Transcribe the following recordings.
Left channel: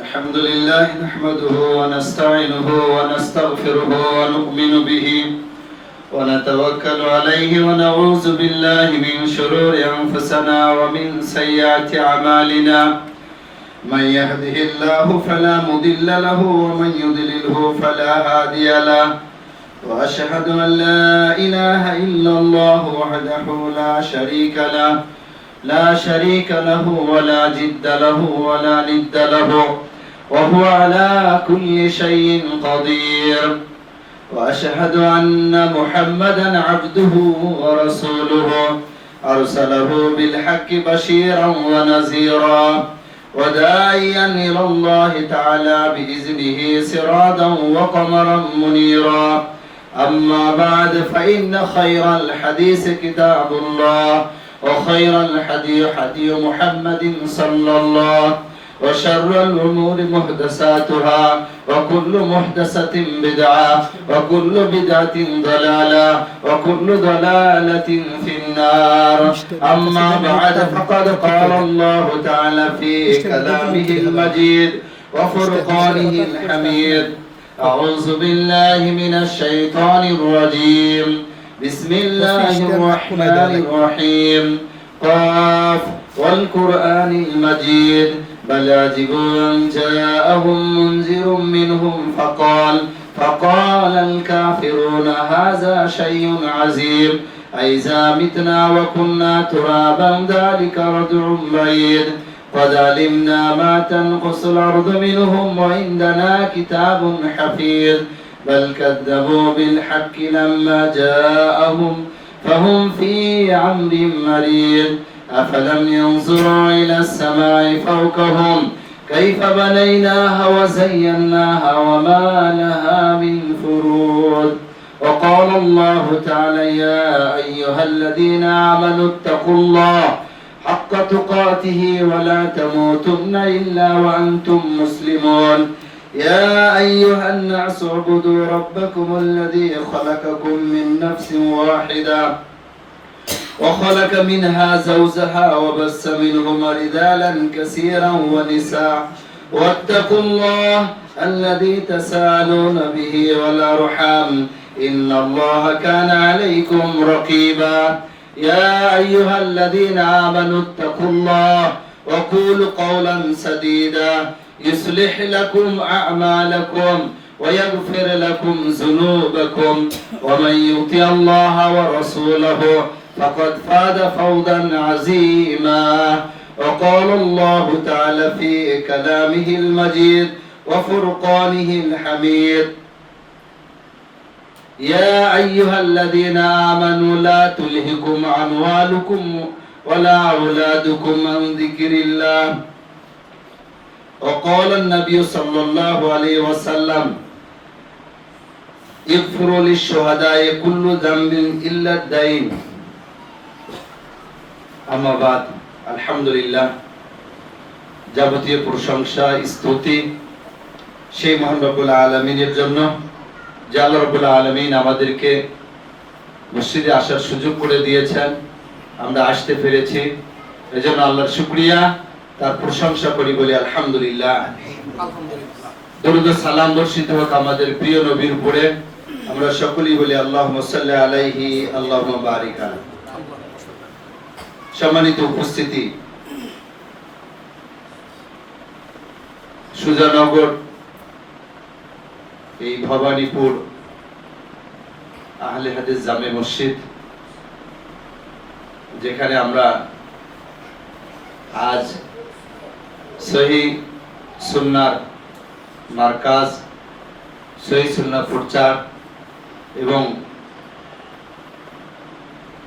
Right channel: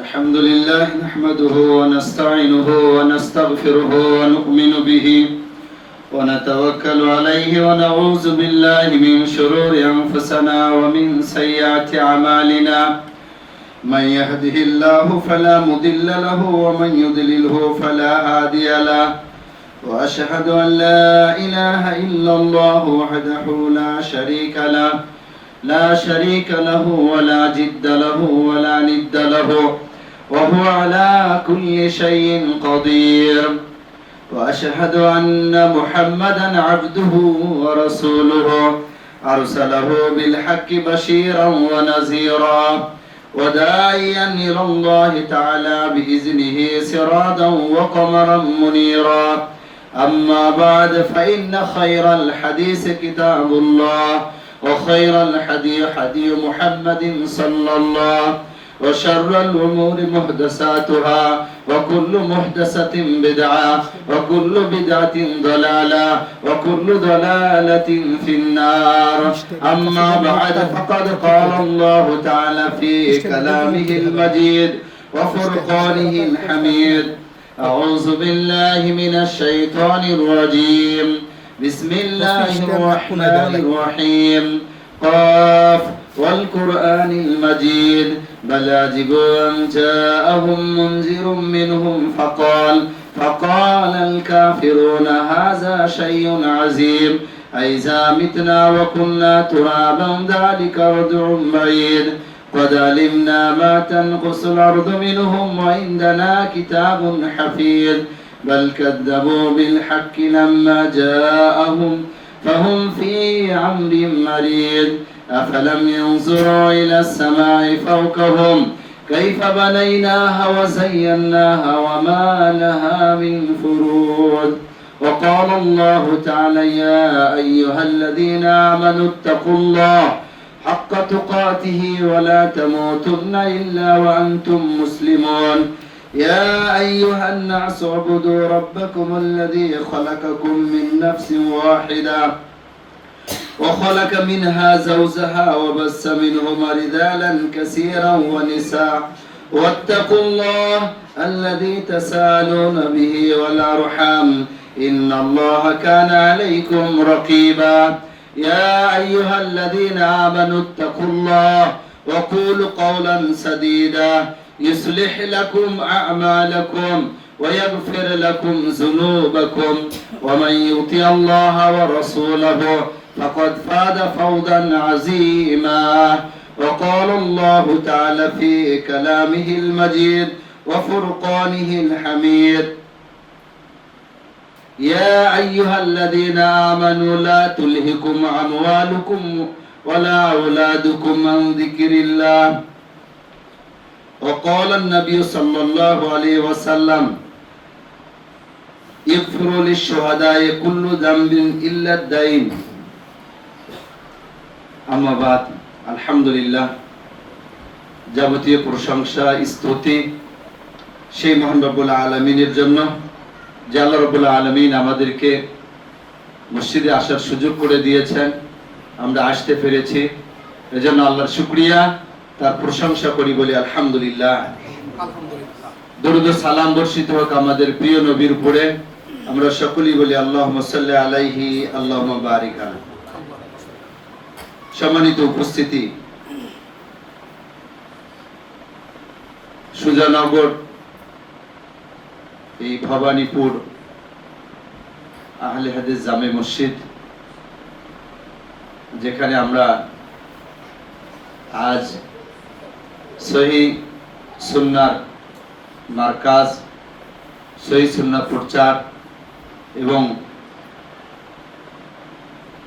الحمد لله نحمده ونستعينه ونستغفره ونؤمن به ونتوكل عليه ونعوذ بالله من شرور أنفسنا ومن سيئات أعمالنا من يهده الله فلا مضل له ومن يضلله فلا هادي له وأشهد أن لا إله إلا الله وحده لا شريك له ولا جد له ولا ند له وهو على كل شيء قدير وأشهد أن محمدا عبده ورسوله أرسله بالحق بشيرا ونذيرا وداعيا إلى الله تعالى بإذنه سراجا وقمرا منيرا أما بعد فإن خير الحديث كتاب الله وخير الحدي حدي محمد صلى الله وشر الأمور محدثاتها وكل محدثة بدعة وكل بدعة ضلالة وكل ضلالة في النار أما بعد فقد قال الله تعالى في كلامه المجيد وفرقانه الحميد أعوذ بالله من الشيطان الرجيم بسم الله الرحمن الرحيم قاف والقرآن المجيد بل عجبوا أن جاءهم منذر منهم فقال الكافرون هذا شيء عظيم أئذا متنا وكنا ترابا ذلك رجع بعيد قد علمنا ما تنقص الأرض منهم وعندنا كتاب حفيظ بل كذبوا بالحق لما جاءهم فهم في أمر مريض أفلم ينظروا إلى السماء فوقهم كيف بنيناها وزيناها وما لها من فروج وقال الله تعالى يا أيها الذين آمنوا اتقوا الله حق تقاته ولا تموتن إلا وأنتم مسلمون يا أيها الناس اعبدوا ربكم الذي خلقكم من نفس واحدة وخلق منها زوجها وبث منهما رجالا كثيرا ونساء واتقوا الله الذي تساءلون به والأرحام إن الله كان عليكم رقيبا يا أيها الذين آمنوا اتقوا الله وقولوا قولا سديدا يصلح لكم أعمالكم ويغفر لكم ذنوبكم ومن يطع الله ورسوله فقد فاز فوزا عظيما وقال الله تعالى في كلامه المجيد وفرقانه الحميد يا أيها الذين آمنوا لا تلهكم أموالكم ولا أولادكم عن ذكر الله وقال النبي صلى الله عليه وسلم يغفر للشهداء كل ذنب إلا الدين أما بعد الحمد لله যাবতীয় প্রশংসা স্তুতি সেই মহান রব্বুল আলামিনের জন্য যে আল্লাহ রব্বুল আলামিন আমাদেরকে মসজিদে আসার সুযোগ করে দিয়েছেন আমরা আসতে পেরেছি এজন্য আল্লাহর শুকরিয়া তার প্রশংসা করি বলি আলহামদুলিল্লাহ দরুদ ও সালাম বর্ষিত হোক আমাদের প্রিয় নবীর উপরে আমরা সকলেই বলি আল্লাহুম্মা সাল্লি আলাইহি আল্লাহুম্মা বারিক আলাইহি সম্মানিত উপস্থিতি সুজানগর এই ভবানীপুর আহলে হাদিস জামে মসজিদ যেখানে আমরা আজ সহি সুন্নাহর মার্কাজ সহি সুন্নাহ প্রচার এবং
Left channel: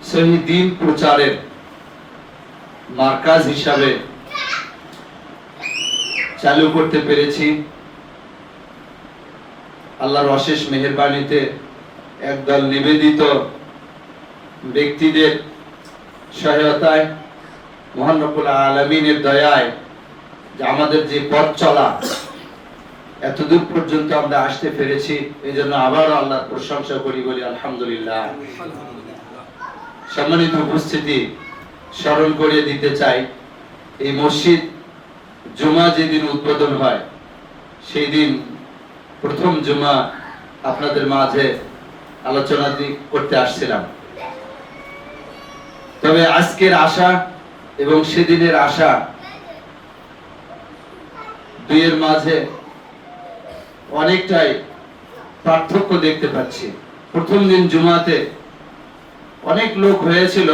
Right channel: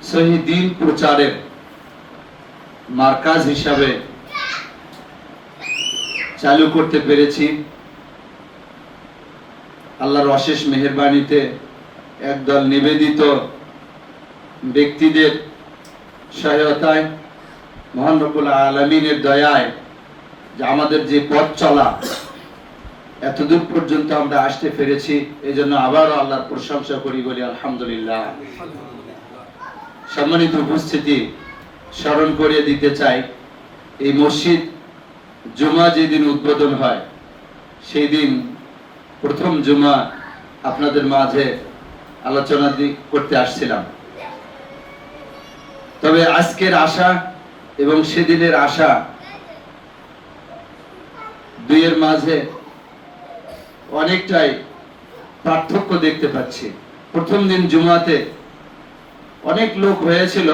সহি দ্বীন প্রচারের মার্কাজ হিসাবে চালু করতে পেরেছি আল্লাহর অশেষ মেহেরবানিতে একদল নিবেদিত ব্যক্তিদের সহায়তায় মহান রব্বুল আলামিনের দয়ায় যে আমাদের যে পথ চলা এতদূর পর্যন্ত আমরা আসতে পেরেছি এজন্য আবারও আল্লাহর প্রশংসা করি বলি আলহামদুলিল্লাহ সম্মানিত উপস্থিতি স্মরণ করিয়ে দিতে চাই এই মসজিদ জুমা যেদিন উদ্বোধন হয় সেই দিন প্রথম জুমা আপনাদের মাঝে আলোচনা করতে আসছিলাম। তবে আজকের আশা এবং সেদিনের আশা দুইয়ের মাঝে অনেকটাই পার্থক্য দেখতে পাচ্ছি। প্রথম দিন জুমাতে অনেক লোক হয়েছিল।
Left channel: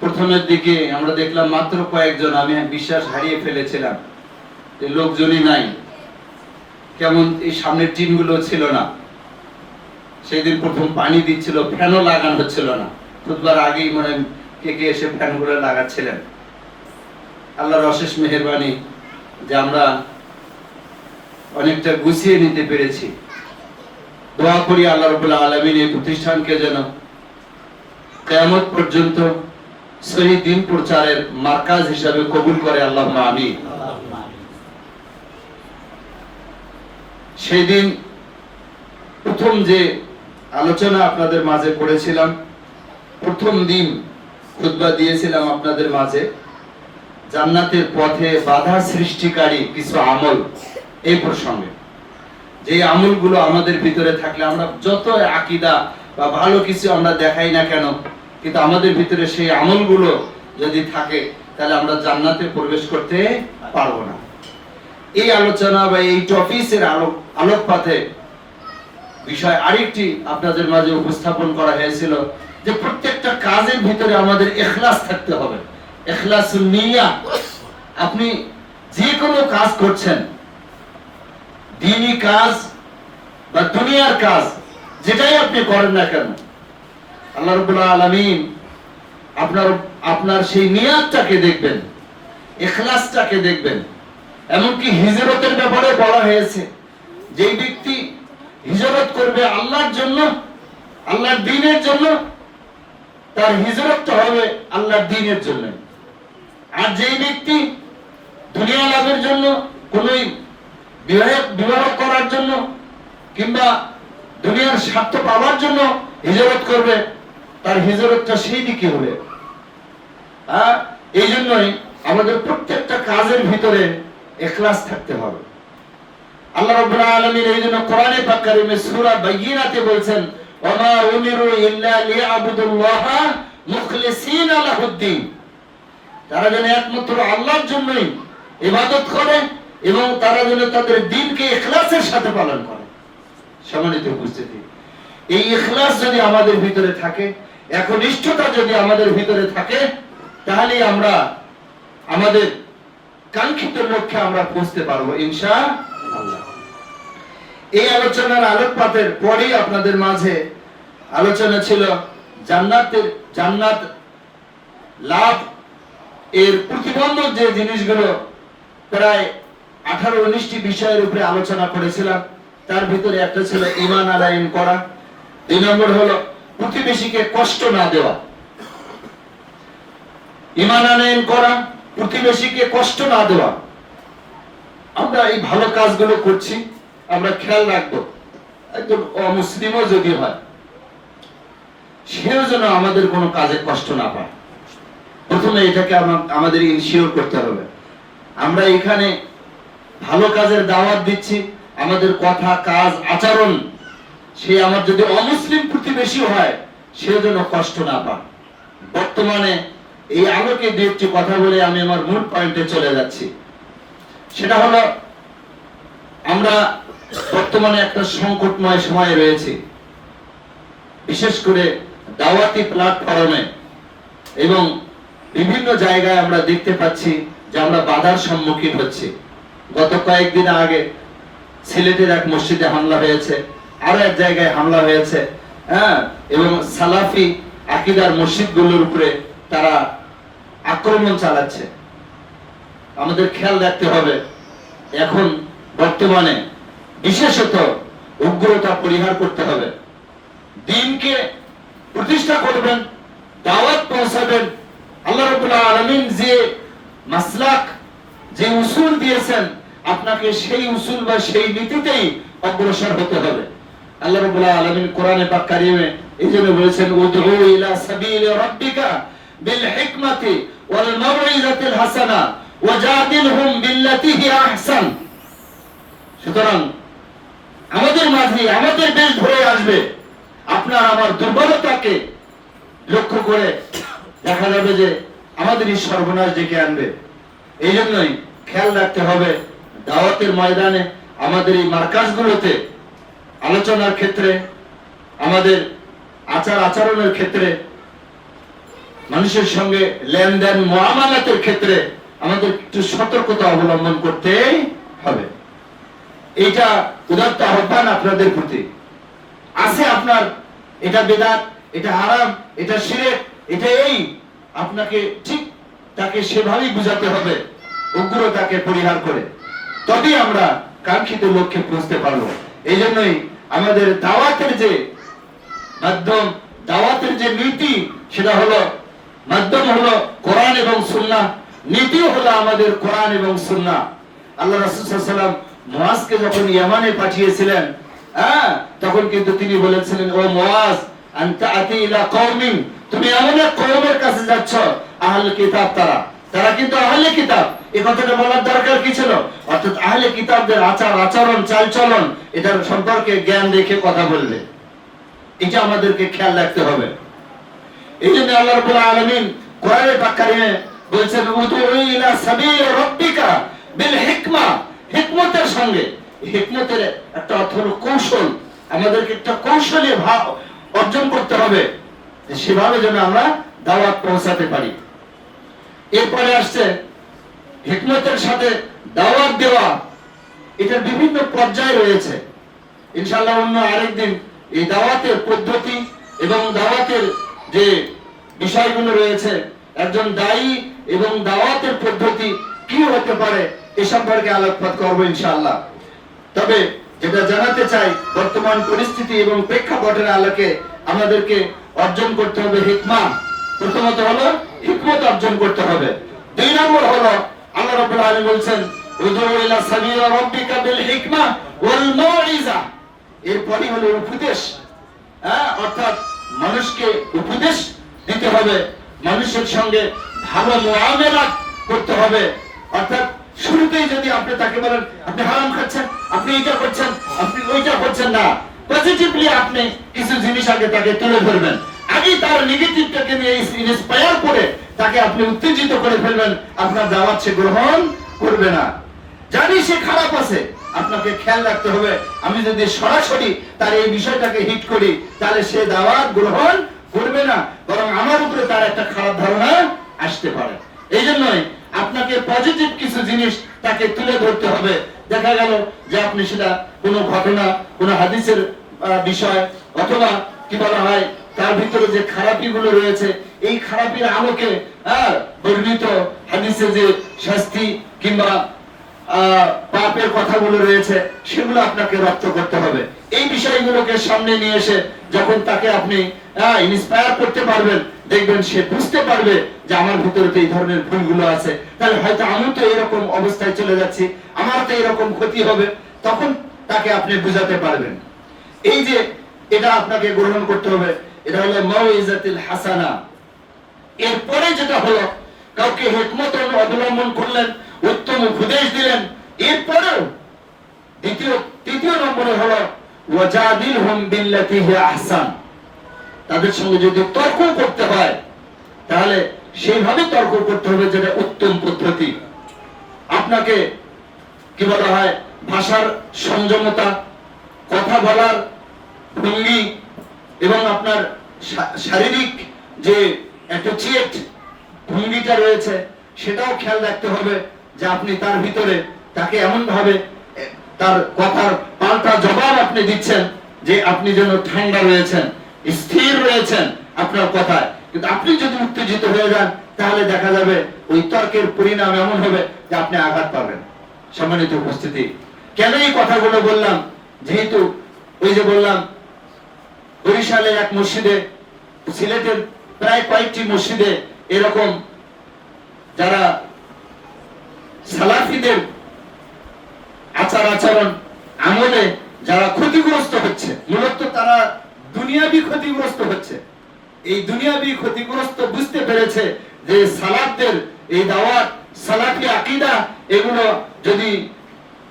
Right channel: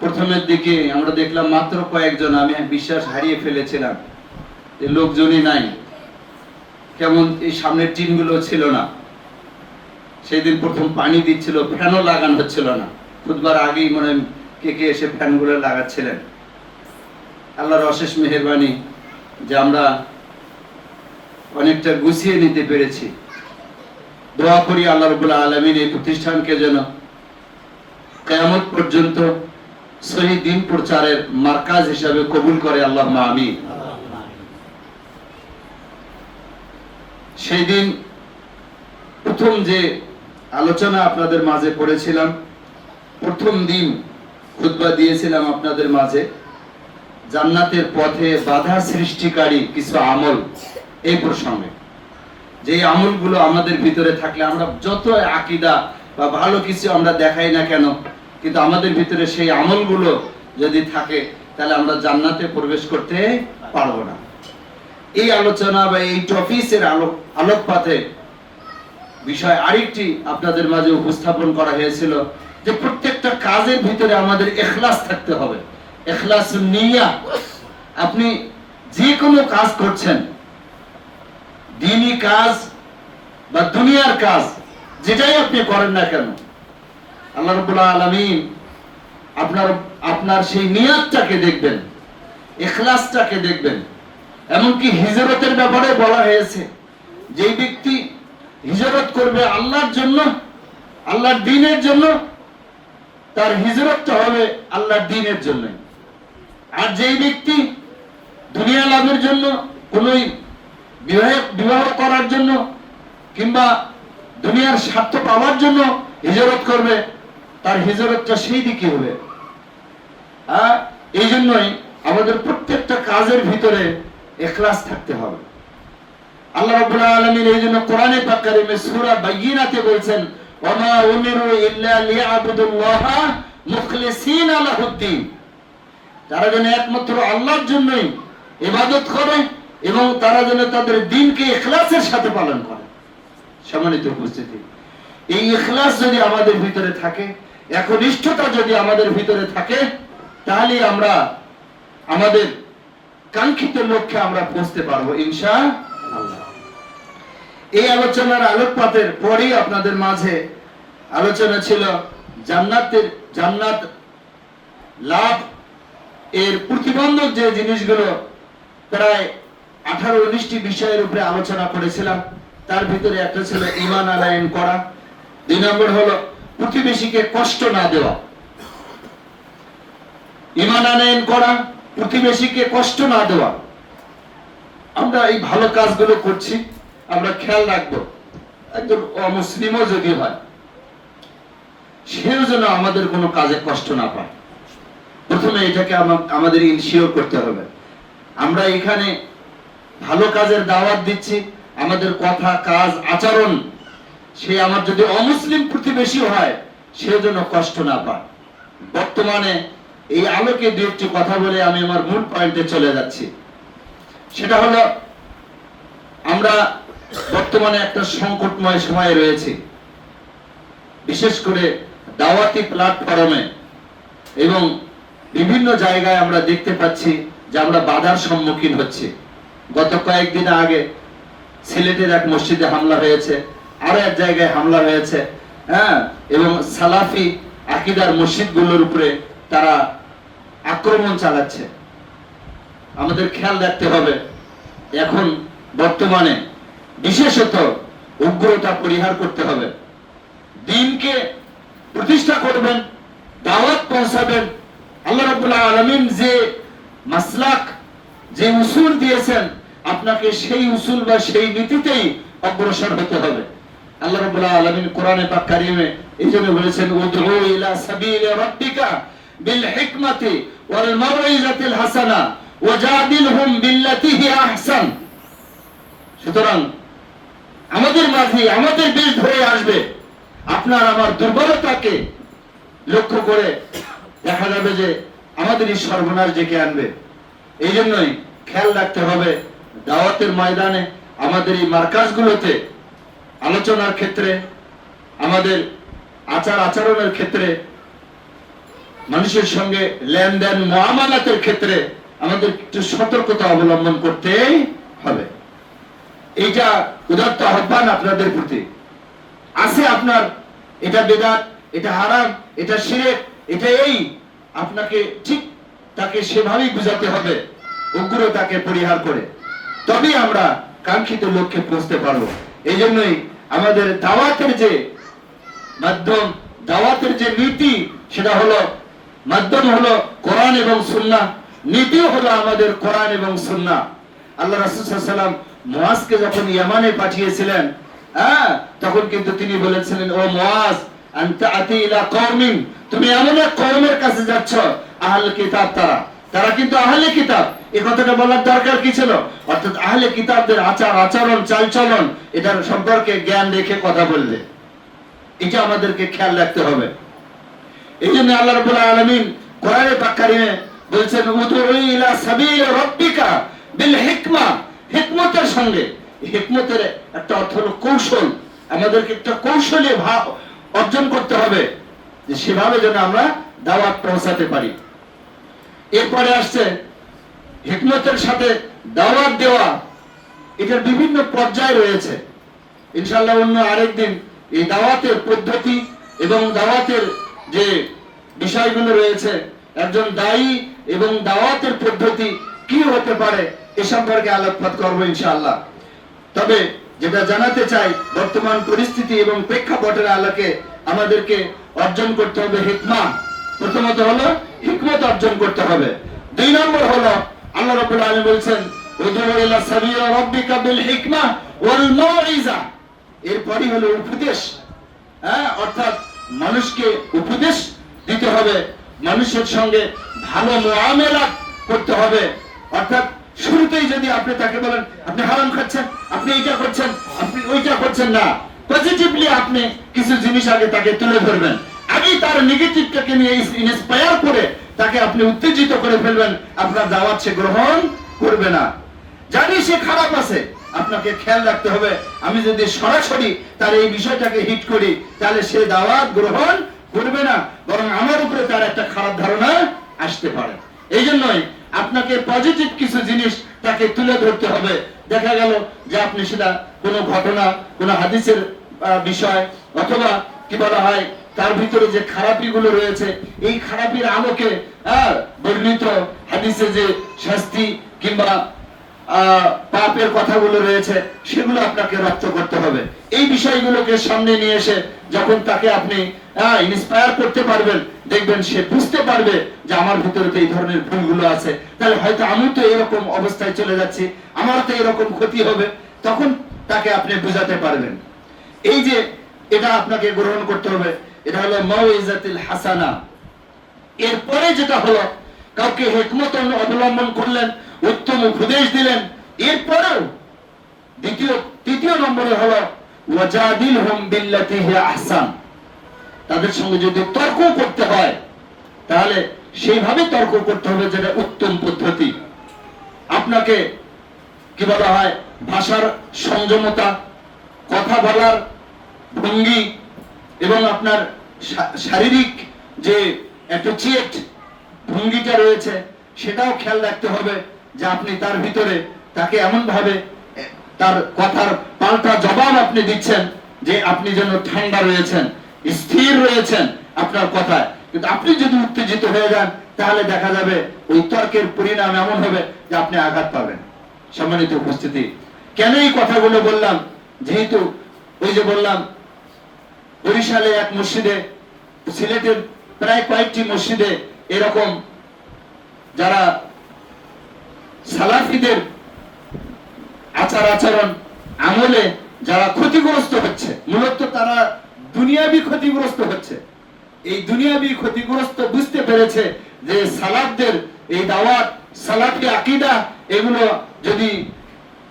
প্রথমের দিকে আমরা দেখলাম মাত্র কয়েকজন, আমি বিশ্বাস হারিয়ে ফেলেছিলাম যে লোকজনই নাই, কেমন এই সামনের টিনগুলো ছিল না। সেই দিন প্রথম পানি দিচ্ছিল, ফ্যানও লাগানো হচ্ছিল না। খুতবার আগেই মনে কে কে এসে ফ্যানগুলো লাগাচ্ছিলেন। আল্লাহর অশেষ মেহেরবানি যে আমরা অনেকটা গুছিয়ে নিতে পেরেছি। দোয়া করি আল্লাহ রাব্বুল আলামিন এই প্রতিষ্ঠানকে যেন কিয়ামত পর্যন্ত সহি দ্বীন প্রচারের মার্কাজ হিসাবে কবুল করে, আল্লাহুম্মা আমিন। সেই দিন প্রথম যে আলোচনা আপনাদের মাঝে করেছিলাম, প্রথম দিন খুতবা দিয়েছিলাম আপনাদের মাঝে জান্নাতের পথে বাধা সৃষ্টিকারী কিছু আমল, এই প্রসঙ্গে। যে আমলগুলো আমাদের ভিতরে থাকলে আমরা যত আকীদা বা ভালো কিছু আমরা দেখাই না কেন, কিন্তু আমাদের ভিতরে সেই আমলগুলো যদি থাকে তাহলে আমরা জান্নাতে প্রবেশ করতে পারবো না। এই আলোচনা বা এই টপিকের আলোকপাতে বিষয় আরেকটি আপনাদের মাঝে উপস্থাপন করা হয়েছিল যে প্রত্যেকটা কাজের ভিতরে আমাদের ইখলাস থাকতে হবে। ইখলাসুন নিয়্যাহ। আপনি যে কোনো কাজ করছেন, দ্বীনি কাজ বা দুনিয়ার কাজ, যেটাই আপনি করেন না কেন, আল্লাহ রাব্বুল আলামিন আপনার সেই নিয়তটাকে দেখবেন, ইখলাসটাকে দেখবেন। এমনকি হিজরতের ব্যাপারে বলা হয়েছে, যে ব্যক্তি হিজরত করবে আল্লাহর জন্য, আল্লাহর দ্বীনের জন্য, তার হিজরতটা হবে আল্লাহর দ্বীনের জন্য। আর যেই ব্যক্তি দুনিয়া লাভের জন্য, কোন বিবাহ করার জন্য কিংবা দুনিয়ার স্বার্থ পাওয়ার জন্য হিজরত করবে, তার হিজরতটা সেই দিকে হবে। এই জন্যই আমাদের প্রত্যেকটা কাজের ভিতরে ইখলাস থাকতে হবে। আল্লাহ রাব্বুল আলামিন এই জন্য কোরআনে পাক কারিমে সূরা বাইয়িনাতে বলছেন, ওয়া মা উমিরু ইল্লা লিয়াবুদুল্লাহা মুখলিসিনা লাহুদ্দিন। তারা যেন একমাত্র আল্লাহর জন্যই ইবাদত করে এবং তারা যেন তাদের দ্বীনকে ইখলাসের সাথে পালন করে। সম্মানিত উপস্থিতি, এই ইখলাস যদি আমাদের ভিতরে থাকে, একনিষ্ঠতা যদি আমাদের ভিতরে থাকে, তাহলে আমরা আমাদের কাঙ্ক্ষিত লক্ষ্যে আমরা পৌঁছতে পারবো ইনশাআল্লাহ। এই আলোচনার আলোকপাতের পরেই আপনাদের মাঝে আলোচনা ছিল জান্নাত লাভ এর প্রতিবন্ধক যে জিনিসগুলো, প্রায় 18-19টি বিষয়ের উপরে আলোচনা করেছিলাম। তার ভিতরে একটা ছিল ঈমান আনয়ন করা, 2 নম্বর হলো প্রতিবেশীকে কষ্ট না দেওয়া। ঈমান আনয়ন করা, প্রতিবেশীকে কষ্ট না দেওয়া। আমরা এই ভালো কাজগুলো করছি, আমরা খেয়াল রাখবো একজন অমুসলিমও যদি হয়, সেও যেন আমাদের কোনো কাজে কষ্ট না পায়। প্রথমে এটাকে আমাদের ইনশিওর করতে হবে। আমরা এখানে ভালো কাজের দাওয়াত দিচ্ছি, আমাদের কথা, কাজ, আচরণ, সে আমার যদি অমুসলিম প্রতিবেশী হয়, সেও যেন কষ্ট না পায়। বর্তমানে এই আলোকে 2-1টি কথা বলে আমি আমার মূল পয়েন্টে চলে যাচ্ছি। সেটা হলো, আমরা বর্তমানে একটা সংকটময় সময়ে রয়েছে। বিশেষ করে দাওয়াতি প্ল্যাটফর্মে এবং বিভিন্ন জায়গায় আমরা দেখতে পাচ্ছি যে আমরা বাধার সম্মুখীন হচ্ছি। গত কয়েকদিন আগে সিলেটের এক মসজিদে হামলা হয়েছে, আরো এক জায়গায় হামলা হয়েছে, এবং সালাফি আকীদার মসজিদগুলোর উপরে তারা আক্রমণ চালাচ্ছে। আমাদের খেয়াল রাখতে হবে, এখন বর্তমানে বিশেষত উগ্রতা পরিহার করতে হবে। দ্বীনকে প্রতিষ্ঠা করবেন, দাওয়াত পৌঁছাবেন। আল্লাহ রাব্বুল আলামিন যে মাসলাক, যে উসুল দিয়েছেন, আপনাকে সেই উসুল বা সেই নীতিতেই অগ্রসর হতে হবে। আল্লাহ রাব্বুল আলামিন কোরআনে পাক কারিমে এইজন্য বলেছেন, উদউ ইলা সাবিলি রাব্বিকা বিল হিকমাতি ওয়াল মাউইজাতিল হাসানা ওয়াজাদিলহুম বিল্লাতি হি আহসান। সুতরাং আমাদের মাঝে আমাদের বেশ ধরে আসবে আপনার আমার দুর্বলতাকে লক্ষ্য করে দেখা যাবে যে আমাদের এই সর্বনাশ ডেকে আনবে। এই জন্যই খেয়াল রাখতে হবে দাওয়াতের ময়দানে, আমাদের এই মার্কাজগুলোতে আলোচনার ক্ষেত্রে, আমাদের আচার আচরণের ক্ষেত্রে, মানুষের সঙ্গে লেনদেন মুআমালাতের ক্ষেত্রে আমাদের একটু সতর্কতা অবলম্বন করতে হবে। এইটা উদাত্ত আহ্বান আপনাদের প্রতি। আছে আপনার এটা বেদাত, এটা হারাম, এটা শিরক, এটা এই, আপনাকে ঠিক তাকে সেভাবেই বুঝাতে হবে, উগ্রতাকে পরিহার করে, তবেই আমরা কাঙ্ক্ষিত লক্ষ্যে পৌঁছতে পারবো। এই জন্যই আমাদের দাওয়াতের যে মাধ্যম, দাওয়াতের যে নীতি, সেটা হলো মাধ্যম হলো কোরআন এবং সুন্নাহ, নীতিও হলো আমাদের কোরআন এবং সুন্নাহ। আল্লাহ রাসূল সাল্লাল্লাহু আলাইহি ওয়াসাল্লাম মুআজকে যখন ইয়ামানে পাঠিয়েছিলেন, তখন কিন্তু তিনি বলেছিলেন, ও মুআজ আনতা আতি ইলা কওমিন, তুমি এমন এক কওমের কাছে যাচ্ছ আহলে কিতাব, তারা কিন্তু আহলে কিতাব। এই কথাটা বলার দরকার কি ছিল? অর্থাৎ আহলে কিতাবদের আচার আচরণ চালচলন এটার সম্পর্কে জ্ঞান রেখে কথা বললে, এটা আমাদেরকে খেয়াল রাখতে হবে। এই জন্য আল্লাহ রাব্বুল আলামিন কোরআনে পাক কারিমে বলেছেন, উদউ ইলা সাবিল রাব্বিকা বিল হিকমা, হিকমতের সঙ্গে। হিকমতের একটা অর্থ হলো কৌশল, আমাদেরকে একটা কৌশলী ভাব অর্জন করতে হবে, যে সেভাবে যেন আমরা দাওয়াত পৌঁছাতে পারি। এরপরে আসছে হিকমতের সাথে দাওয়াত দেওয়া, এটার বিভিন্ন পর্যায় রয়েছে। ইনশাআল্লাহ অন্য আরেকদিন এই দাওয়াতের পদ্ধতি এবং দাওয়াতের যে বিষয়গুলো রয়েছে, একজন দায়ী এবং দাওয়াতের পদ্ধতি কি হতে পারে এ সম্পর্কে আলোকপাত করব ইনশাআল্লাহ। তবে যেটা জানাতে চাই, বর্তমান পরিস্থিতি এবং প্রেক্ষাপটের আলোকে আমাদেরকে অর্জন করতে হবে হিকমা। প্রথমত হলো হিকমত অর্জন করতে হবে। 2 নম্বর হলো আল্লাহ রাব্বুল আলামিন বলেন, উদউ ইলা সাবিল রাব্বিকা বিল হিকমা ওয়াল মাউইজা। এরপরই হলো উপদেশ, অর্থাৎ মানুষকে উপদেশ দিতে হবে, মানুষের সঙ্গে ভালো মুআমালাত করতে হবে। অর্থাৎ শুরুতেই যদি আপনি তাকে বলেন আপনি হারাম খাচ্ছেন, আপনি এটা করছেন, আপনি ওইটা করছেন না, পজিটিভলি আপনি কিছু জিনিস আগে তাকে তুলে ধরবেন, আগে তার নেগেটিভটাকে নিয়ে ইন্সপায়ার করে তাকে আপনি উত্তেজিত করে ফেলবেন, আপনার দাওয়াত সে গ্রহণ করবে না। জানি সে খারাপ আছে, আপনাকে খেয়াল রাখতে হবে, আমি যদি সরাসরি তার এই বিষয়টাকে হিট করি তাহলে সে দাওয়াত গ্রহণ করবে না, বরং আমার উপরে তার একটা খারাপ ধারণা আসতে পারে। এই জন্যই আপনাকে পজিটিভ কিছু জিনিস তাকে তুলে ধরতে হবে। দেখা গেল যে আপনি সেটা কোনো ঘটনা, কোনো হাদিসের বিষয়, অথবা কি বলা হয় তার ভিতরে যে খারাপিগুলো রয়েছে, এই খারাপির আলোকে বর্ণিত হাদিসে যে শাস্তি কিংবা পাপের কথাগুলো রয়েছে সেগুলো আপনাকে রপ্ত করতে হবে। এই বিষয়গুলোকে সামনে নিয়ে এসে যখন তাকে আপনি ইন্সপায়ার করতে পারবেন, দেখবেন সে বুঝতে পারবে যে আমার ভিতরে তো এই ধরনের ভুলগুলো আছে, তাহলে হয়তো আমি তো এরকম অবস্থায় চলে যাচ্ছি, আমার তো এরকম ক্ষতি হবে, তখন তাকে আপনি বুঝাতে পারবেন। এই যে এটা আপনাকে গ্রহণ করতে হবে, এটা হলো মাউইজাতুল হাসানা। এরপরে যেটা হলো কাউকে হিকমত অবলম্বন করলেন, উত্তম উপদেশ দিলেন, এরপরেও তৃতীয় নম্বরে হলো ওয়াজাদিলহুম বিল্লাতি হিয়া আহসান। তাদের সঙ্গে যদি তর্ক করতে হয় তাহলে সেইভাবে তর্ক করতে হবে যেটা উত্তম পদ্ধতি। আপনাকে কি বলা হয় ভাষার সংযমতা, কথা বলার ভঙ্গি এবং আপনার শারীরিক যে অ্যাপ্রোচিয়েট ভঙ্গিটা রয়েছে সেটাও খেয়াল রাখতে হবে, যে আপনি তার ভিতরে তাকে এমন ভাবে তার কথার পাল্টা জবাব আপনি দিচ্ছেন যে আপনি যেন ঠান্ডা রয়েছেন, স্থির রয়েছেন আপনার কথায়। কিন্তু আপনি যদি উত্তেজিত হয়ে যান তাহলে দেখা যাবে ওই তর্কের পরিণাম এমন হবে যে আপনি আঘাত পাবেন। সম্মানিত উপস্থিতি, কেন এই কথাগুলো বললাম? যেহেতু ওই যে বললাম বরিশালে এক মসজিদে, সিলেটের প্রায় কয়েকটি মসজিদে এরকম যারা সালাফিদের আচার আচরণ আমলে যারা ক্ষতিগ্রস্ত হচ্ছে, মূলত তারা দুনিয়াবি ক্ষতিগ্রস্ত হচ্ছে। এই দুনিয়াবি ক্ষতিগ্রস্ত বুঝতে পেরেছে যে সালাফদের এই দাওয়াত, সালাফি আকীদা এগুলো যদি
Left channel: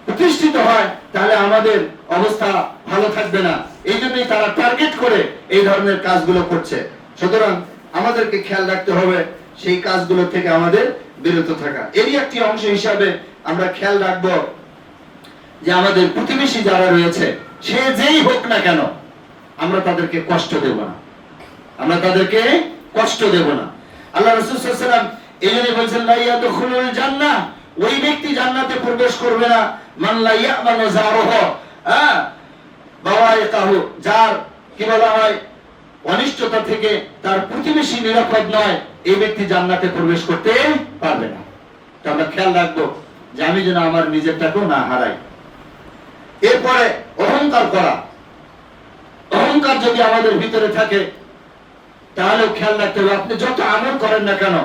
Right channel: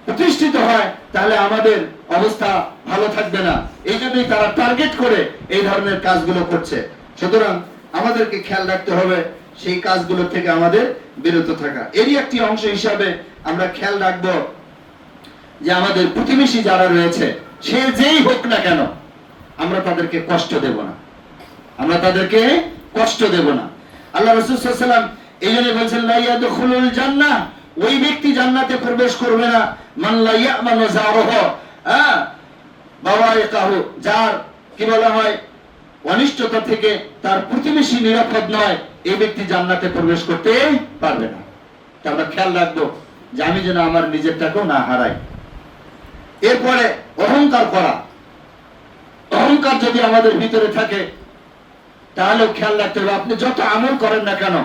প্রতিষ্ঠিত হয়, তাহলে আমাদের অবস্থা ভালো থাকবে না। এই জন্যই তারা টার্গেট করে এই ধরনের কাজগুলো করছে। সুতরাং আমাদেরকে খেয়াল রাখতে হবে সেই কাজগুলো থেকে আমাদের বিরত থাকা। এরই একটি অংশ হিসাবে আমরা খেয়াল রাখবো যে আমাদের প্রতিবেশী যারা রয়েছে, সে যেই হোক না কেন, আমরা তাদেরকে কষ্ট দেব না, আমরা তাদেরকে কষ্ট দেব না। আল্লাহ রাসূল সাল্লাল্লাহু আলাইহি ওয়াসাল্লাম এই জন্য বলেছেন, লা ইয়াদখুলুল জান্নাহ, ওই ব্যক্তি জান্নাতে প্রবেশ করবে না, মান লা ইয়ামানু জারুহু, বাওয়াইকাহু, যার কি বলা হয়, অনিষ্টতা থেকে তার প্রতিবেশী নিরাপদ নয়, এই ব্যক্তি জান্নাতে প্রবেশ করতে পারবে না। তা আমরা খেয়াল রাখবো যে আমি যেন আমার নিজেরটাকেও না হারাই। এরপরে অহংকার করা, অহংকার যদি আমাদের ভিতরে থাকে তাহলেও খেয়াল রাখতে হবে, আপনি যত আমল করেন না কেন,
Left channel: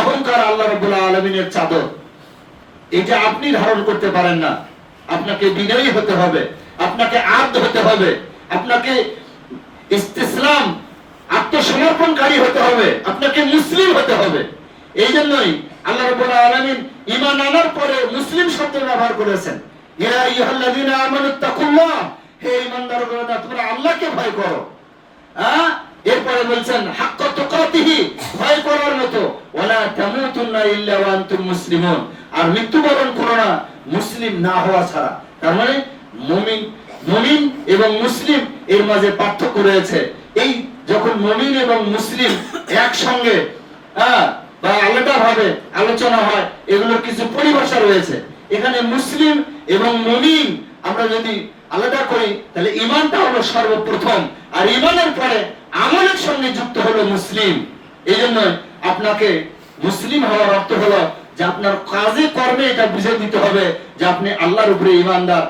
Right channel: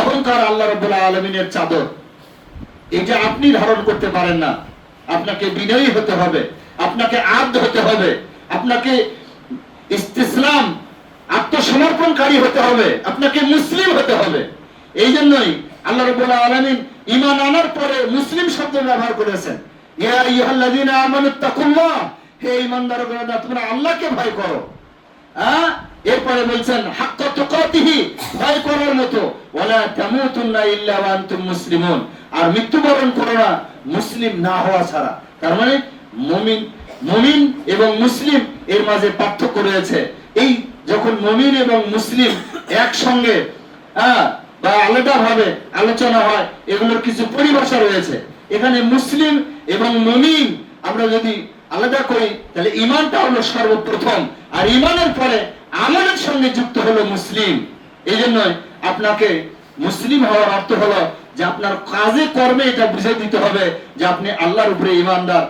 অহংকার আল্লাহ রাব্বুল আলামিনের চাদর, এটা আপনি ধারণ করতে পারেন না। আপনাকে বিনয়ী হতে হবে, আপনাকে আব্দ হতে হবে, আপনাকে ইস্তিসলাম, আত্মসমর্পণকারী হতে হবে, আপনাকে মুসলিম হতে হবে। এই জন্যই আল্লাহ রাব্বুল আলামিন ঈমান আনার পরে মুসলিম শব্দ ব্যবহার করেছেন, ইয়া আইয়ুহাল্লাযীনা আমানুত্তাকুল্লাহ, হে ঈমানদারগণ তোমরা আল্লাহকে ভয় করো। এরপরে বলছেন হাক্কা তুকাতিহি, ভয় করার মতো, ওয়ালা তামুতুন্না ইল্লা ওয়া আনতুম মুসলিমুন, আর মৃত্যুবরণ করো না মুসলিম না হওয়া ছাড়া। তার মানে মুমিন এবং মুসলিম এর মাঝে পার্থক্য রয়েছে। এই যখন মুমিন এবং মুসলিম একসঙ্গে বা আলাদা ভাবে আলোচনা হয়, এগুলোর কিছু পরিভাষা রয়েছে। এখানে মুসলিম এবং মুমিন আমরা যদি আলাদা করি, তাহলে ঈমানটা হলো সর্বপ্রথম, আর ঈমানের পরে আমলের সঙ্গে যুক্ত হলো মুসলিম। এই জন্য আপনাকে মুসলিম হওয়ার অর্থ হলো যে আপনার কাজে কর্মে এটা বুঝে দিতে হবে যে আপনি আল্লাহর উপরে ঈমানদার,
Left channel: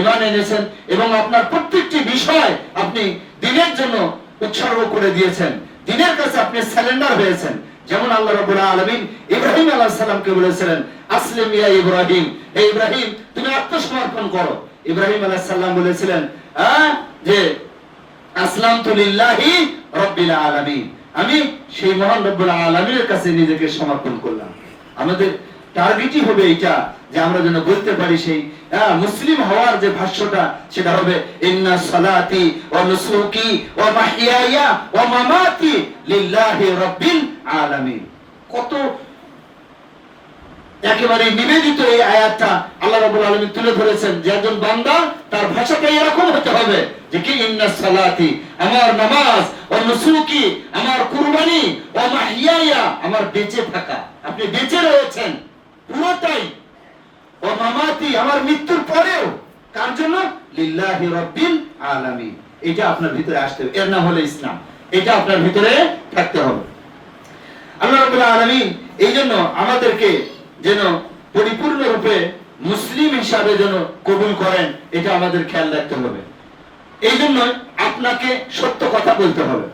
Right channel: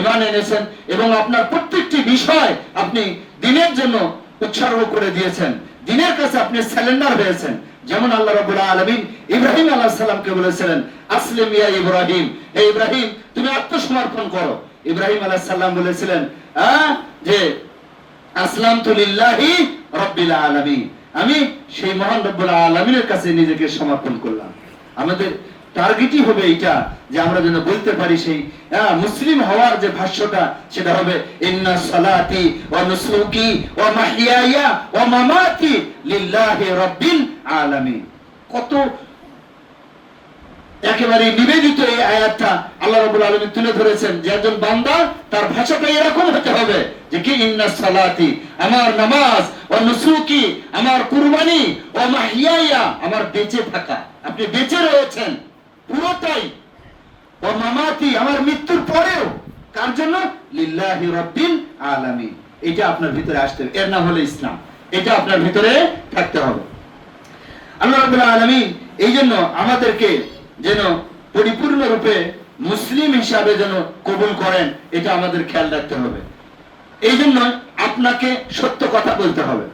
ঈমান এনেছেন, এবং আপনার প্রত্যেকটি বিষয় আপনি দ্বীনের জন্য উৎসর্গ করে দিয়েছেন, দ্বীনের কাছে আপনি সারেন্ডার হয়েছেন। যেমন আল্লাহ রাব্বুল আলামিন ইব্রাহিম আলাইহিস সালামকে বলেছিলেন, আসলিম ইয়া ইব্রাহিম, হে ইব্রাহিম তুমি আত্মসমর্পণ করো। ইব্রাহিম আলাইহিস সালাম বলেছিলেন যে আসলামতু লিল্লাহি রাব্বিল আলামিন, আমি সেই মহান রব্বুল আলামিনের কাছে নিজেকে সমর্পণ করলাম। আমাদের টার্গেটই হবে এইটা যে আমরা যেন বলতে পারি সেই মুসলিম হওয়ার যে ভাষ্যটা, সেটা হবে ইন্না সালাতি ওয়া নুসুকি ওয়া মাহইয়ায়া ওয়া মামাতি লিল্লাহি রাব্বিল আলামিন। কত একেবারে নিবেদিত এই আয়াতটা আল্লাহ রাব্বুল আলামিন তুলে ধরেছেন যে একজন বান্দা তার ভাষাটা এরকম হতে হবে যে কি ইন্না সালাতি, আমার নামাজ, ওয়া নুসুকি, আমার কুরবানি, ওয়া মাহইয়ায়া, আমার বেঁচে থাকা, আপনি বেঁচে রয়েছেন পুরোটাই, ওয়া মামাতি, আমার মৃত্যুর পরেও কার জন্য, লিল্লাহি রাব্বিল আলামিন। এটা আপনার ভিতরে আসতে হবে, এর নাম হলো ইসলাম। এটা আপনার ভিতরে থাকতে হবে। আল্লাহ রাব্বুল আলামিন এই জন্য আমাদেরকে যেন পরিপূর্ণ রূপে মুসলিম হিসাবে যেন কবুল করেন, এটা আমাদের খেয়াল রাখতে হবে। এই জন্য আপনাকে সত্য কথা বলতে হবে,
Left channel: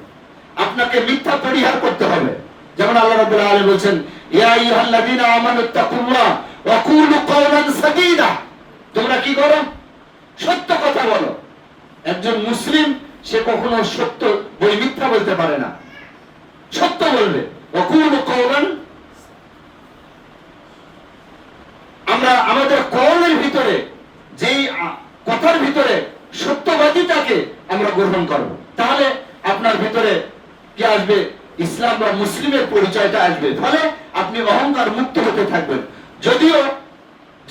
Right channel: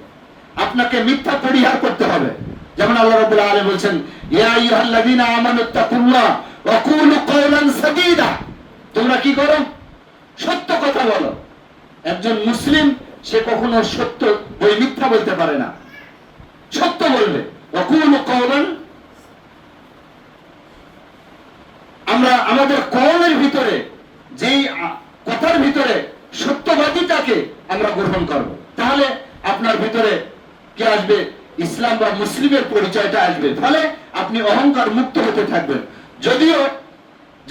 আপনাকে মিথ্যা পরিহার করতে হবে। যেমন আল্লাহ রাব্বুল আলামিন বলেন, ইয়া আইয়ুহাল্লাযীনা আমানুত্তাকুল্লাহ ওয়া কুলু কাওলান সাদীদা, তোমরা কি করো, সত্য কথা বলো। একজন মুসলিম সে কখনো সত্য বই মিথ্যা বলতে পারে না, সত্য বলবে। ওয়া কুলু কাওলান, আমরা আমাদের কওলের ভিতরে যেই কথার ভিতরে সত্যবাদীটাকে আমরা গ্রহণ করব, তাহলে আপনার ভিতরে কি আসবে, ইসলাম বা মুসলিমের পরিচয়টা আসবে। ফলে আপনি অহংকার মুক্ত হতে থাকবেন। যদিও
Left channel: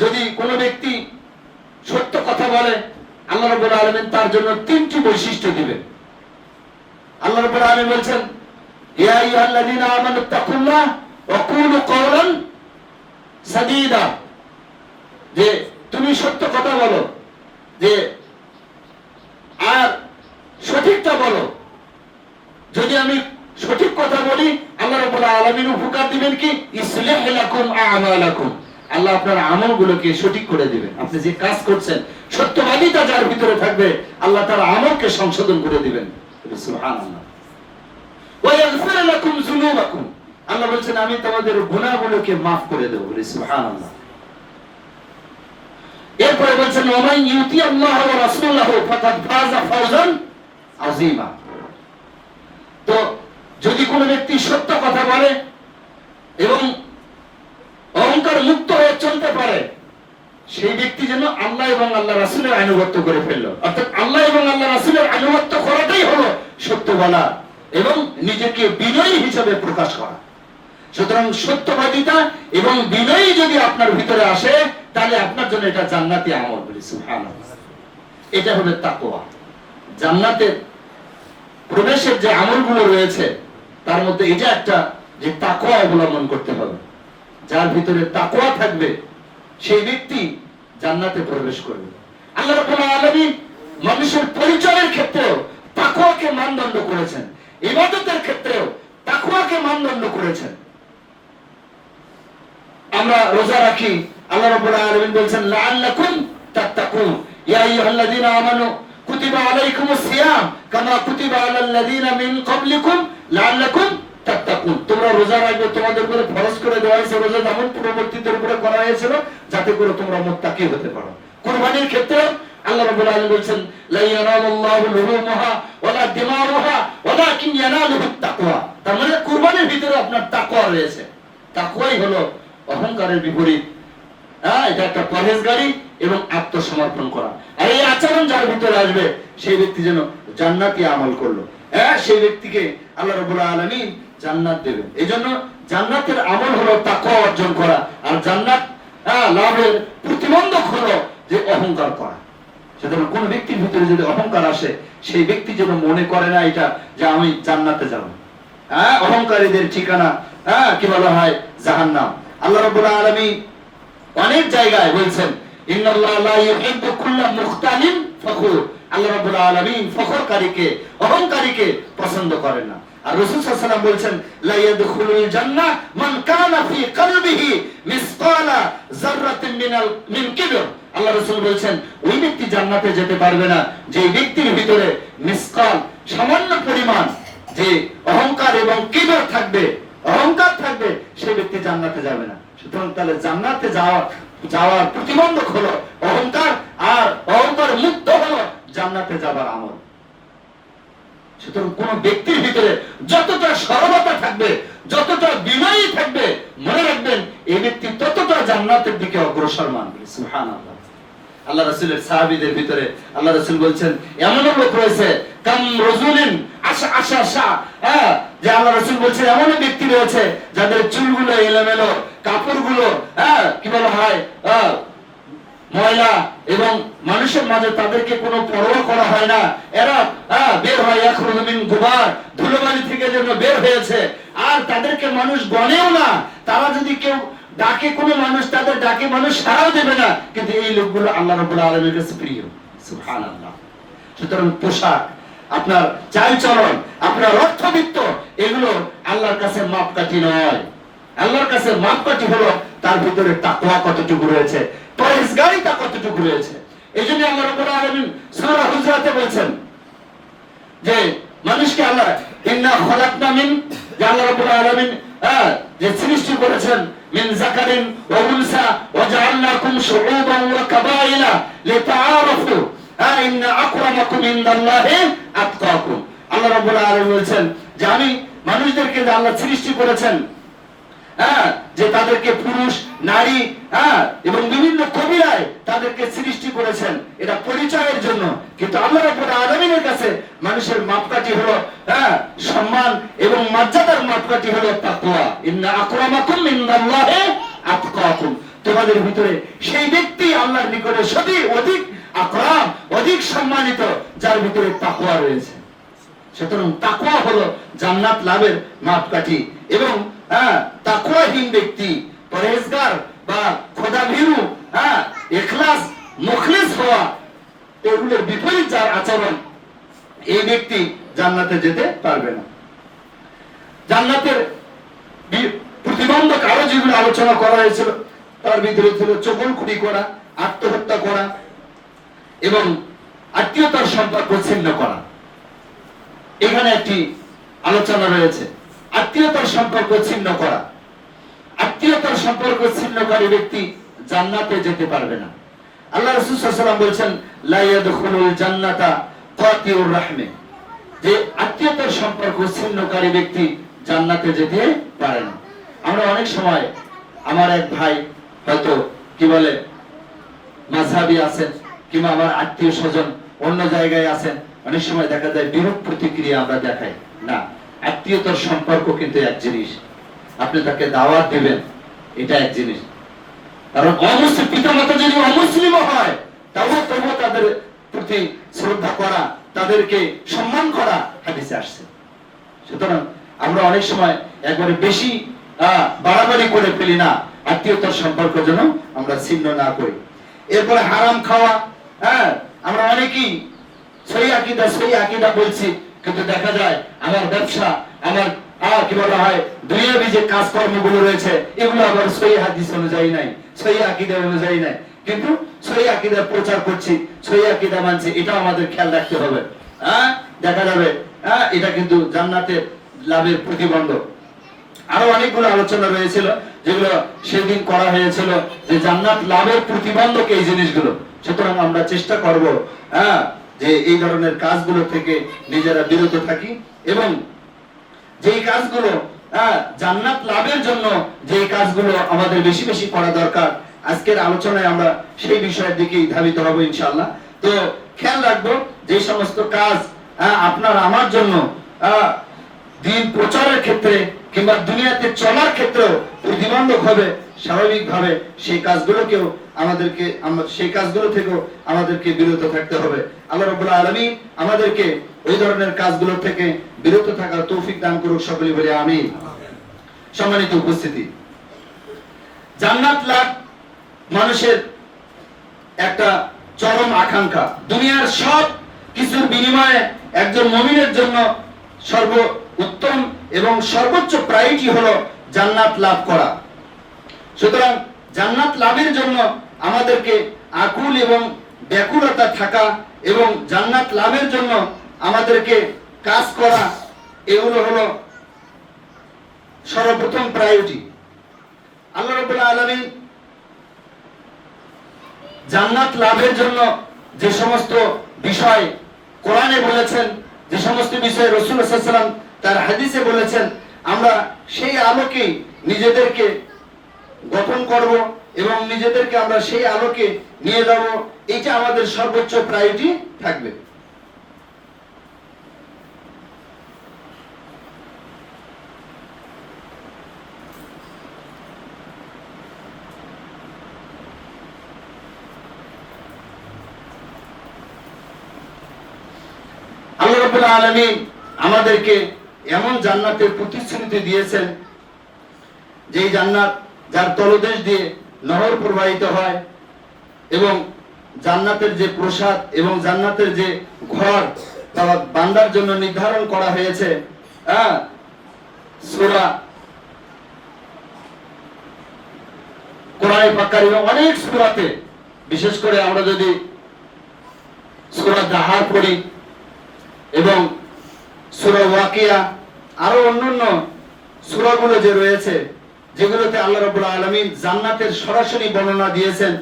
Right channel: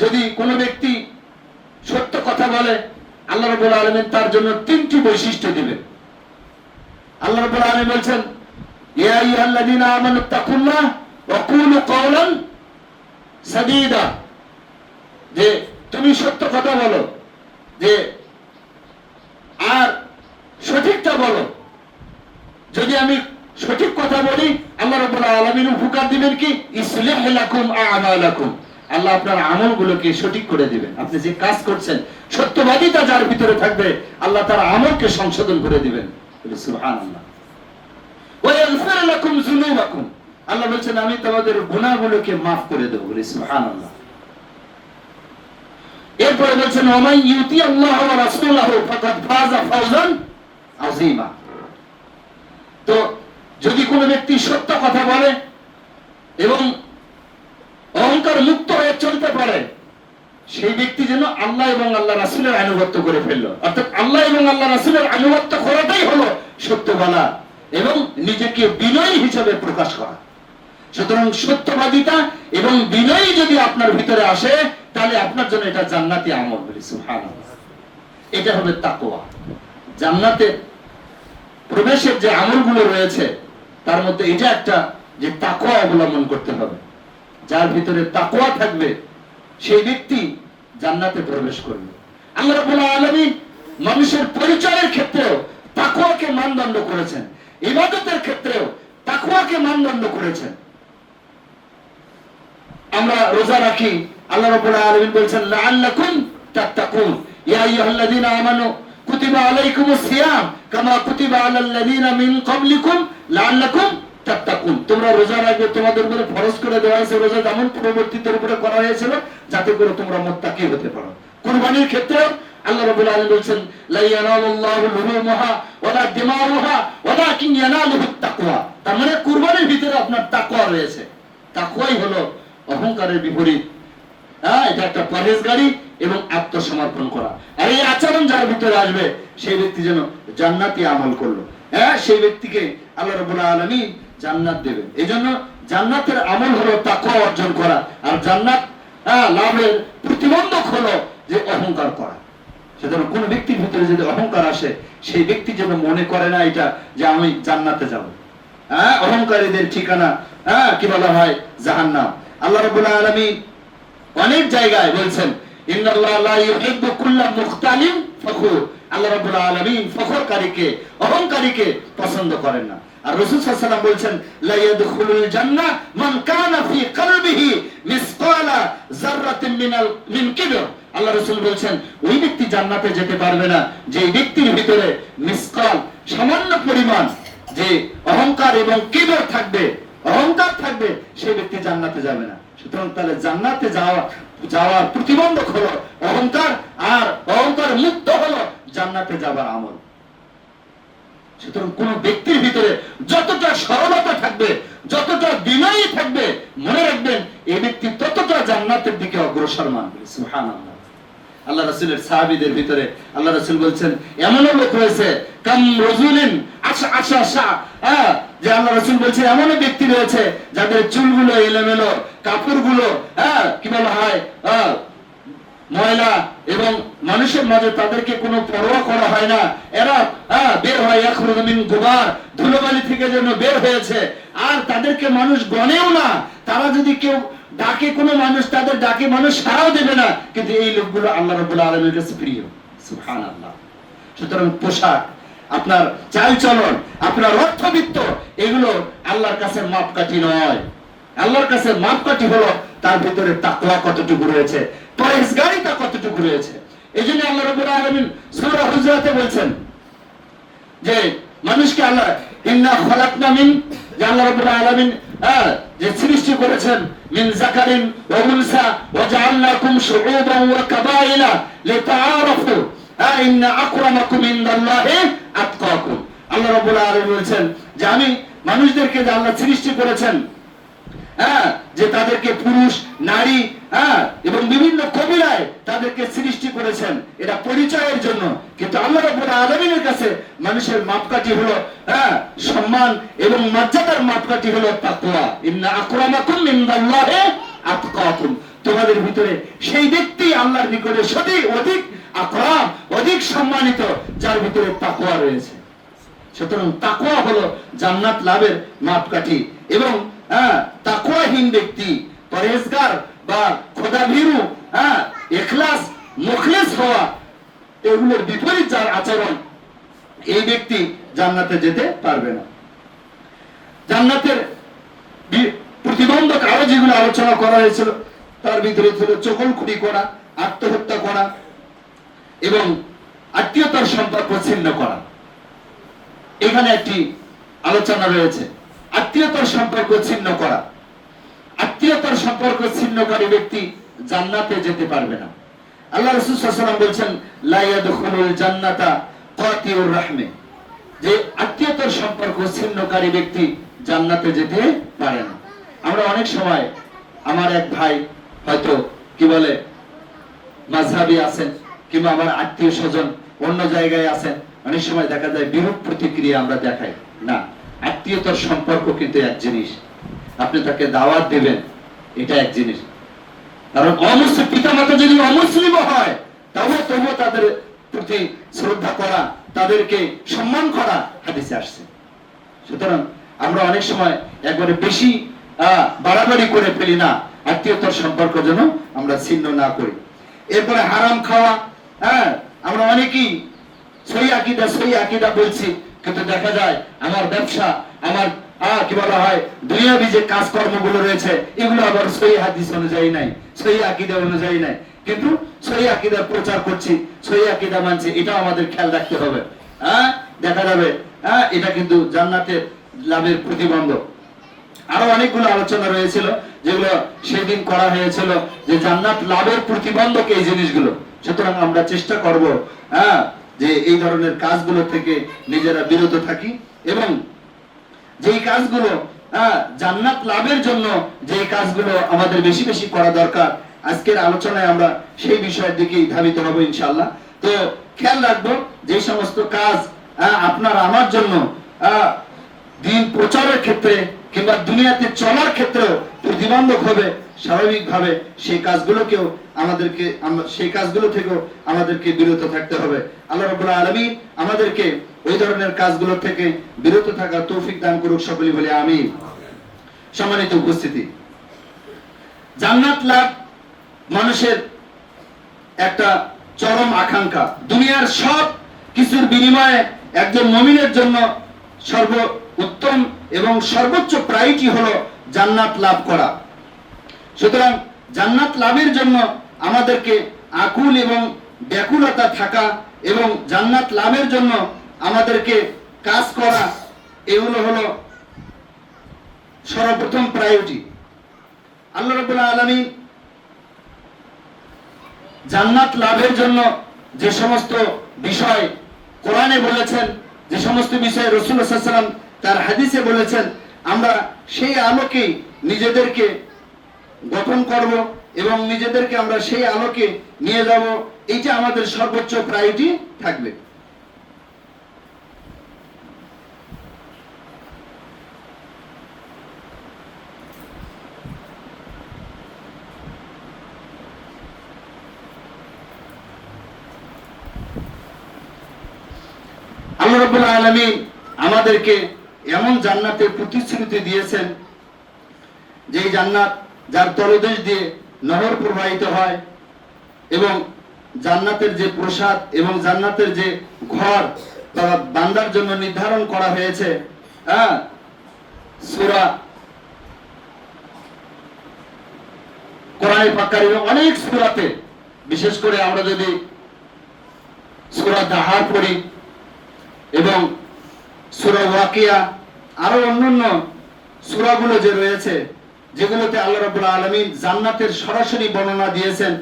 যদি কোনো ব্যক্তি সত্য কথা বলে, আল্লাহ রাব্বুল আলামিন তার জন্য তিনটি বৈশিষ্ট্য দিবেন। আল্লাহ রাব্বুল আলামিন বলেন, ইয়া আইয়ুহাল্লাযীনা আমানুত্তাকুল্লাহ ওয়া কুলু কাওলান সাদীদা, যে তুমি সত্য কথা বলো, যে আর সঠিকটা বলো। যদি আমি সঠিক কথা বলি, আল্লাহ রাব্বুল আলামিন উপকার দিবেন কি, ইসলিহ লাকুম আ'মালাকুম, আল্লাহ আপনার আমলগুলোকে সঠিক করে দিবেন। আপনি যে কাজ করছেন, সত্যবাদিতা যার ভিতরে থাকবে, আল্লাহ তার আমলকে সংশোধন করে দিবেন। সুবহানাল্লাহ। ওয়া ইয়াগফির লাকুম যুনুবাকুম, আল্লাহ বলেন আমি তোমাদের গুনাহগুলোকে maaf করে দেব। সুবহানাল্লাহ। এরপরে বলেন ওয়া ইউতি আল্লাহ ওয়া রাসূলহু ফাকাদ ফাযা ফাওজান আযীমা। তো যদি কোনো ব্যক্তি সত্য কথা বলে এবং অহংকার মুক্ত হয়ে চলতে পারে, সেই ব্যক্তি যেন আল্লাহ এবং আল্লাহ রাসূলের আনুগত্য করে ফেললো। অর্থাৎ আল্লাহ এবং আল্লাহ রাসূলের আনুগত্য করাটাই হলো সত্য বলা এবং নিজেকে বিনয়ী হিসেবে প্রকাশ করা। সুতরাং সত্যবাদিতা এবং বিনয়ী যদি আপনার ভিতরে আসে, তাহলে আপনার জন্য এটা জান্নাতি আমল। সুবহানাল্লাহ। এটা হলো তাকওয়া। জান্নাতে প্রবেশের যে আমলগুলো রয়েছে তার মধ্যে এটা একটা, যে তাকওয়া অবলম্বন করতে হবে। যার ভিতরে তাকওয়া থাকবে সেই ব্যক্তি জান্নাতে প্রবেশ করবে। আল্লাহ রাব্বুল আলামিন মানুষের পরিচয়ের ক্ষেত্রেও তাকওয়াকে মানদণ্ড করেছেন, ইবাদতের ক্ষেত্রেও তাকওয়াকে মানদণ্ড করেছেন। আমরা রোজা রাখি, আল্লাহ রাব্বুল আলামিন বলেছেন লাআল্লাকুম তাত্তাকুন, ইয়া আইয়ুহাল্লাযীনা আমানু কুতিবা আলাইকুমুস সিয়াম কামা কুতিবা আলাল্লাযীনা মিন ক্বাবলিকুম লাআল্লাকুম তাত্তাকুন। তোমরা রোজা রাখবে, তোমাদের উপরে ফরজ করে দেওয়া হয়েছে রোজা, যেমন পূর্ববর্তীদের উপরে করা হয়েছিল, যাতে করে তোমরা মুত্তাকি হতে পারো। কুরবানির ক্ষেত্রে আল্লাহ রাব্বুল আলামিন বলেছেন লা ইয়ানালুল্লাহু লুহুমুহা ওয়ালা দিমাউহা ওয়ালাকিন ইয়ানালুহুত তাকওয়া। তার মানে কুরবানির ভিতরে আপনার তাকওয়া রয়েছে। তাকওয়াই হলো অহংকারের বিপরীত। এটা একটা পরহেজগারি এবং আত্মসমর্পণ করা। আর এই আচরণ যার ভিতরে আসবে সেই ব্যক্তি যেন জান্নাতি আমল করলো, সেই ব্যক্তিকে আল্লাহ রাব্বুল আলামিন জান্নাত দেবেন। এজন্য জান্নাতের আমল হলো তাকওয়া অর্জন করা। আর জান্নাত লাভের প্রতিবন্ধক হলো যে অহংকার করা। সুতরাং কোন ব্যক্তির ভিতরে যদি অহংকার আসে, সেই ব্যক্তি যেন মনে করে না এটা যে আমি জান্নাতে যাব। অহংকারীদের ঠিকানা কি বলা হয়? জাহান্নাম। আল্লাহ রাব্বুল আলামিন অনেক জায়গায় বলছেন ইন্নাল্লাহ লা ইউহিব্বু কুল্লা মুখতালিন ফখুর। আল্লাহ রাব্বুল আলামিন ফখরকারীকে, অহংকারীকে পছন্দ করেন না। আর রাসূল সাল্লাল্লাহু আলাইহি ওয়াসাল্লাম বলেছেন লা ইয়াদখুলুল জান্নাহ মান কানা ফি কলবিহি মিসকালা যাররাতিন মিন কিবর। আল্লাহ রাসূল বলেছেন ওই ব্যক্তি জান্নাতে যেতে পারবে না যে ব্যক্তির ভিতরে মিসকাল, সামান্য পরিমাণ যে অহংকার এবং কিবর থাকবে, অহংকার থাকবে, সেই ব্যক্তি জান্নাতে যাবে না। সুতরাং তাহলে জান্নাতে যাওয়ার প্রতিবন্ধক হলো অহংকার, আর অহংকার মুক্ত হলো জান্নাতে যাবার আমল। সুতরাং কোন ব্যক্তির ভিতরে যতটা সরলতা থাকবে, যতটা বিনয়ী থাকবে, মনে রাখবেন এই ব্যক্তি ততটা জান্নাতের দিকে অগ্রসর মানবে। সুবহানাল্লাহ। আল্লাহ রাসূলের সাহাবীদের ভিতরে আল্লাহ রাসূল বলেছেন এমন লোক রয়েছে কাম রাজুলিন আশা যে আল্লাহ রাসূল বলেছেন এমন ব্যক্তি রয়েছে যাদের চুলগুলো এলোমেলো, কাপড়গুলো কি বলা হয় ময়লা, এবং মানুষের মাঝে তাদেরকে কোনো পরোয়া করা হয় না। এরা বের হয় ইয়াখরুজু মিন গুবার, ধুলোবালি থেকে যেন বের হয়েছে, আর তাদেরকে মানুষ গণেও না। তারা যদি কেউ ডাকে, কোনো মানুষ তাদের ডাকে মানুষ সাড়াও দেবে না, কিন্তু এই লোকগুলো আল্লাহ রাব্বুল আলামিনের কাছে প্রিয়। সুবহানাল্লাহ। সুতরাং পোশাক, আপনার চালচলন, আপনার অর্থবিত্ত, এগুলো আল্লাহর কাছে মাপকাঠি নয়। আল্লাহর কাছে মাপকাঠি হলো তার ভিতরে তাকওয়া কতটুকু রয়েছে, পরহেজগারিতা কতটুকু রয়েছে। এইজন্য আল্লাহ রাব্বুল আলামিন সূরা হুজরাতে বলেছেন যে মানুষকে আল্লাহ ইন্না খালাকনা মিন, যে আল্লাহ রাব্বুল আলামিন যে সৃষ্টি করেছেন মিন যাকারিন ওয়া উনসা ওয়া জাআলনাকুম শুউবান ওয়া কাবাইলা লিতাআরাফু ইন্না আকরামাকুম ইনদাল্লাহি আতকাকুম। আল্লাহ রাব্বুল আলামিন বলেছেন যে আমি মানুষদেরকে যে আল্লাহ সৃষ্টি করেছেন, যে তাদেরকে পুরুষ, নারী এবং বিভিন্ন কবিরায় তাদেরকে সৃষ্টি করেছেন, এটা পরিচয়ের জন্য। কিন্তু আল্লাহ রাব্বুল আলামিনের কাছে মানুষের মাপকাঠি হলো সম্মান এবং মর্যাদার মাপকাঠি হলো তাকওয়া। ইন্না আকরামাকুম ইনদাল্লাহি আতকাকুম। তোমাদের ভিতরে সেই ব্যক্তি আল্লাহর নিকটে অধিক আকরাম, অধিক সম্মানিত, যার ভিতরে তাকওয়া রয়েছে। সুতরাং তাকওয়া হলো জান্নাত লাভের মাপকাঠি। এবং তাকওয়াহীন ব্যক্তি, পরহেজগার বা খোদাভীরু, ইখলাস, মুখলিস হওয়া, এগুলোর বিপরীত যার আচরণ, এই ব্যক্তি জান্নাতে যেতে পারবে না। জান্নাতের প্রতিবন্ধক আরো যেগুলো আলোচনা করা হয়েছিল তার ভিতরে ছিল চগলখুরি করা, আত্মহত্যা করা এবং আত্মীয়তার সম্পর্ক ছিন্ন করা। এখানে একটি আলোচনা রয়েছে আত্মীয়তার সম্পর্ক ছিন্ন করা। আত্মীয়তার সম্পর্ক ছিন্নকারী ব্যক্তি জান্নাতে যেতে পারবে না। আল্লাহ রাসূল সাল্লাল্লাহু আলাইহি ওয়াসাল্লাম বলেছেন লা ইয়াদখুলুল জান্নাতা কাতিউর রাহমে, যে আত্মীয়তার সম্পর্ক ছিন্নকারী ব্যক্তি জান্নাতে যেতে পারে না। আমরা অনেক সময়, আমার এক ভাই হয়তো কি বলে মাযহাবী আছেন কিংবা আমার আত্মীয় স্বজন অন্য জায়গায় আছেন, অনেক সময় দেখা যায় বিরূপ প্রতিক্রিয়া আমরা দেখাই না। আত্মীয়তার সম্পর্ক কিন্তু এক জিনিস, আপনি তাকে দাওয়াত দিবেন এটা এক জিনিস। কারণ অমুসলিম পিতামাতা যদি অমুসলিম হয় তবুও তাদের প্রতি শ্রদ্ধা করা, তাদেরকে সম্মান করা হাদিসে আসছে। সুতরাং আমরা অনেক সময় একবারে বেশি বাড়াবাড়ি করে ফেলি না, আত্মীয়তার সম্পর্ক যেন আমরা ছিন্ন না করি। এরপরে হারাম খাওয়া, আমরা অনেকেই সহি আকীদা বলছি, কিন্তু দেখা যায় আমার ব্যবসা, আমার কি বলা হয় দুনিয়াবি যে কাজকর্মগুলো রয়েছে এগুলো আবার সহি হাদিস অনুযায়ী নাই, সহি আকীদা অনুযায়ী নাই, কিন্তু সহি আকীদার প্রচার করছি, সহি আকীদা মানছি, এটা আমাদের খেয়াল রাখতে হবে। দেখা যাবে এটা কিন্তু জান্নাতের লাভের প্রতিবন্ধক। আরো অনেকগুলো আলোচনা রয়েছিল যেগুলো সেদিন করা হয়েছিল যে জান্নাত লাভের প্রতিবন্ধক এই জিনিসগুলো। সুতরাং আমরা চেষ্টা করব যে এই ধরনের কাজগুলো থেকে নিজেরা বিরত থাকি, এবং যেই কাজগুলো জান্নাত লাভের জন্য যেই কাজগুলো আমাদের বেশি বেশি করা দরকার, আজকের আলোচনায় আমরা সেই বিষয়ের দিকেই ধাবিত হব ইনশাআল্লাহ। তো খেয়াল রাখবো যে সমস্ত কাজ আপনার আমার জন্য দিন প্রচারের ক্ষেত্রে কিংবা দুনিয়াতে চলার ক্ষেত্রেও প্রতিবন্ধক হবে, স্বাভাবিকভাবে সেই কাজগুলো থেকেও আমাদেরকে বিরত থাকতে হবে। আল্লাহ রাব্বুল আলামিন আমাদেরকে ওই ধরনের কাজগুলো থেকে বিরত থাকার তৌফিক দান করুক, সকলে বলি আমিন। সম্মানিত উপস্থিতি, জান্নাত লাভ মানুষের একটা চরম আকাঙ্ক্ষা। দুনিয়ার সব কিছুর বিনিময়ে একজন মুমিনের জন্য সর্বোত্তম এবং সর্বোচ্চ প্রায়োরিটি হলো জান্নাত লাভ করা। সুতরাং জান্নাত লাভের জন্য আমাদেরকে আকুল এবং ব্যাকুলতা থাকা এবং জান্নাত লাভের জন্য আমাদেরকে কাজ করা, এগুলো হলো সর্বপ্রথম প্রায়োরিটি। আল্লাহ রাব্বুল আলামিন জান্নাত লাভের জন্য যে সমস্ত বিষয় কোরআনে বলেছেন, যে সমস্ত বিষয়ে রাসূলুল্লাহ সাল্লাল্লাহু আলাইহি ওয়াসাল্লাম তার হাদিসে বলেছেন, আমরা সেই আলোকে নিজেদেরকে গঠন করব এবং নিজেদেরকে আমরা সেই আলোকে নিয়ে যাব, এটা আমাদের সর্বোচ্চ প্রায়োরিটি থাকবে। আল্লাহ রাব্বুল আলামিন আমাদেরকে এমন জান্নাতের প্রতিশ্রুতি দিয়েছেন যে জান্নাত যার তলদেশ দিয়ে নহর প্রবাহিত হয়, এবং জান্নাতের যে প্রসাদ এবং জান্নাতের যে ঘর বান্দার জন্য নির্ধারণ করা হয়েছে, সূরা কোরআনে পাক কারিমে অনেক সূরাতে, বিশেষ করে আমরা যদি সূরা দাহার পড়ি এবং সূরা ওয়াকিয়া, আরো অন্যান্য সূরাগুলো যে রয়েছে যেগুলোতে আল্লাহ রাব্বুল আলামিন জান্নাতের সরাসরি বর্ণনা দিয়েছেন,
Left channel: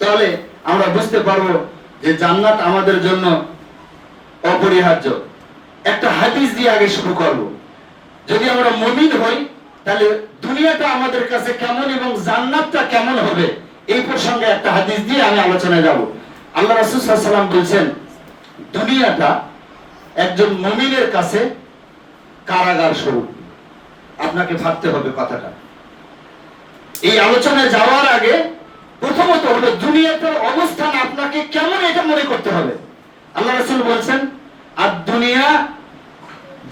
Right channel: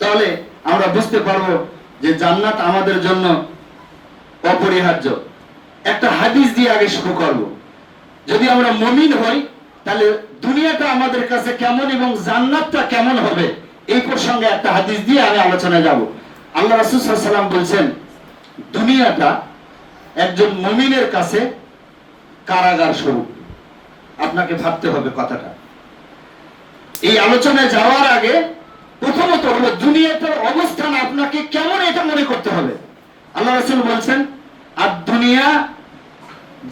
তাহলে আমরা বুঝতে পারবো যে জান্নাত আমাদের জন্য অপরিহার্য। একটা হাদিস দিয়ে আগে শুরু করব। যদি আমরা মুমিন হই তাহলে দুনিয়াটা আমাদের কাছে কেমন এবং জান্নাতটা কেমন হবে, এই প্রসঙ্গে একটা হাদিস দিয়ে আমি আলোচনায় যাব। আল্লাহ রাসূল সাল্লাল্লাহু আলাইহি ওয়াসাল্লাম বলেছেন, দুনিয়াটা একজন মুমিনের কাছে কারাগার স্বরূপ। আপনাকে ভাবতে হবে কথাটা। এই আলোচনায় যাওয়ার আগে প্রথমত হলো দুনিয়াটার অবস্থান আপনাকে কেমন এটা মনে করতে হবে। আল্লাহ রাসূল বলেছেন, আদ-দুনিয়া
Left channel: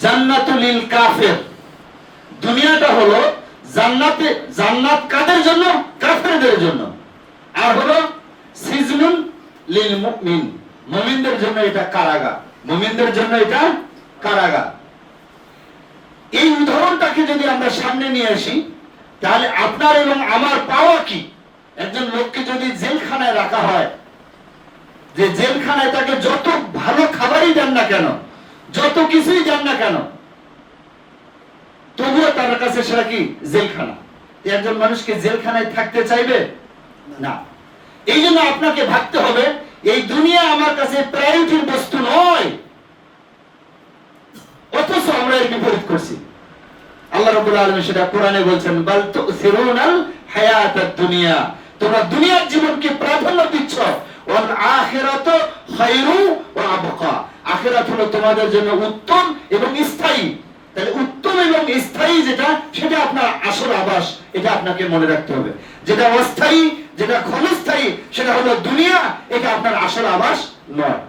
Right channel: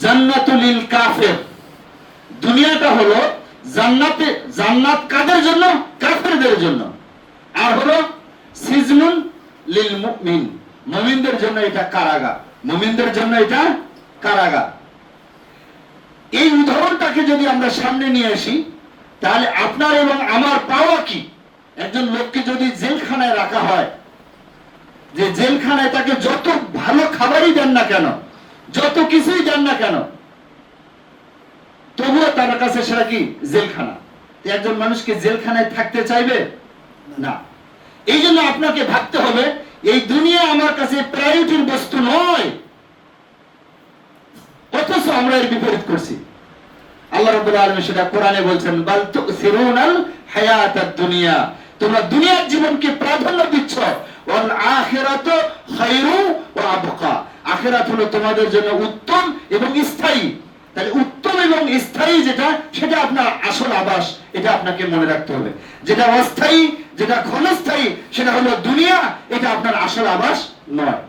জান্নাতুল লিল কাফির। দুনিয়াটা হলো জান্নাত কাদের জন্য? কাফেরদের জন্য। আর হলো সিজনুল লিল মুমিন, মুমিনদের জন্য এটা কারাগার, মুমিনদের জন্য এটা কারাগার। এই উদাহরণটাকে যদি আমরা সামনে নিয়ে আসি তাহলে আপনার এবং আমার পাওয়া কি? একজন লোককে যদি জেলখানায় রাখা হয়, যে জেলখানায় তাকে যত ভালো খাবারই দেন না কেন, যত কিছুই দেন না কেন, তবুও তার কাছে সেটা কি? জেলখানা। একজন মানুষকে জেলখানায় থাকতে চাইবে না। এই জন্য আপনাকে ভাবতে হবে এই দুনিয়া আমার কাছে প্রায়োরিটির বস্তু নয়, অথচ আমরা এর বিপরীত করছি। আল্লাহ রাব্বুল আলামিন সেটা কোরআনে বলছেন, বাল তুসিরুনাল হায়াতাদ দুনিয়া, তোমরা দুনিয়ার জীবনকে প্রাধান্য দিচ্ছ, ওয়াল আখিরাতু খায়রু ওয়া আবকা, আখিরাত হলো তোমাদের জন্য উত্তম এবং স্থায়ী। তাহলে উত্তম এবং স্থায়ী যেটা, সেটা আপনার আসল আবাস, এটা আপনাকে মনে রাখতে হবে। যেটা অস্থায়ী, যেটা ক্ষণস্থায়ী, সেটা হলো দুনিয়া, এটা আপনার আসল আবাস নয়।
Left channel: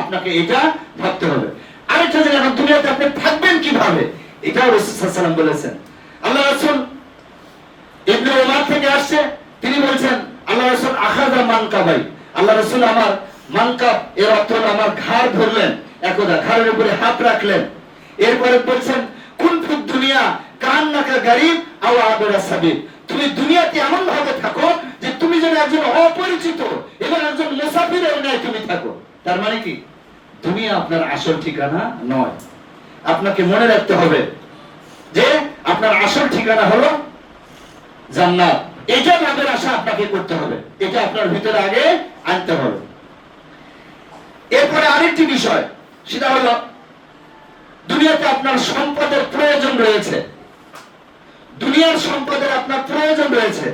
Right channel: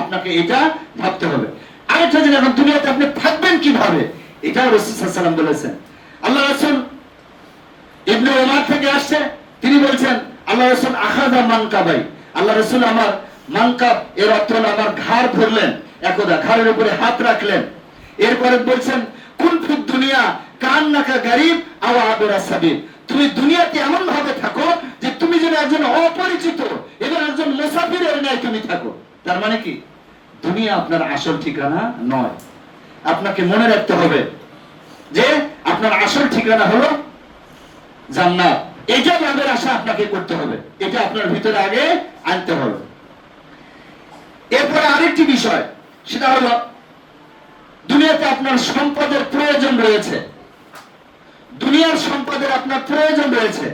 আপনাকে এটা ভাবতে হবে। আরেকটা জিনিস, এখন দুনিয়াতে আপনি থাকবেন কিভাবে, এটাও রাসূল সাল্লাল্লাহু আলাইহি ওয়াসাল্লাম বলেছেন। আল্লাহ রাসূল ইবনে ওমর থেকে আসছে, তিনি বলছেন আল্লাহ রাসূল আখাযা মানকাবাই, আল্লাহ রাসূল আমার মানকাব, এর অর্থ হলো আমার ঘাড় ধরলেন, একদা ঘাড়ের উপরে হাত রাখলেন। এরপরে বলছেন কুন ফিদ দুনিয়া কান্নাকা গারিব আও আবিরা সাবিল, তুমি দুনিয়াতে এমন ভাবে থাকো যে তুমি যেন একজন অপরিচিত এবং একজন মুসাফিরের ন্যায় তুমি থাকো। তার মানে কি, দুনিয়া আপনার আসল ঠিকানা নয়। আপনাকে মনে রাখতে হবে যে আপনার আসল ঠিকানা হলো জান্নাত। এটা লাভের আশা আপনাকে করতে হবে, এটা আপনার ভিতরে আগে আনতে হবে। এরপরে আরেকটি বিষয়, সেটা হলো দুনিয়াতে আপনার সম্পদের প্রয়োজন রয়েছে, দুনিয়ার সম্পদের আপনার প্রয়োজন রয়েছে,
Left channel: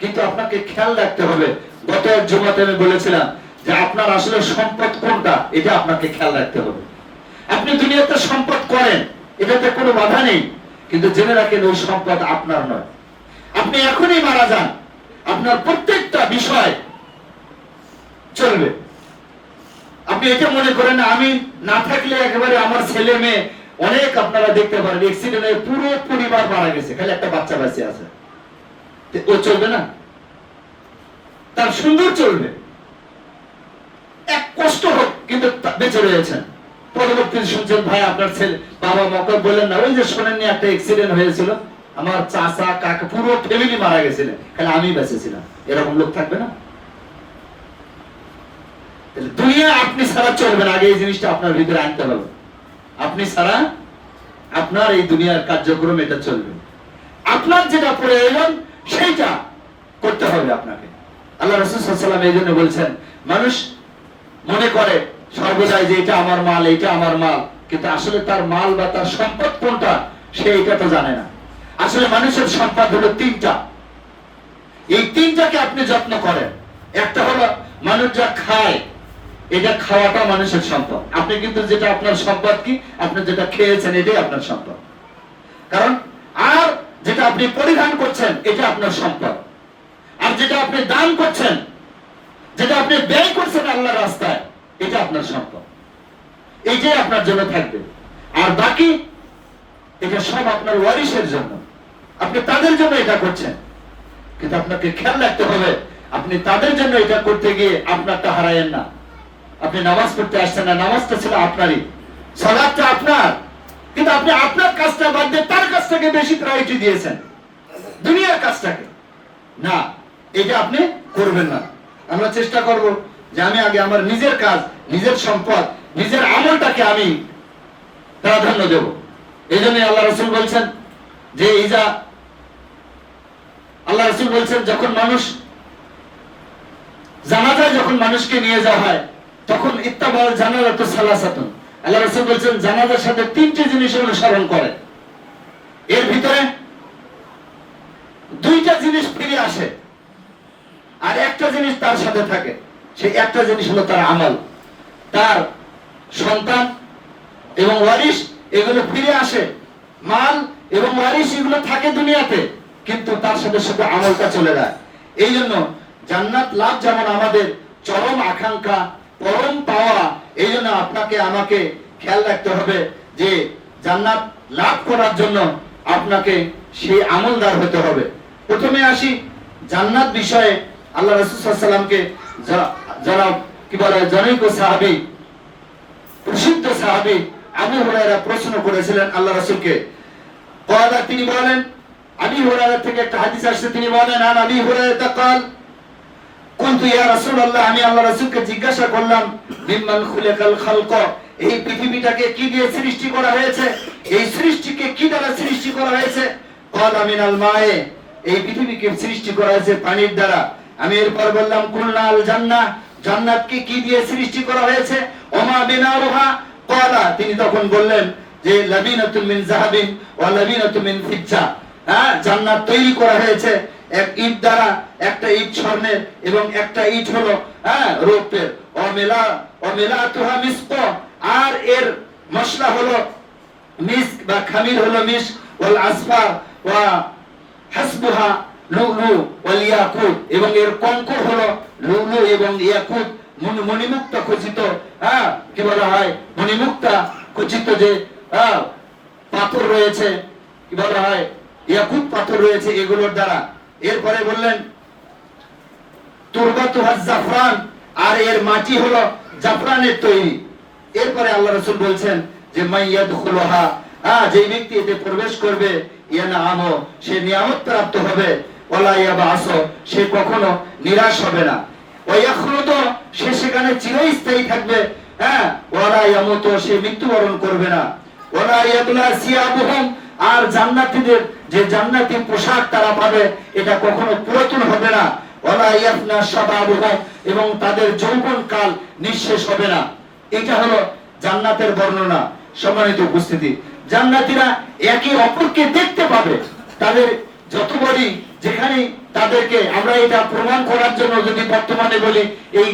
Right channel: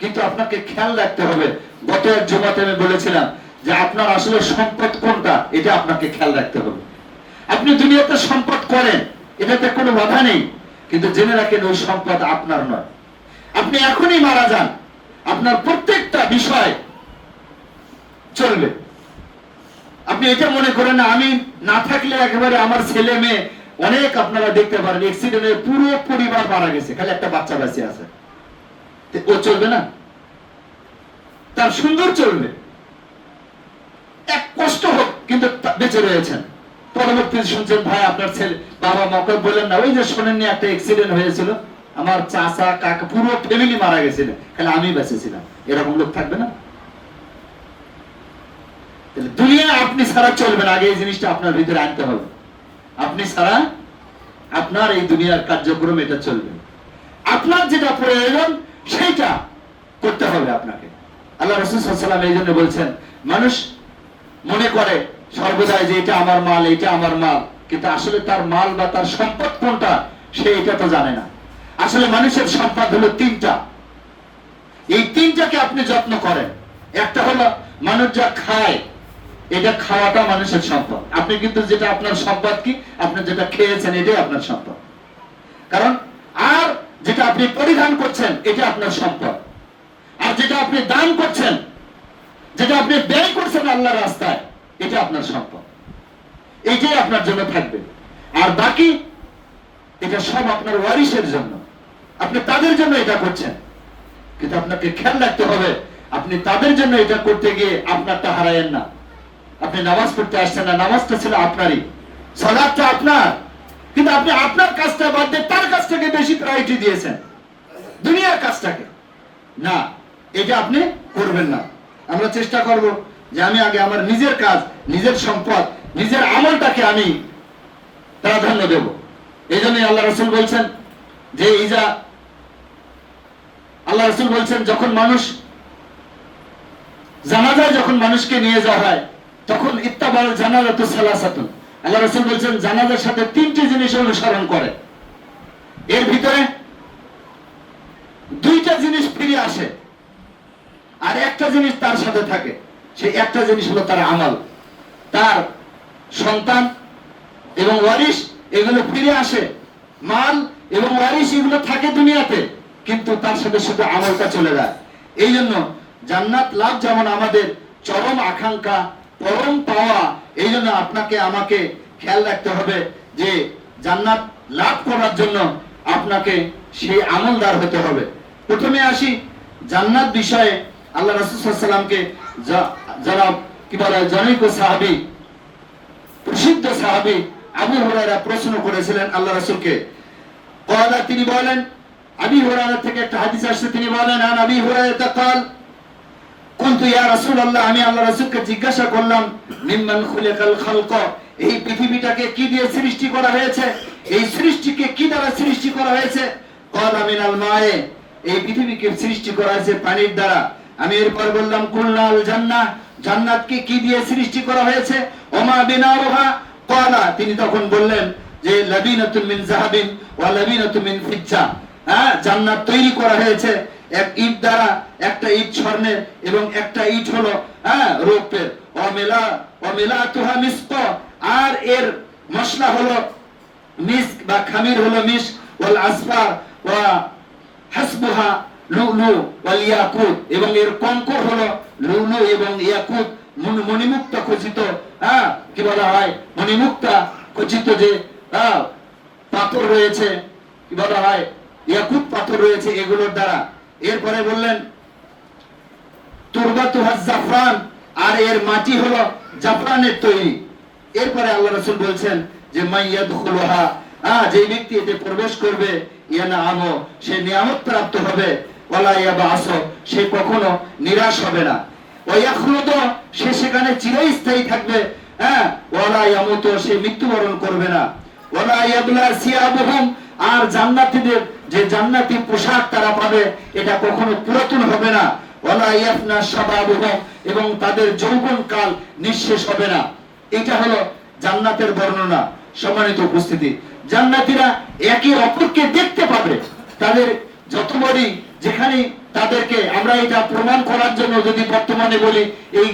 কিন্তু আপনাকে খেয়াল রাখতে হবে। গত এক জুমাতে আমি বলেছিলাম যে আপনার আসলে সম্পদ কোনটা, এটা আপনাকে খেয়াল রাখতে হবে। আপনি দুনিয়াতে সম্পদ করেন, এটাতে কোনো বাধা নেই, কিন্তু জেনে রাখেন ওই সম্পদ আপনার নয়। আপনি এখনই মারা যান, আপনার প্রত্যেকটা বিষয় চলবে। আপনি এটা মনে করেন না আমি না থাকলে একেবারে আমার ছেলে মেয়ে, অনেক আপনারা দেখতে পারেন অ্যাক্সিডেন্টে পুরো পরিবার মারা গেছে, খালি একটা বাচ্চা বেঁচে আছে, ও চলবে না? তার সুন্দর চলবে, এক কষ্ট হোক কিন্তু বেঁচে রয়েছেন। পরবর্তী শুনছেন ভাই আপনার ছেলে, বাবা মাকে বললেন না, ওই যে শোনেননি একটা অ্যাক্সিডেন্ট হয়েছিল, আমার চাচা কাকা পুরো ফ্যামিলি মারা গেছিলেন, খালি আমি বেঁচেছিলাম। এরকম লোক থাকবে না? দুনিয়া আপনি ছাড়া চলবে না, আগে এই জিনিসটা আপনার ভিতরে আনতে হবে। আপনি ছাড়া আপনার এই দুনিয়ার কার্যক্রম এটা চলবে। আপনার যেটা প্রয়োজন সেইটা করতে হবে আপনাকে। আল্লাহ রাসূল সাল্লাল্লাহু আলাইহি ওয়াসাল্লাম এই জন্য বলছেন, মানুষ মনে করে সর্বদাই যে এটা আমার মাল, এটা আমার মাল, কিন্তু আসলে তার মাল বা তার সম্পদ কোনটা সে এটা তো জানে না। আসলে মানুষের সম্পদ হলো তিনটা, এই তিনটাকে আপনি যত্ন করেন। একটা হলো মানুষ যা খায়, এটা খাওয়াটা মানুষের সম্পদ। আপনি কিন্তু যেটা আপনার সম্পদ কি, আপনি যেটা খেয়েছেন এটাই আপনার সম্পদ। কারণ আর যেটা আপনি পরিধান করছেন এটা আপনার সম্পদ, আর যেটা আপনি দান করছেন, যেটা আপনি ব্যয় করছেন আল্লাহর রাস্তায়, এটা আপনার সম্পদ, এইটাই আপনার জন্য থাকবে। আর বাকি এটা সব আপনার ওয়ারিসের জন্য, আপনি তাদের জন্য এটা করছেন। কিন্তু আপনাকে খেয়াল রাখতে হবে, আপনি তাদের জন্য এটা করতে গিয়ে আপনারটা হারায়েন না। আপনি নামাজ পড়তে আসছেন না, নামাজটা ছিল আপনারই, সালাতটা আপনার, কিন্তু আপনি আপনার কাজটা বাদ দিয়ে তার কাজটাকে বেশি প্রায়োরিটি দিয়েছেন, দুনিয়ার কাজটাকে না। এটা আপনি করবেন না। আমরা চেষ্টা করব যে আমি আগে আমার নিজের কাজ, নিজের সম্পদ, নিজের আমলটাকে আমি প্রাধান্য দেব। এই জন্য আল্লাহ রাসূল বলছেন যে আল্লাহ রাসূল বলছেন যখন মানুষ জানাজায়, যখন মানুষকে নিয়ে যাওয়া হয়, তখন ইত্তাবাল জানাজাতু সালাসাতুন, আল্লাহ রাসূল বলছেন জানাজার সাথে তিনটি জিনিস অনুসরণ করে। এর ভিতরে দুইটা জিনিস ফিরে আসে আর একটা জিনিস তার সাথে থাকে। সেই একটা জিনিস হলো তার আমল, তার সন্তান এবং ওয়ারিস, এগুলো ফিরে আসে। মাল এবং ওয়ারিস এগুলো থাকে দুনিয়াতে, কিন্তু তার সাথে সাথে আমলটা চলে যায়। এই জন্য জান্নাত লাভ যেমন আমাদের চরম আকাঙ্ক্ষা, পরম পাওয়া, এই জন্য আপনাকে আমাকে খেয়াল রাখতে হবে যে জান্নাত লাভ করার জন্য আপনাকে সেই আমলদার হতে হবে। প্রথমে আসি জান্নাত বিষয়ে। আল্লাহ রাসূল সাল্লাল্লাহু আলাইহি ওয়াসাল্লামকে যারা কি বলে জনৈক সাহাবী, প্রসিদ্ধ সাহাবী আবু হুরায়রা প্রশ্ন করেছিলেন আল্লাহ রাসূলকে। কয়লা তিনি বলেন, আবু হুরায়রা থেকে একটা হাদিস আসছে, তিনি বলেন আন আবি হুরায়রা قال কুনতু ইয়া রাসূলুল্লাহ, আমি আল্লাহ রাসূলকে জিজ্ঞাসা করলাম মিম্মান খুলিকাল খালক, এই পৃথিবীটাকে কি দিয়ে সৃষ্টি করা হয়েছে, এই সৃষ্টিকে কি দ্বারা সৃষ্টি করা হয়েছে? قال মিনাল মায়ে, এই পৃথিবীকে সৃষ্টি করা হয়েছে পানির দ্বারা। আমি এরপর বললাম কুলনাল জান্নাহ, জান্নাতকে কি দিয়ে সৃষ্টি করা হয়েছে? ওমা বিনাউহা قال, তিনি তখন বললেন যে লাবিনাতুন মিন যাহাবিন ওয়া লাবিনাতুন মিন ফিজ্জা, জান্নাত তৈরি করা হয়েছে এক ইট দ্বারা, একটা ইট স্বর্ণের এবং একটা ইট হলো রৌপ্যের। অমেলাতুহা মিসক, আর এর মশলা হলো মিস্ক বা খামির হলো মিস্ক, ওয়াল আসফার ওয়া হাসবুহা লুলু ওয়াল ইয়াকুত, এবং এর কঙ্কর হলো লুলু এবং ইয়াকুত, মণিমুক্তা খচিত, কি বলা হয়, মণিমুক্তা খচিত যে পাথর রয়েছে, কি বলা হয়, ইয়াকুত পাথর রয়েছে এগুলোর দ্বারা। এরপরে বললেন তুরবাতুহা জাফরান, আর এর মাটি হলো জাফরানের তৈরি। এরপরে আল্লাহ রাসূল বলছেন যে মাইয়াদখুলুহা, যে ব্যক্তি এতে প্রবেশ করবে, ইয়ানামু, সে নিয়ামত প্রাপ্ত হবে, ওয়ালা ইয়াবাস, সে কখনো নিরাশ হবে না, ওয়া ইয়াখলুদু, সে সেখানে চিরস্থায়ী থাকবে, ওয়ালা ইয়ামুতু, সে মৃত্যুবরণ করবে না, ওয়ালা ইয়াবলা সিয়াবুহুম, আর জান্নাতীদের যে জান্নাতি পোশাক তারা পাবে এটা কখনো পুরাতন হবে না, ওয়ালা ইয়াফনা শাবাবুহুম, এবং তাদের যৌবন কাল নিঃশেষ হবে না। এটা হলো জান্নাতের বর্ণনা। সম্মানিত উপস্থিতি, জান্নাতীরা একে অপরকে দেখতে পাবে, তাদের যত বড়ি যেখানে তাদেরকে, আমরা এটা প্রমাণ করার জন্য যদি বর্তমানে বলি, এই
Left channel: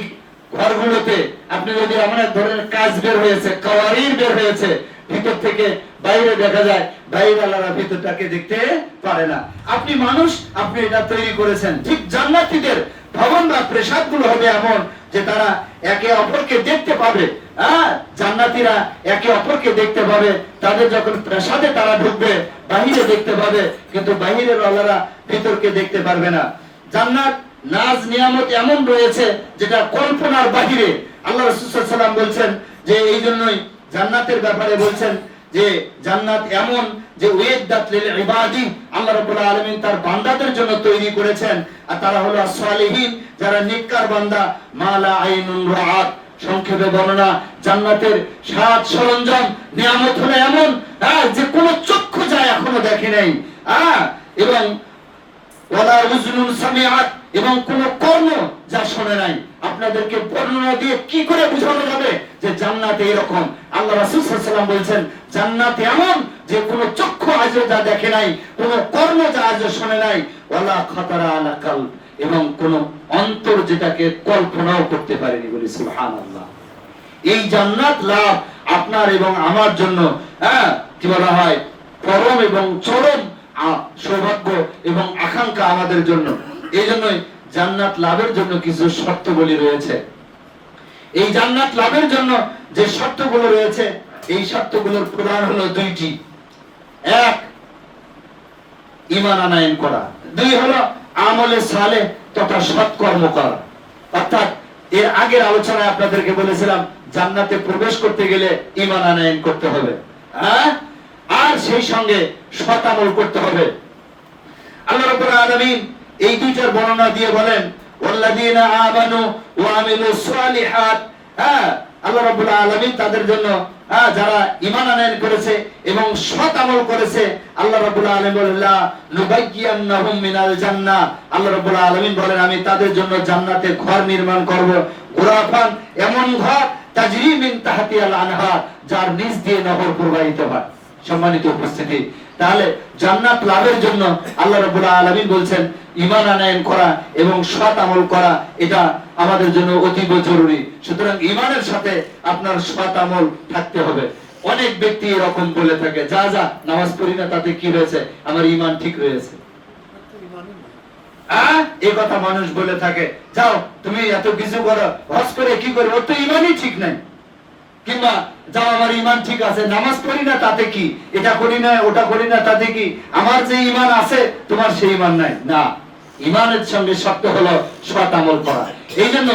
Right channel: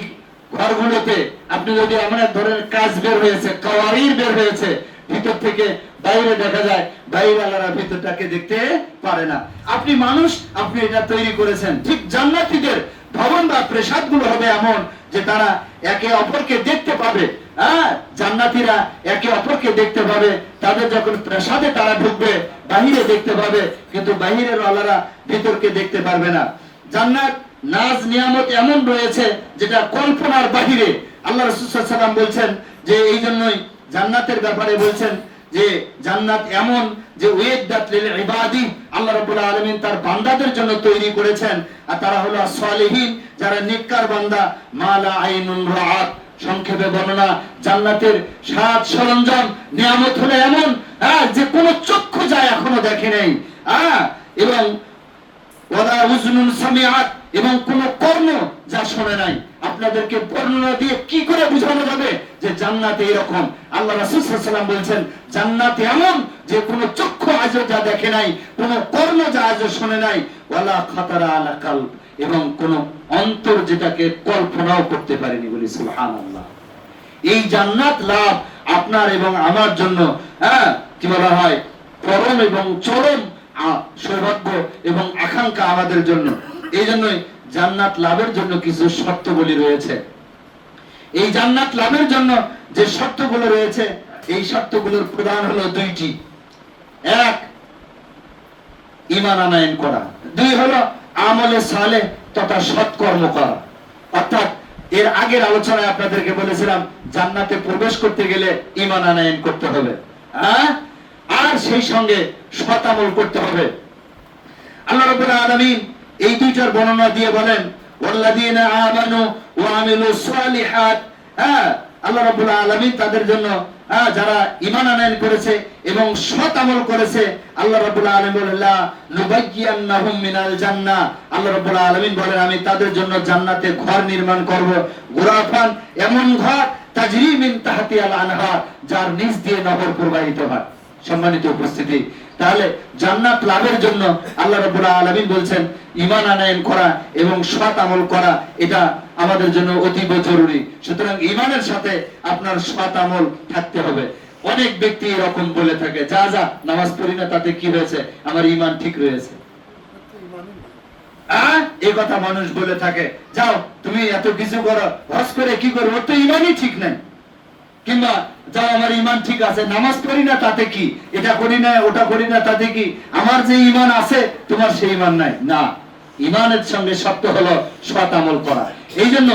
ঘরগুলোতে আপনি যদি আমরা ধরেন কাজ বের হয়েছে, কাওয়ারির বের হয়েছে, ভিতর থেকে বাইরে দেখা যায়, বাইরে আল্লাহর ভিতরটাকে দেখতে পারে না। আপনি মানুষ, আপনি এটা তৈরি করেছেন। ঠিক জান্নাতীদের ভবন বা প্রাসাদগুলো হবে এমন যে তারা একে অপরকে দেখতে পাবে। জান্নাতীরা একে অপরকে দেখতে পাবে, তাদের যখন প্রাসাদে তারা ঢুকবে বাহিরে দেখতে পাবে, কিন্তু বাহিরের আল্লাহরা ভিতরকে দেখতে পারবে না। জান্নাত নাজ নিয়ামত এমন রয়েছে যেটা কল্পনার বাহিরে। আল্লাহ রাসূল সাল্লাল্লাহু আলাইহি ওয়াসাল্লাম বলছেন যে এই জন্যই জান্নাতের ব্যাপারে বলছেন যে জান্নাত এমন যে উইদ্দাত লিল ইবাদি, আল্লাহ রাব্বুল আলামিন তার বান্দাদের জন্য তৈরি করেছেন, আর তারা হলো সালেহীন, যারা নেককার বান্দা। মালা আইনুন রাআত, সংক্ষেপে বর্ণনা, জান্নাতের সাজ সরঞ্জাম নিয়ামত হলো এমন যে কোনো চক্ষু যায় এখনো দেখে নাই, এবং ওয়ালা উযনুন সামিআত, এবং কোন কর্ণ যা শোনে নাই। আপনাদেরকে বর্ণনা দিয়ে কি করে বোঝানো যাবে যে জান্নাতে এরকম? আল্লাহ রাসূল সাল্লাল্লাহু আলাইহি ওয়াসাল্লাম বলছেন জান্নাতে এমন যে কোন চক্ষু আজও যা দেখে নাই, কোন কর্ণ যা আজও শোনে নাই, ওয়ালা খাতারা আলা কালব, এবং কোন অন্তর যেটাকে কল্পনাও করতে পারেনি। বলি সুবহানাল্লাহ। এই জান্নাত লাভ আপনার এবং আমার জন্য কি বলা হয়, পরম এবং চরম সৌভাগ্য এবং আকাঙ্ক্ষা আমাদের জন্য। এই জন্যই জান্নাত লাভের জন্য কিছু শর্তগুলি রয়েছে। এই জান্নাত লাভের জন্য যে শর্তগুলো রয়েছে, এই শর্তগুলোর প্রধান হলো দুইটি। এক, ঈমান আনয়ন করা। দুই হলো আমলে সালেহ তথা সৎকর্ম করা। অর্থাৎ এর আগের আলোচনায় আপনাদেরকে বলেছিলাম জান্নাতে প্রবেশ করতে গেলে ঈমান আনয়ন করতে হবে, আর সেই সঙ্গে সৎ আমল করতে হবে। আল্লাহ রাব্বুল আলামিন এই দুইটার বর্ণনা দিয়ে বলেন ওয়াল্লাযীনা আমানু ওয়া আমিলুস সালিহাত। আল্লাহ রাব্বুল আলামিন তাদের জন্য যারা ঈমান আনয়ন করেছে এবং সৎ আমল করেছে, আল্লাহ রাব্বুল আলামিন বলেন লা নুবায়্যিনাহুম মিনাল জান্নাহ। আল্লাহ রাব্বুল আলামিন বলেন আমি তাদের জন্য জান্নাতে ঘর নির্মাণ করব, গুরাফান, এমন ঘর, তাজরি মিন তাহতিহাল আনহার, যার নিচ দিয়ে নহর প্রবাহিত হয়। সম্মানিত উপস্থিতি, তাহলে জান্নাত লাভের জন্য আল্লাহ রাব্বুল আলামিন বলছেন ঈমান আনয়ন করা এবং সৎ আমল করা, এটা আমাদের জন্য অতীব জরুরি। সুতরাং ঈমানের সাথে আপনার সৎ আমল থাকতে হবে। অনেক ব্যক্তি এরকম বলে থাকে, যা যা নামাজ পড়ি না তাতে কি হয়েছে, আমার ঈমান ঠিক রয়েছে। এই কথা মানুষ বলে থাকে, যাও তুমি এত কিছু করো, হজ করে কি করবো, ওর তো ঈমানই ঠিক নাই। কিংবা যাও আমার ঈমান ঠিক আছে, নামাজ পড়ি না তাতে কি, এটা করি না ওটা করি না তাতে কি, আমার যে ঈমান আছে তোমার সেই ঈমান নাই। না, ঈমানের সঙ্গে শর্ত হলো সৎ আমল করা। এই জন্য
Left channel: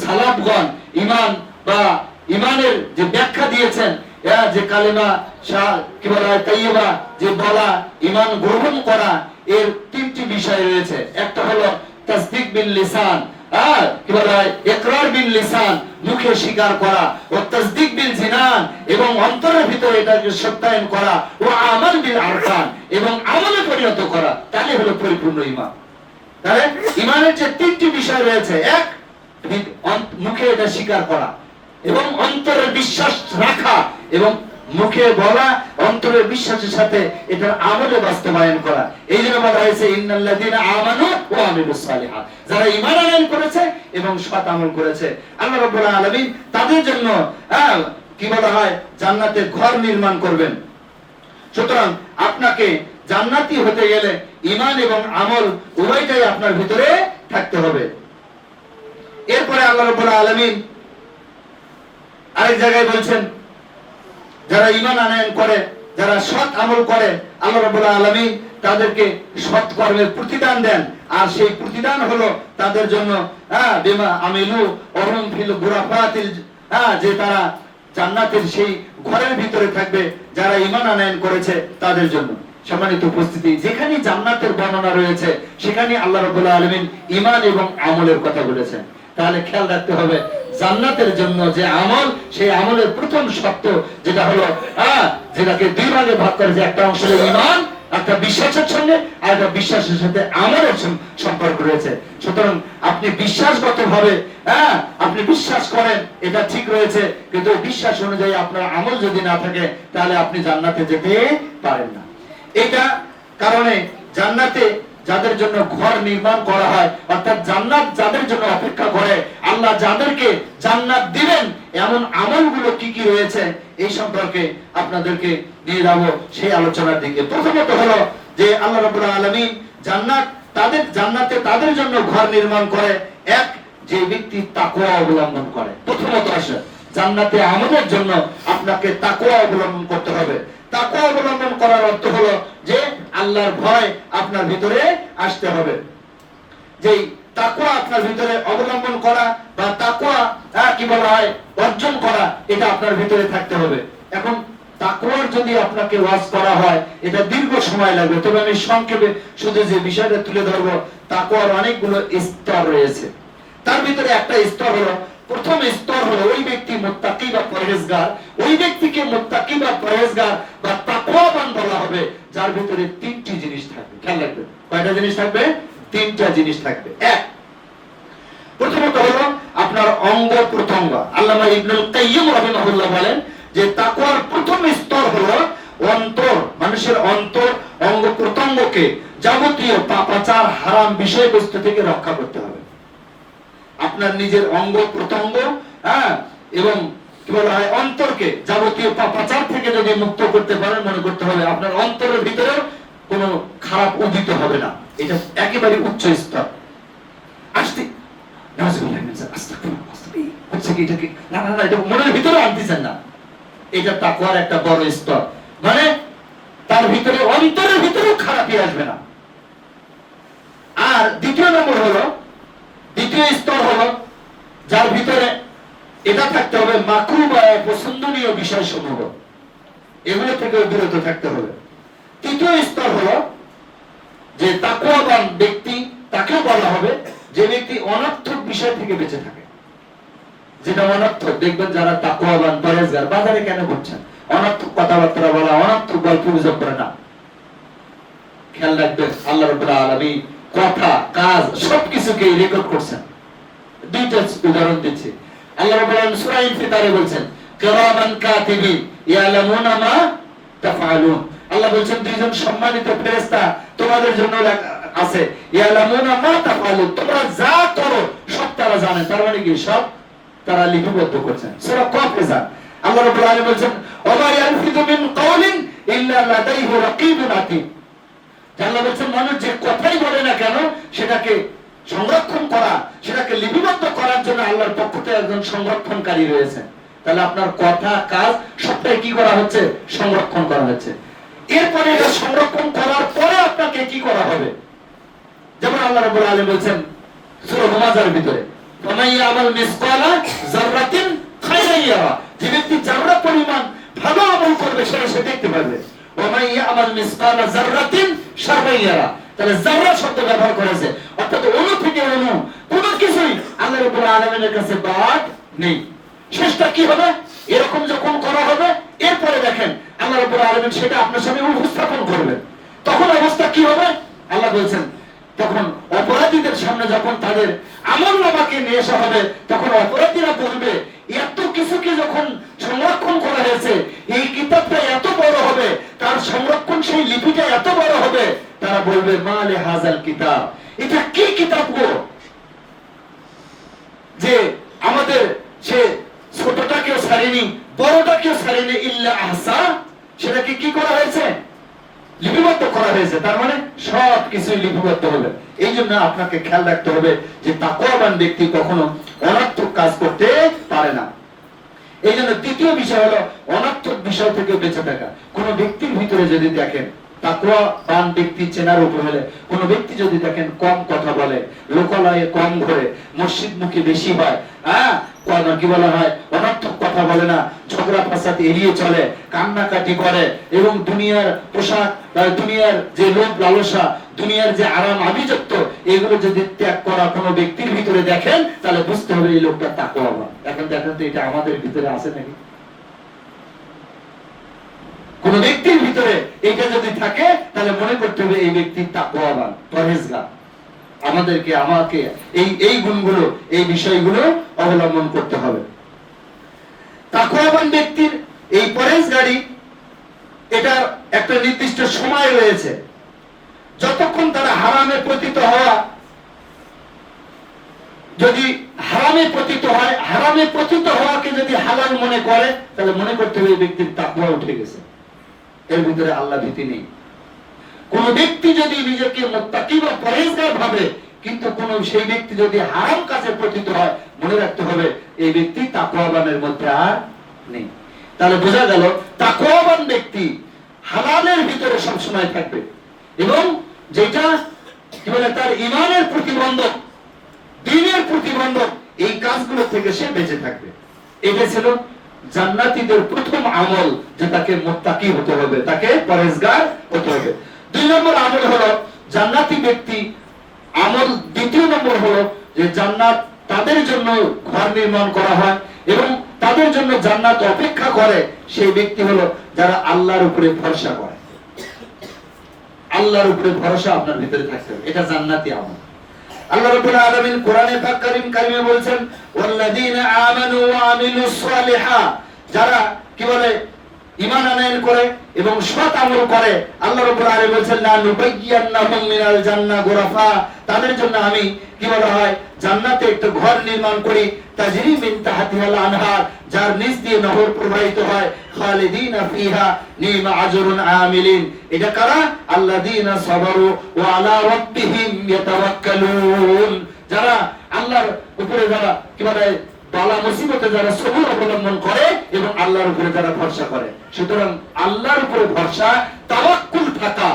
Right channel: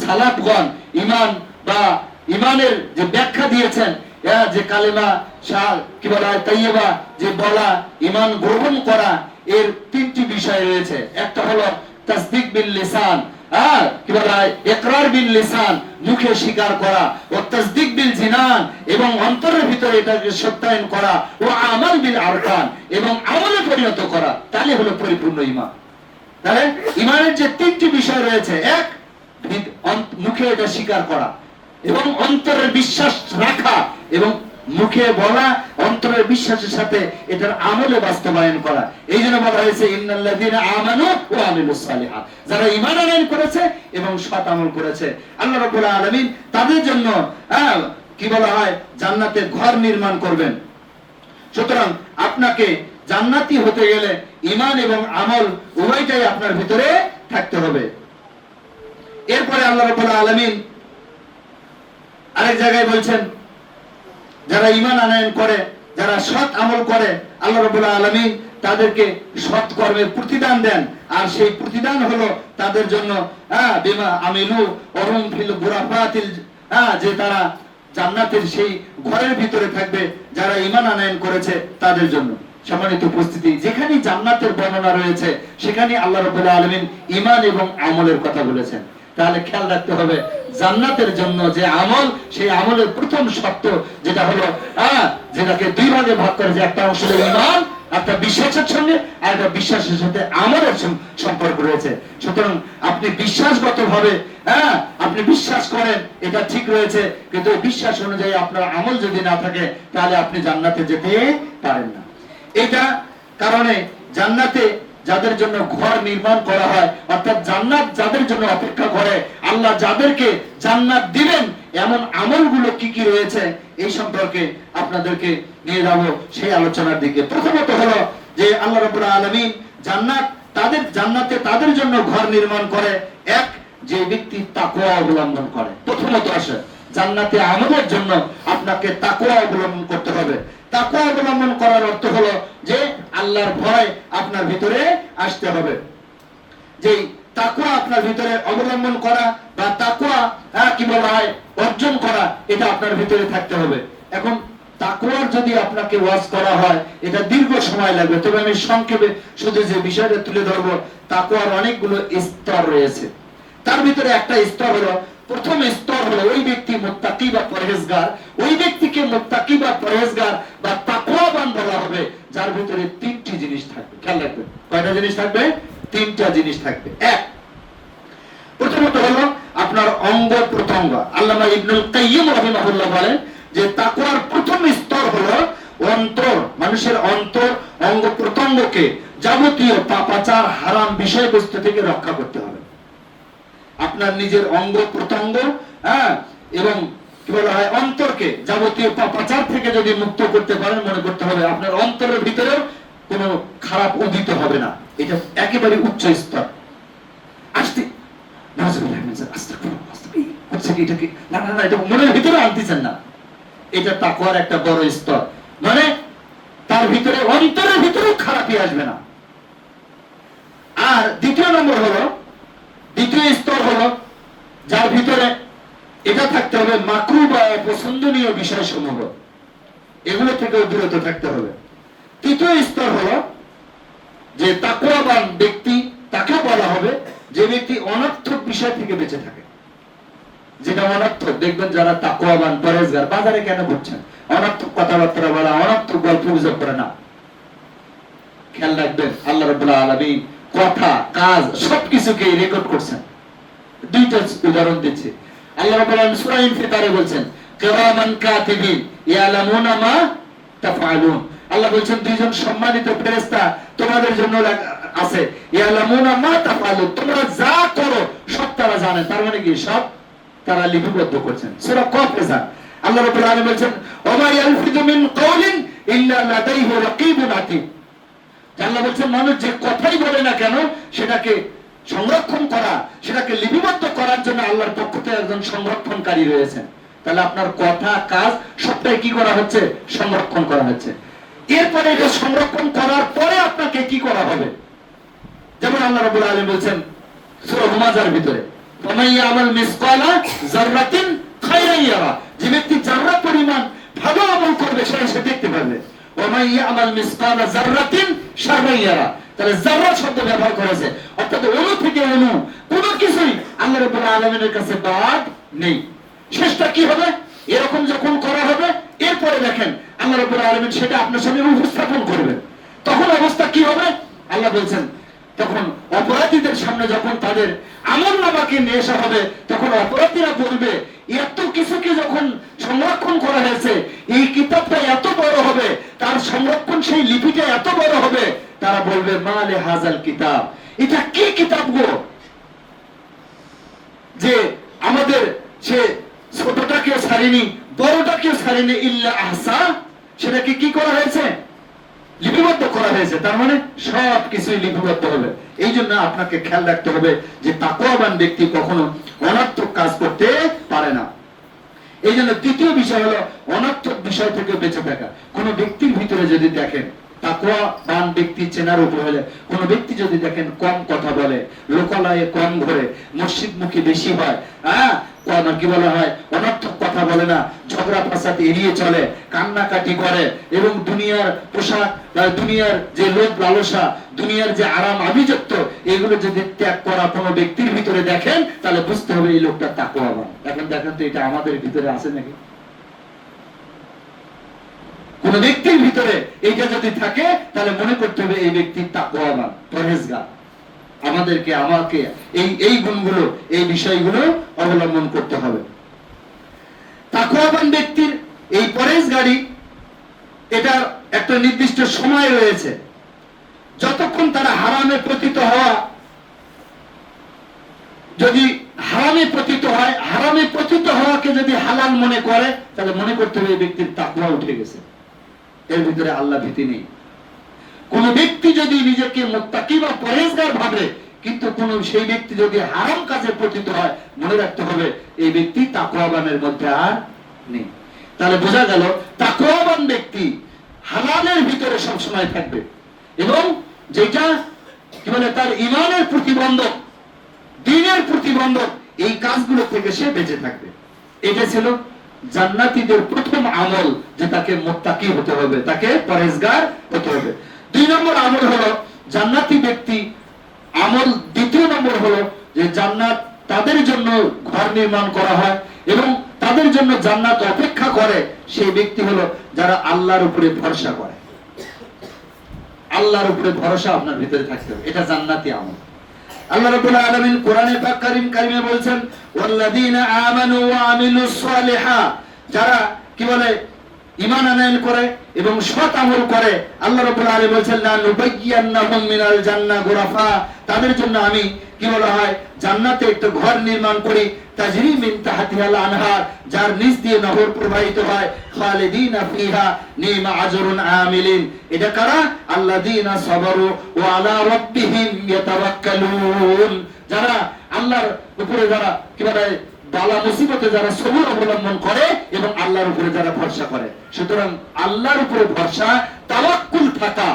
সালাফগণ ঈমান বা ঈমানের যে ব্যাখ্যা দিয়েছেন, যে কালেমা কি বলা হয় তাইয়্যিবা, যে বলা, ঈমান গ্রহণ করা, এর তিনটি বিষয় রয়েছে। একটা হলো তাসদীক বিল লিসান, কি বলা হয় ইকরার বিল লিসান, মুখে স্বীকার করা, ও তাসদীক বিল জিনান, এবং অন্তরের ভিতরে এটাকে সত্যায়ন করা, ও আমাল বিল আরকান, এবং আমলে পরিণত করা, তাহলে হলো পরিপূর্ণ ঈমান। তাহলে ঈমানের যে তিনটি বিষয় রয়েছে, এক, মুখে এটা স্বীকার করা এবং অন্তরের বিশ্বাস রাখা এবং মুখে বলা, অন্তরে বিশ্বাসের সাথে এটার আমলে বাস্তবায়ন করা। এই জন্য বলা হয়েছে ইন্নাল্লাযীনা আমানু ওয়া আমিলুস সালিহাত, যারা ঈমান আনয়ন করেছে এবং সৎ আমল করেছে, আল্লাহ রাব্বুল আলামিন তাদের জন্য কি বলা হয়, জান্নাতে ঘর নির্মাণ করবেন। সুতরাং আপনাকে জান্নাতি হতে গেলে ঈমান এবং আমল উভয়টাই আপনার ভিতরে থাকতে হবে। এরপরে আল্লাহ রাব্বুল আলামিন আরেক জায়গায় বলছেন, যারা ঈমান আনয়ন করে, যারা সৎ আমল করে, আল্লাহ রাব্বুল আলামিন তাদেরকে সৎ কর্মের প্রতিদান দেন। আর সেই প্রতিদান হলো তাদের জন্য বিমা আমিলু ওহুম ফিল গুরাফাতিল, যে তারা জান্নাতের সেই ঘরের ভিতরে থাকবে যারা ঈমান আনয়ন করেছে তাদের জন্য। সম্মানিত উপস্থিতি, যেখানে জান্নাতের বর্ণনা রয়েছে সেখানে আল্লাহ রাব্বুল আলামিন ঈমান এবং আমলের কথা বলেছেন। তাহলে খেয়াল রাখতে হবে, জান্নাতের জন্য যে আমল, সেই আমলের প্রথম শর্ত যেটা হলো যেটাকে দুই ভাগে ভাগ করে, যে একটা অংশ হলো ঈমান, একটা বিশ্বাসের সঙ্গে, আর একটা বিশ্বাসের সাথে আমলের সম্পর্ক রয়েছে। সুতরাং আপনি বিশ্বাসগত ভাবে আপনি বিশ্বাস করেন, এটা ঠিক রয়েছে, কিন্তু বিশ্বাস অনুযায়ী আপনার আমল যদি না থাকে তাহলে আপনি জান্নাতে যেতে পারেন না। এটা কারণে জান্নাতে যাদের জন্য ঘর নির্মাণ করা হয়, অর্থাৎ জান্নাত যাদের জন্য অপেক্ষা করে, আল্লাহ যাদেরকে জান্নাত দিবেন এমন আমলগুলো কি কি রয়েছে এই সম্পর্কে আপনাদেরকে নিয়ে যাব সেই আলোচনার দিকে। প্রথমত হলো যে আল্লাহ রাব্বুল আলামিন জান্নাতে তাদের জন্য ঘর নির্মাণ করে এক, যে ব্যক্তি তাকওয়া অবলম্বন করে। প্রথমত আসে জান্নাতে আমলের জন্য আপনাকে তাকওয়া অবলম্বন করতে হবে। তাকওয়া অবলম্বন করার অর্থ হলো যে আল্লাহর ভয় আপনার ভিতরে আসতে হবে। যেই তাকওয়া আপনার ভিতরে অবলম্বন করা বা তাকওয়া কি বলা হয় অর্জন করা, এটা আপনার ভিতরে থাকতে হবে। এখন তাকওয়ার যদি আপনাকে ওয়াজ করা হয় এটা দীর্ঘ সময় লাগবে, তবে আমি সংক্ষেপে শুধু যে বিষয়টা তুলে ধরবো, তাকওয়ার অনেকগুলো স্তর রয়েছে। তার ভিতরে একটা স্তর হলো, প্রথম স্তর হলো ওই ব্যক্তি মুত্তাকি বা পরহেজগার। ওই ব্যক্তিকে মুত্তাকি বা পরহেজগার বা তাকওয়াবান বলা হবে যার ভিতরে তিনটি জিনিস থাকবে। খেয়াল রাখবে, কয়টা জিনিস থাকবে? তিনটা জিনিস থাকবে। এক, প্রথমত হলো আপনার অঙ্গ প্রত্যঙ্গ। আল্লামা ইবনুল কাইয়্যিম রাহিমাহুল্লাহ বলেন যে তাকওয়ার প্রথম স্তর হলো অন্তর, মানুষের অন্তর অঙ্গ প্রত্যঙ্গকে যাবতীয় পাপাচার হারাম বিষয়বস্তু থেকে রক্ষা করতে হবে। আপনার নিজের অঙ্গ প্রত্যঙ্গ এবং কি বলা হয় অন্তরকে যাবতীয় পাপাচার থেকে যদি মুক্ত করতে পারেন, মনে করতে হবে আপনার অন্তরের ভিতরে কোনো খারাপ উদিত হবে না। এটা একেবারে উচ্চ স্তর। আসতে মনের ভিতরে আনতেছেন না, এটা তাকওয়ার একটা বড় স্তর। মানে তার ভিতরে অন্তরের ভিতরেও খারাপই আসবে না। আর দ্বিতীয় স্তর হলো যার ভিতরে এটা থাকতে হবে মাকরুহ বা অপছন্দনীয় বিষয় সমূহ, এগুলো থেকে বিরত থাকতে হবে। তৃতীয় স্তর হলো যে তাকওয়াবান ব্যক্তি, তাকেও বলা হবে যে ব্যক্তি অনর্থক বিষয় থেকে বেঁচে থাকে। যেটা অনর্থক, দেখবেন যারা তাকওয়াবান পরহেজগার বাজারে কেন করছেন, অনর্থক কথাবার্তা বলা, অনর্থক গল্প গুজব করে না। খেয়াল রাখবেন আল্লাহ রাব্বুল আলামিন কথা, কাজ সবকিছুকে রেকর্ড করছেন। দুইটা উদাহরণ দিচ্ছি। আল্লাহ রাব্বুল আলামিন সূরা ইনফিতারে বলছেন কিরামান কাতিবিন ইয়ালামুনা মা তাফআলুন। আল্লাহ বলছেন দুইজন সম্মানিত ফেরেশতা তোমাদের জন্য আছে, ইয়ালামুনা মা তাফআলুন, তোমরা যা করো সব তারা জানে। তার মানে কি সব তারা লিপিবদ্ধ করছেন। সূরা কফেজা আল্লাহ রাব্বুল আলামিন বলছেন ওয়া ইয়ালফিযু মিন কাওলিন ইল্লা লাদাইহি রাকীবুন আতীদ। আল্লাহ বলছেন মানুষ যে কথাই বলে না কেন সেটাকে সংরক্ষণ করা, সেটাকে লিপিবদ্ধ করার জন্য আল্লাহর পক্ষ থেকে একজন সংরক্ষণকারী রয়েছে। তাহলে আপনার কথা, কাজ সবটাই কি করা হচ্ছে? সংরক্ষণ করা হচ্ছে। এরপরে এটা সংরক্ষণ করার পরে আপনাকে কি করা হবে? যেমন আল্লাহ রাব্বুল আলামিন বলছেন সূরা হুমাযার ভিতরে ফামান ইয়ামাল মিসকালা যাররাতিন খায়রান ইয়ারা, যে ব্যক্তি যাররা পরিমাণ ভালো আমল করবে সেটা সে দেখতে পাবে। ওয়া মান ইয়ামাল মিসকালা যাররাতিন শাররান ইয়ারা, তাহলে যাররা শব্দ ব্যবহার করেছে, অর্থাৎ অণু থেকে অণু কোনো কিছুই আল্লাহ রাব্বুল আলামিনের কাছে বাদ নেই। শেষটা কি হবে? এরকম যখন করা হবে এরপরে দেখেন আল্লাহ রাব্বুল আলামিন সেটা আপনার সামনে উপস্থাপন করবেন, তখন অবস্থা কি হবে? আল্লাহ বলছেন তখন অপরাধীদের সামনে যখন তাদের আমলনামাকে নিয়ে আসা হবে তখন অপরাধীরা বলবে এত কিছুকে যখন সংরক্ষণ করা হয়েছে, এই কিতাবটা এত বড় হবে, তার সংরক্ষণ সেই লিপিটা এত বড় হবে, তারা বলবে মালে হাজাল কিতাব, এটা কি কিতাব গো, যে আমাদের সে ছোটটাকেও ছাড়িনি, বড়টাকেও ছাড়িনি, ইল্লা আহসা, সেটাকে কি করা হয়েছে, লিপিবদ্ধ করা হয়েছে। তার মানে সব কিছু লিপিবদ্ধ হবে। এই জন্য আপনাকে খেয়াল রাখতে হবে যে তাকওয়াবান ব্যক্তি কখনো অনর্থক কাজ করতে পারে না। এই জন্য তৃতীয় বিষয় হলো অনর্থক বিষয় থেকে বেঁচে থাকা। কোন ব্যক্তির ভিতরে যদি দেখেন তাকওয়াবান ব্যক্তি চেনার উপর হলে, কোন ব্যক্তি যদি দেখেন কম কথা বলে, লোকালয়ে কম ঘোরে, মসজিদ মুখী বেশি হয়, কি বলা হয়, অনর্থক কথা বলে না, ঝগড়া ফাসাদ এড়িয়ে চলে, কান্নাকাটি করে, এবং দুনিয়ার পোশাক, দুনিয়ার যে লোভ লালসা, দুনিয়ার যে আরাম আভিজাত্য, এগুলো যদি ত্যাগ করা কোনো ব্যক্তির ভিতরে দেখেন, তাহলে বুঝতে হবে এই লোকটা তাকওয়াবান। এখন দেখেন তো এটা আমাদের ভিতরে আছে নাকি? কোন ব্যক্তির ভিতরে এইটা যদি থাকে, তাহলে মনে করতে হবে এই ব্যক্তি তাকওয়াবান, পরহেজগার। আমাদেরকে, আমাকে এই গুণগুলো, এই বিষয়গুলো অবলম্বন করতে হবে। তাকওয়াবান ব্যক্তির এই পরহেজগারি, এটা একটা নির্দিষ্ট সময় রয়েছে। যতক্ষণ তারা হারামে পতিত হওয়া, যদি হারামে পতিত হয়, হারামে পতিত হওয়াকে যদি হালাল মনে করে, তাহলে মনে করতে হবে এই ব্যক্তির তাকওয়া উঠে গেছে, এর ভিতরে আল্লাহ ভীতি নেই। কোন ব্যক্তি যদি নিজেকে মুত্তাকি বা পরহেজগার ভাবে, কিন্তু কোন সেই ব্যক্তি যদি হারাম কাজে পতিত হয়, মনে রাখতে হবে এই ব্যক্তি তাকওয়াবানের মধ্যে আর নেই। তাহলে বোঝা গেল তাকওয়াবান ব্যক্তি হালালের ভিতরে সব সময় থাকবে, এবং যেটা কি বলে তার ঈমানের প্রতিবন্ধক, দ্বীনের প্রতিবন্ধক, এই কাজগুলো থেকে সে বেঁচে থাকবে। এটা ছিল জান্নাতীদের প্রথম আমল, যে তাকে মুত্তাকি হতে হবে, তাকে পরহেজগার হতে হবে। 2 নম্বর আমল হলো জান্নাতি ব্যক্তি আমল। দ্বিতীয় নম্বর হলো যে জান্নাত তাদের জন্য ঘর নির্মাণ করা হয় এবং তাদের জন্য জান্নাত অপেক্ষা করে, সেই ব্যক্তি হলো যারা আল্লাহর উপরে ভরসা করে। আল্লাহর উপরে ভরসা আপনার ভিতরে থাকতে হবে, এটা জান্নাতি আমল। আল্লাহ রাব্বুল আলামিন কোরআনে পাক কারিমে বলেছেন, ওয়াল্লাযীনা আমানু ওয়া আমিলুস সালিহাত, যারা কি বলে ঈমান আনয়ন করে এবং সৎ আমল করে, আল্লাহ রাব্বুল আলামিন বলেছেন লা নুবাইয়্যান্নাহুম মিনাল জান্নাহ গুরাফা, তাদের জন্য আমি কি বলা হয় জান্নাতে একটা ঘর নির্মাণ করি, তাজরি মিন তাহতিহাল আনহার, যার নিচ দিয়ে নহর প্রবাহিত হয়, খালিদিনা ফিহা নিমা আজরুন আমিলিন। এটা কারা? আল্লাযীনা সাবারু ওয়া আলা রাব্বিহিম ইয়াতাওয়াক্কালুন, যারা আল্লাহর উপরে, যারা কি বলে বালা মুসিবতে যারা সবুর অবলম্বন করে এবং আল্লাহর উপরে যারা ভরসা করে। সুতরাং আল্লাহর উপরে ভরসা, তাওয়াক্কুল থাকা,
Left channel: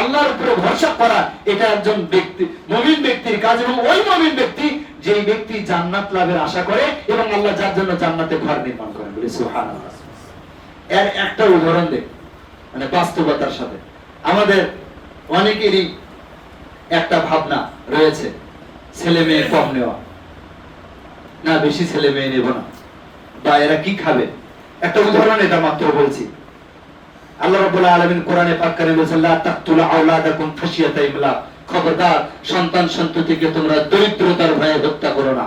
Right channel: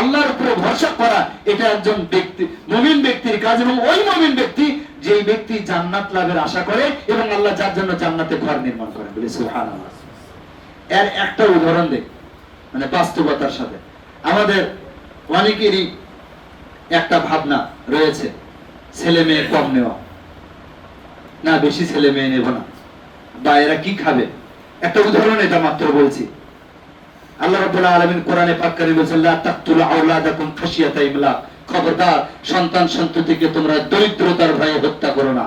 আল্লাহর উপরে ভরসা করা, এটা একজন ব্যক্তি, মুমিন ব্যক্তির কাজ। এবং ওই মুমিন ব্যক্তি যে ব্যক্তি জান্নাত লাভের আশা করে এবং আল্লাহ যার জন্য জান্নাতে ঘর নির্মাণ করে। বলে সুবহানাল্লাহ। এর একটা উদাহরণ দেখ, মানে বাস্তবতার সাথে। আমাদের অনেকেরই একটা ভাবনা রয়েছে, ছেলে মেয়ে কম নেওয়া, না বেশি ছেলে মেয়ে নেব না, বা এরা কি খাবে। একটা উদাহরণ এটা মাত্র বলছি। আল্লাহ রাব্বুল আলামিন কোরআনে পাক কারিমে বলেছেন, লা তাকতুলু আওলাদাকুম খাশিয়াতা ইমলাক, খবরদার সন্তান সন্ততিকে তোমরা দরিদ্রতার ভয়ে হত্যা করো না।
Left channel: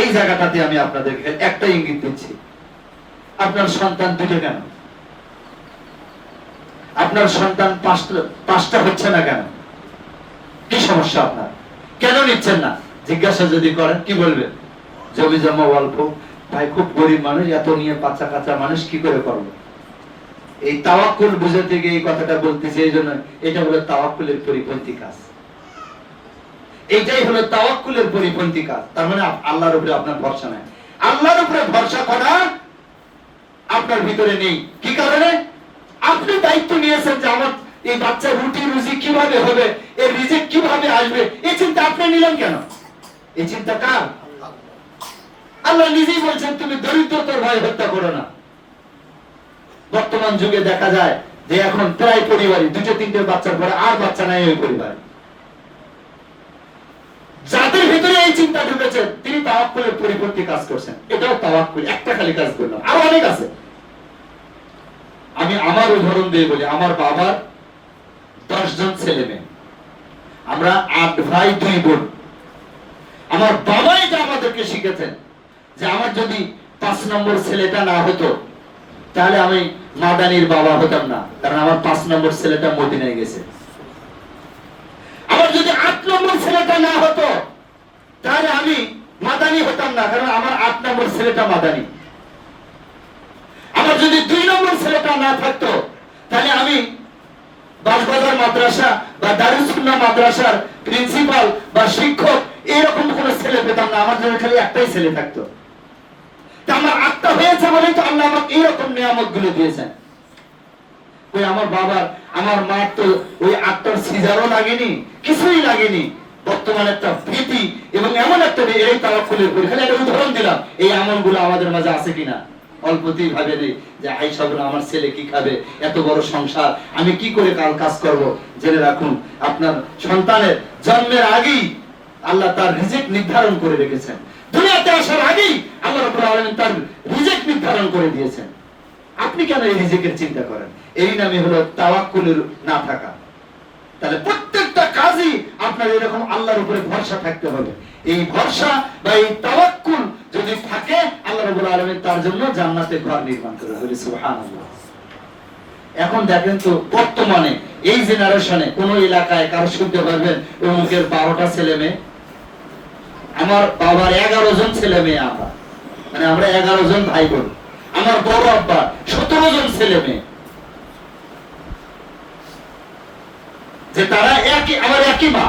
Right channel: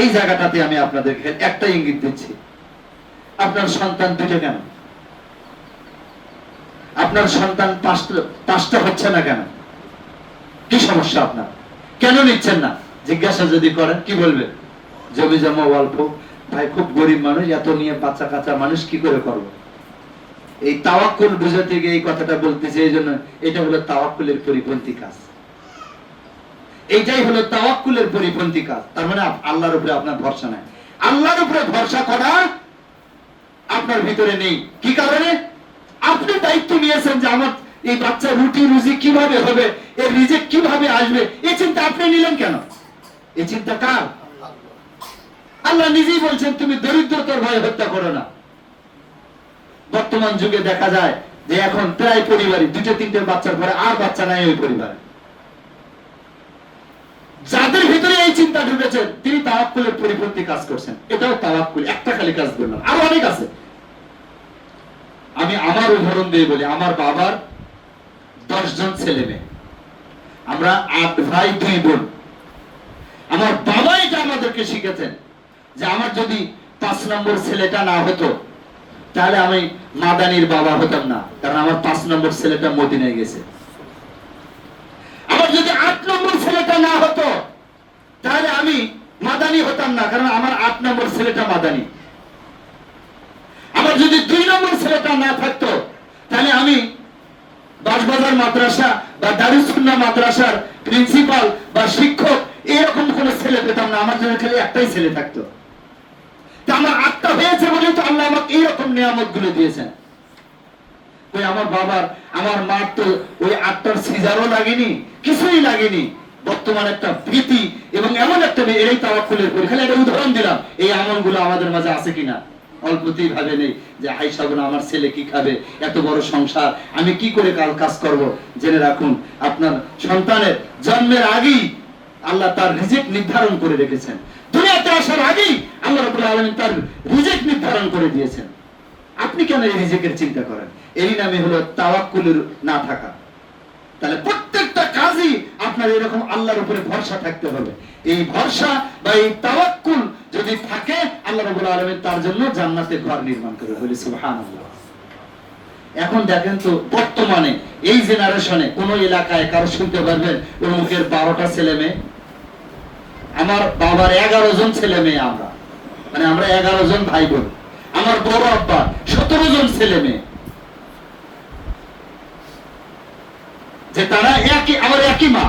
এই জায়গাটাতে আমি আপনাদেরকে একটা ইঙ্গিত দিচ্ছি। আপনার সন্তান দুটো নেন, আপনার সন্তান পাঁচটা হচ্ছে না কেন? কি সমস্যা আপনার? কেন নিচ্ছেন না? জিজ্ঞাসা যদি করেন কি বলবেন? জমি জমা অল্প, ভাই খুব গরিব মানুষ, এত নিয়ে বাচ্চা কাচ্চা মানুষ কি করে করবে? এই তাওয়াক্কুল বুঝাতে গিয়ে এই কথাটা বলতেছি। এই জন্য এটা হলো তাওয়াক্কুলের পরিপন্থী কাজ, এইটাই হলো তাওয়াক্কুলের পরিপন্থী কাজ। তার মানে আল্লাহর উপরে আপনার ভরসা নেই। আল্লাহর উপরে ভরসা করা আপনার ভিতরে নেই। কি কারণে? আপনি দায়িত্ব নিয়েছেন যে আমার এই বাচ্চার রুটি রুজি কিভাবে হবে, এর রিজিক কিভাবে আসবে, এই চিন্তা আপনি নিলেন কেন? এই চিন্তা কার? আল্লাহ নিজেই বলছেন তুমি দরিদ্রতার ভয়ে হত্যা করো না। বর্তমান যুগে দেখা যায় যে এখন প্রায় পরিবারে 2-3টে বাচ্চার পরে আর বাচ্চা নাই ওই পরিবারে। যাদের ভিতরে এই চিন্তা ঢুকেছে তিনি তাওয়াক্কুলের পরিপন্থী কাজ করছেন। এটাও তাওয়াক্কুল, একটা খালি কাজ করলো, আরো অনেক আছে। আমি আমার উদাহরণ দিয়ে বলি। আমার বাবার 10 জন ছেলে মেয়ে, আমরা 8 ভাই 2 বোন। আমার বাবা এটা আমাদেরকে শিখেছেন যে আমার যদি 5 নম্বর ছেলেটা না হতো তাহলে আমি মাদানির বাবা হতাম না, কারণ আমার 5 নম্বর ছেলেটা মদিনায় গেছে। আমার যদি 8 নম্বর ছেলেটা না হতো তাহলে আমি মাদানি হতাম না, কারণ আমার 8 নম্বর ছেলেটা মাদানি। আমার যদি 2 নম্বর ছেলেটা না থাকতো তাহলে আমি বাসবাজার মাদ্রাসা বা দারুস সুন্নাহ মাদ্রাসার প্রিন্সিপাল বা শিক্ষক এরকম কোন ছেলে পেতাম না। আমার যদি খালি একটাই ছেলে থাকতো। তা আমার 8টা হয়েছে বলেই তো আল্লাহ আমাকে এইরকম নিয়ামত গুলো দিয়েছেন। ওই আমার বাবার আমার মার তো ওই 8টার সিজারও লাগেনি, কিছুই লাগেনি। বর্তমানে একটা ভীতি এবং এমন একটা এই তাওয়াক্কুলের পরে খালি একটা উদাহরণ দিলাম, এই আমলগুলো আমাদের মাঝে আছে কিনা অল্পতেই ভাবে নেই যে আয়েশা বলে আমার ছেলে কি খাবে, এত বড় সংসার, আমি কি করে কাজ করব। জেনে রাখুন আপনার সন্তানের জন্মের আগেই আল্লাহ তার রিজিক নির্ধারণ করে রেখেছেন। দুনিয়াতে আসার আগেই আল্লাহ রাব্বুল আলামিন তার রিজিক নির্ধারণ করে দিয়েছেন। আপনি কেন এই রিজিকের চিন্তা করেন? এরই নামে হলো তাওয়াক্কুলের না থাকা। তাহলে প্রত্যেকটা কাজই আপনার এরকম আল্লাহর উপরে ভরসা থাকতে হবে। এই ভরসা বা এই তাওয়াক্কুল যদি থাকে আল্লাহ রাব্বুল আলামিন তার জন্য জান্নাতে ঘর নির্মাণ করে। বলি সুবহানাল্লাহ। এখন দেখেন তো বর্তমানে এই জেনারেশনে কোন এলাকায় কারো শুনতে পারবেন ওর মুখের 12টা ছেলে মেয়ে? আমার বাবার 11 জন ছেলে মেয়ে, আমরা 11 জন ভাই বোন। আমার বড় আব্বা 17 জন ছেলে মেয়ে, যে তারা আমার একই মা।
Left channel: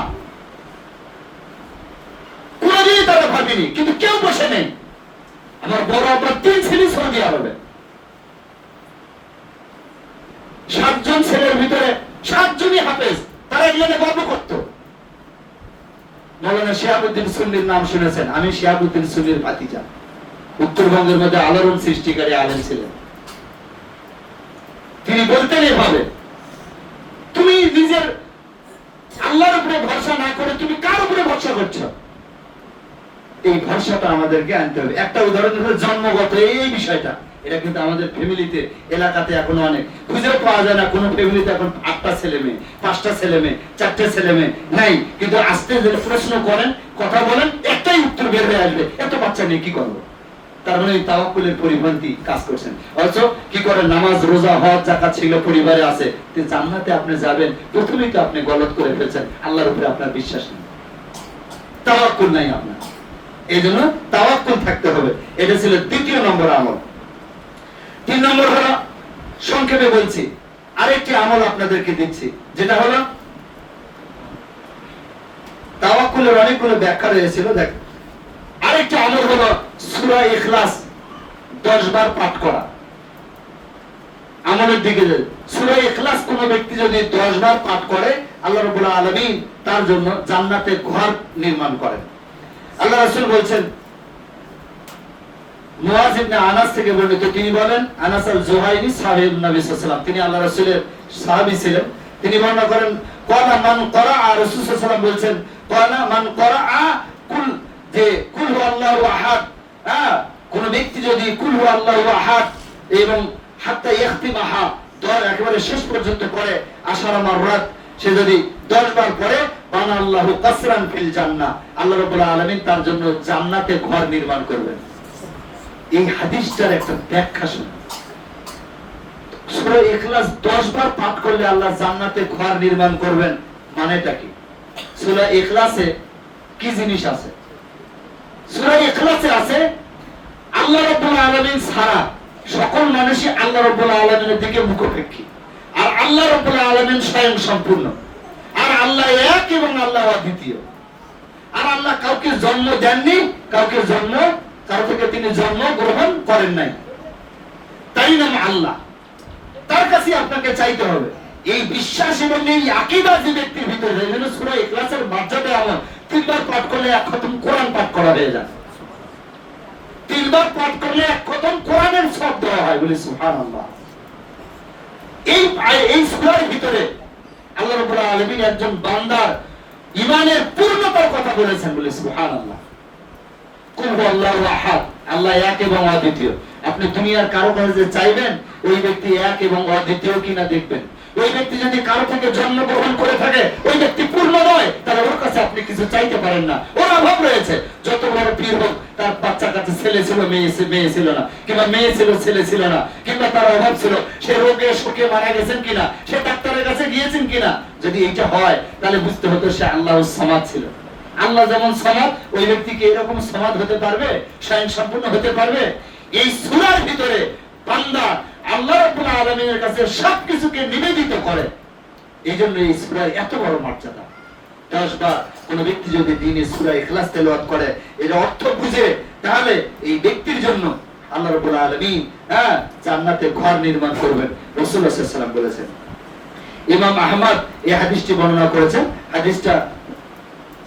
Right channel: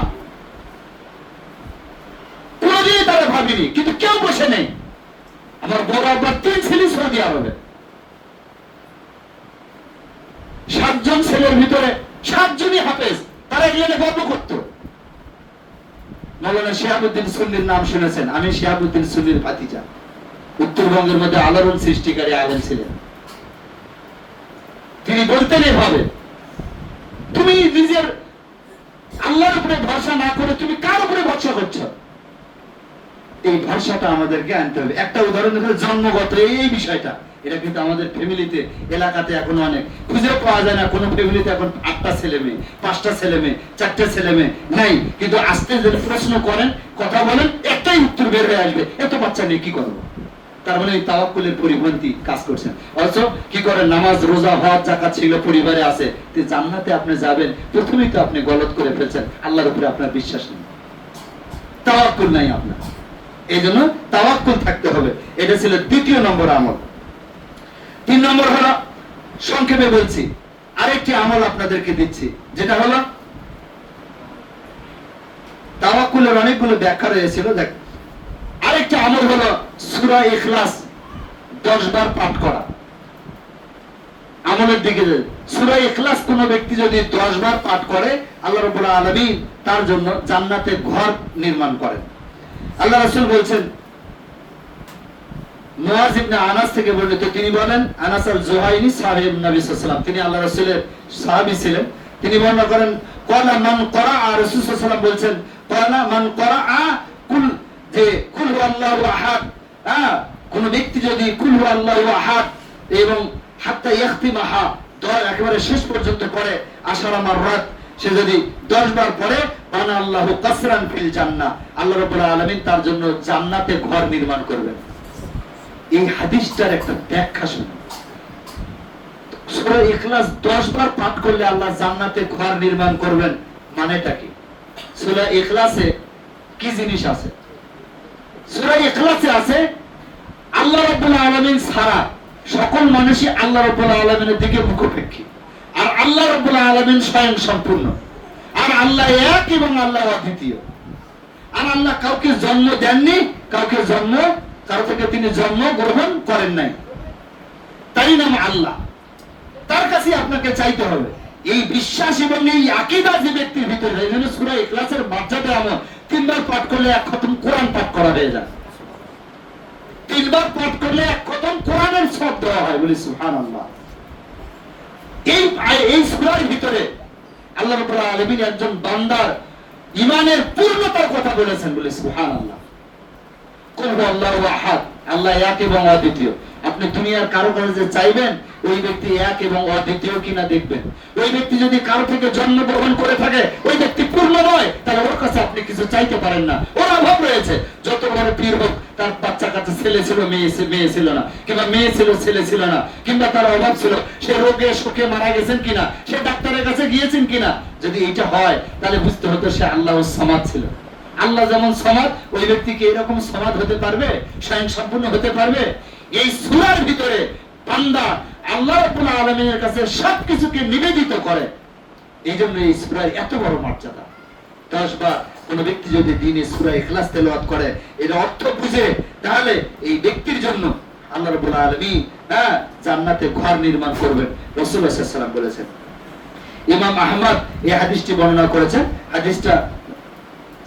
কোনদিনই তারা ভাবিনি, কিন্তু কেউ বসে নেই। আমার বড় আব্বার 3 ছেলে সৌদি আরবে। 7 জন ছেলের ভিতরে 7 জনই হাফেজ। তারা এগুলো গর্ব করতো। মাওলানা শিহাবুদ্দিন সুন্নির নাম শুনেছেন? আমি শিহাবুদ্দিন সুন্নির ভাতিজা। উত্তরবঙ্গের মধ্যে আলোড়ন সৃষ্টিকারী আলেম ছিলেন। তিনি বলতেন এভাবে, তুমি নিজের আল্লাহর উপরে ভরসা না করে তুমি কার উপরে ভরসা করছো? এই ভরসাটা আমাদেরকে আনতে হবে। একটা উদাহরণ হলো জন্মগত এই বিষয়টা। এটা কিন্তু আমাদের ফ্যামিলিতে এলাকাতে এখন অনেক খুঁজেও পাওয়া যায় না। কোন ফ্যামিলিতে এখন 8টা ছেলে মেয়ে, 5টা ছেলে মেয়ে, 4টে ছেলে মেয়ে নাই। কিন্তু আস্তে ধীরে প্রশ্ন করেন, কথা বলেন, একটাই উত্তর বের হয়ে আসবে, এত বাচ্চা নেই কি করবো? তার মানে এই তাওয়াক্কুলের পরিপন্থী কাজ করছেন। অথচ কি করেন? নামাজ, রোজা, হজ, যাকাত ছিল পরিবারে আছে। জান্নাতে আপনি যাবেন, প্রথমেই তো আপনি গলত করে ফেলছেন। আল্লাহর উপরে আপনার বিশ্বাস নেই, তাওয়াক্কুল নাই আপনার। এই জন্য তাওয়াক্কুল থাকতে হবে। এটা ছিল 2য় নম্বর আমল। 3 নম্বর হলো, সংক্ষেপে বলছি, আরেকটি আমল আপনাদেরকে দিচ্ছি, যেটা হলো তাওয়াক্কুলের অনেকগুলো ব্যাখ্যা রয়েছিল। দেখ, আরেকটা আমল হলো সূরা ইখলাস 10 বার পাঠ করা। আমলের দিকে সূরা ইখলাস কোন ব্যক্তি যদি 10 বার পাঠ করে আল্লাহ রাব্বুল আলামিন তার জন্য জান্নাতে ঘর নির্মাণ করেন। আল্লাহ রাসূল বলেন, মুয়াজ ইবনে আনাস থেকে বর্ণিত, তিনি বলেন, আনাস আল-জুহাইনি সাহাবী নবী সাল্লাল্লাহু আলাইহি ওয়াসাল্লাম, তিনি আল্লাহ রাসূলের সাহাবী ছিলেন। তিনি বর্ণনা করেন, ক্বালা মান ক্বারা, রাসূল সাল্লাল্লাহু আলাইহি ওয়াসাল্লাম বলেন, ক্বালা মান ক্বারা কুল, যে কুল হুয়াল্লাহু আহাদ, কোন ব্যক্তি যদি কুল হুয়াল্লাহু আহাদ এবং হাত্তা ইয়াখতিমাহা একেবারে শেষ পর্যন্ত পড়ে, আশারা মাররাত, সে যদি 10 বার পড়ে, বানা আল্লাহু কাসরান ফিল জান্নাহ, আল্লাহ রাব্বুল আলামিন তার জন্য জান্নাতে ঘর নির্মাণ করবেন। এই হাদিসটার একটা ব্যাখ্যা শুনুন। সূরা ইখলাস 10 বার পাঠ করলে আল্লাহ জান্নাতে ঘর নির্মাণ করবেন, মানেটা কি? সূরা ইখলাসে কি জিনিস আছে? সূরা ইখলাসে আছে আল্লাহ রাব্বুল আলামিন ছাড়া সকল মানুষই আল্লাহ রাব্বুল আলামিনের দিকে মুখাপেক্ষী, আর আল্লাহ রাব্বুল আলামিন স্বয়ং সম্পূর্ণ, আর আল্লাহ এক এবং আল্লাহ অদ্বিতীয়। আর আল্লাহ কাউকে জন্ম দেননি, কারো থেকে তিনি জন্ম গ্রহণ করেন নাই, তাই নাম আল্লাহ। তার কাছে আপনাকে চাইতে হবে। এই বিশ্বাস এবং এই আকীদা যে ব্যক্তির ভিতরে, এই জন্য সূরা ইখলাসের মর্যাদা এমন, 3 বার পাঠ করলে 1 খতম কোরআন পাঠ করা হয়ে যায়। 3 বার পাঠ করলে 1 খতম কোরআনের সওয়াব দেওয়া হয়। বলি সুবহানাল্লাহ। এই সূরার ভিতরে আল্লাহ রাব্বুল আলামিন একজন বান্দার ঈমানের পূর্ণতার কথা বলেছেন। বলি সুবহানাল্লাহ। কুল হুয়াল্লাহু আহাদ, আল্লাহ এক এবং অদ্বিতীয়। আপনি দুনিয়ার কারো কাছে যে চাইবেন ওই ব্যক্তি এক এবং অদ্বিতীয় কিনা দেখবেন। ওই ব্যক্তি যদি কারো থেকে জন্মগ্রহণ করে থাকে ওই ব্যক্তি পূর্ণ নয়, তাহলে ওর কাছে আপনি কিছু চাইতে পারেন না, ওর অভাব রয়েছে। যত বড় পীর হোক, তার বাচ্চা কাছে ছেলে ছিল মেয়ে ছিল না, কিংবা মেয়ে ছিল ছেলে ছিল না, কিংবা তার অভাব ছিল, সে রোগে শোকে মারা গেছেন কিনা, সে ডাক্তারের কাছে গিয়েছেন কিনা, যদি এইটা হয় তাহলে বুঝতে হতো সে আল্লাহর সমাদ ছিল। আল্লাহ যেমন সমাদ, ওই ব্যক্তি কি এরকম সমাদ হতে পারবে, স্বয়ং সম্পূর্ণ হতে পারবে? এই সূরার ভিতরে বান্দা আল্লাহ রাব্বুল আলামিনের কাছে সবকিছুকে নিবেদিত করে। এই জন্য এই সূরার এত বড় মর্যাদা। 10 বার কোন ব্যক্তি যদি দিনে সূরা ইখলাস তেলাওয়াত করে, এর অর্থ বুঝে, তাহলে এই ব্যক্তির জন্য আল্লাহ রাব্বুল আলামিন জান্নাতে ঘর নির্মাণ করবেন। রাসূলুল্লাহ সাল্লাল্লাহু আলাইহি ওয়াসাল্লাম বলেছেন। ইমাম আহমদ এই হাদিসটি বর্ণনা করেছেন। হাদিসটা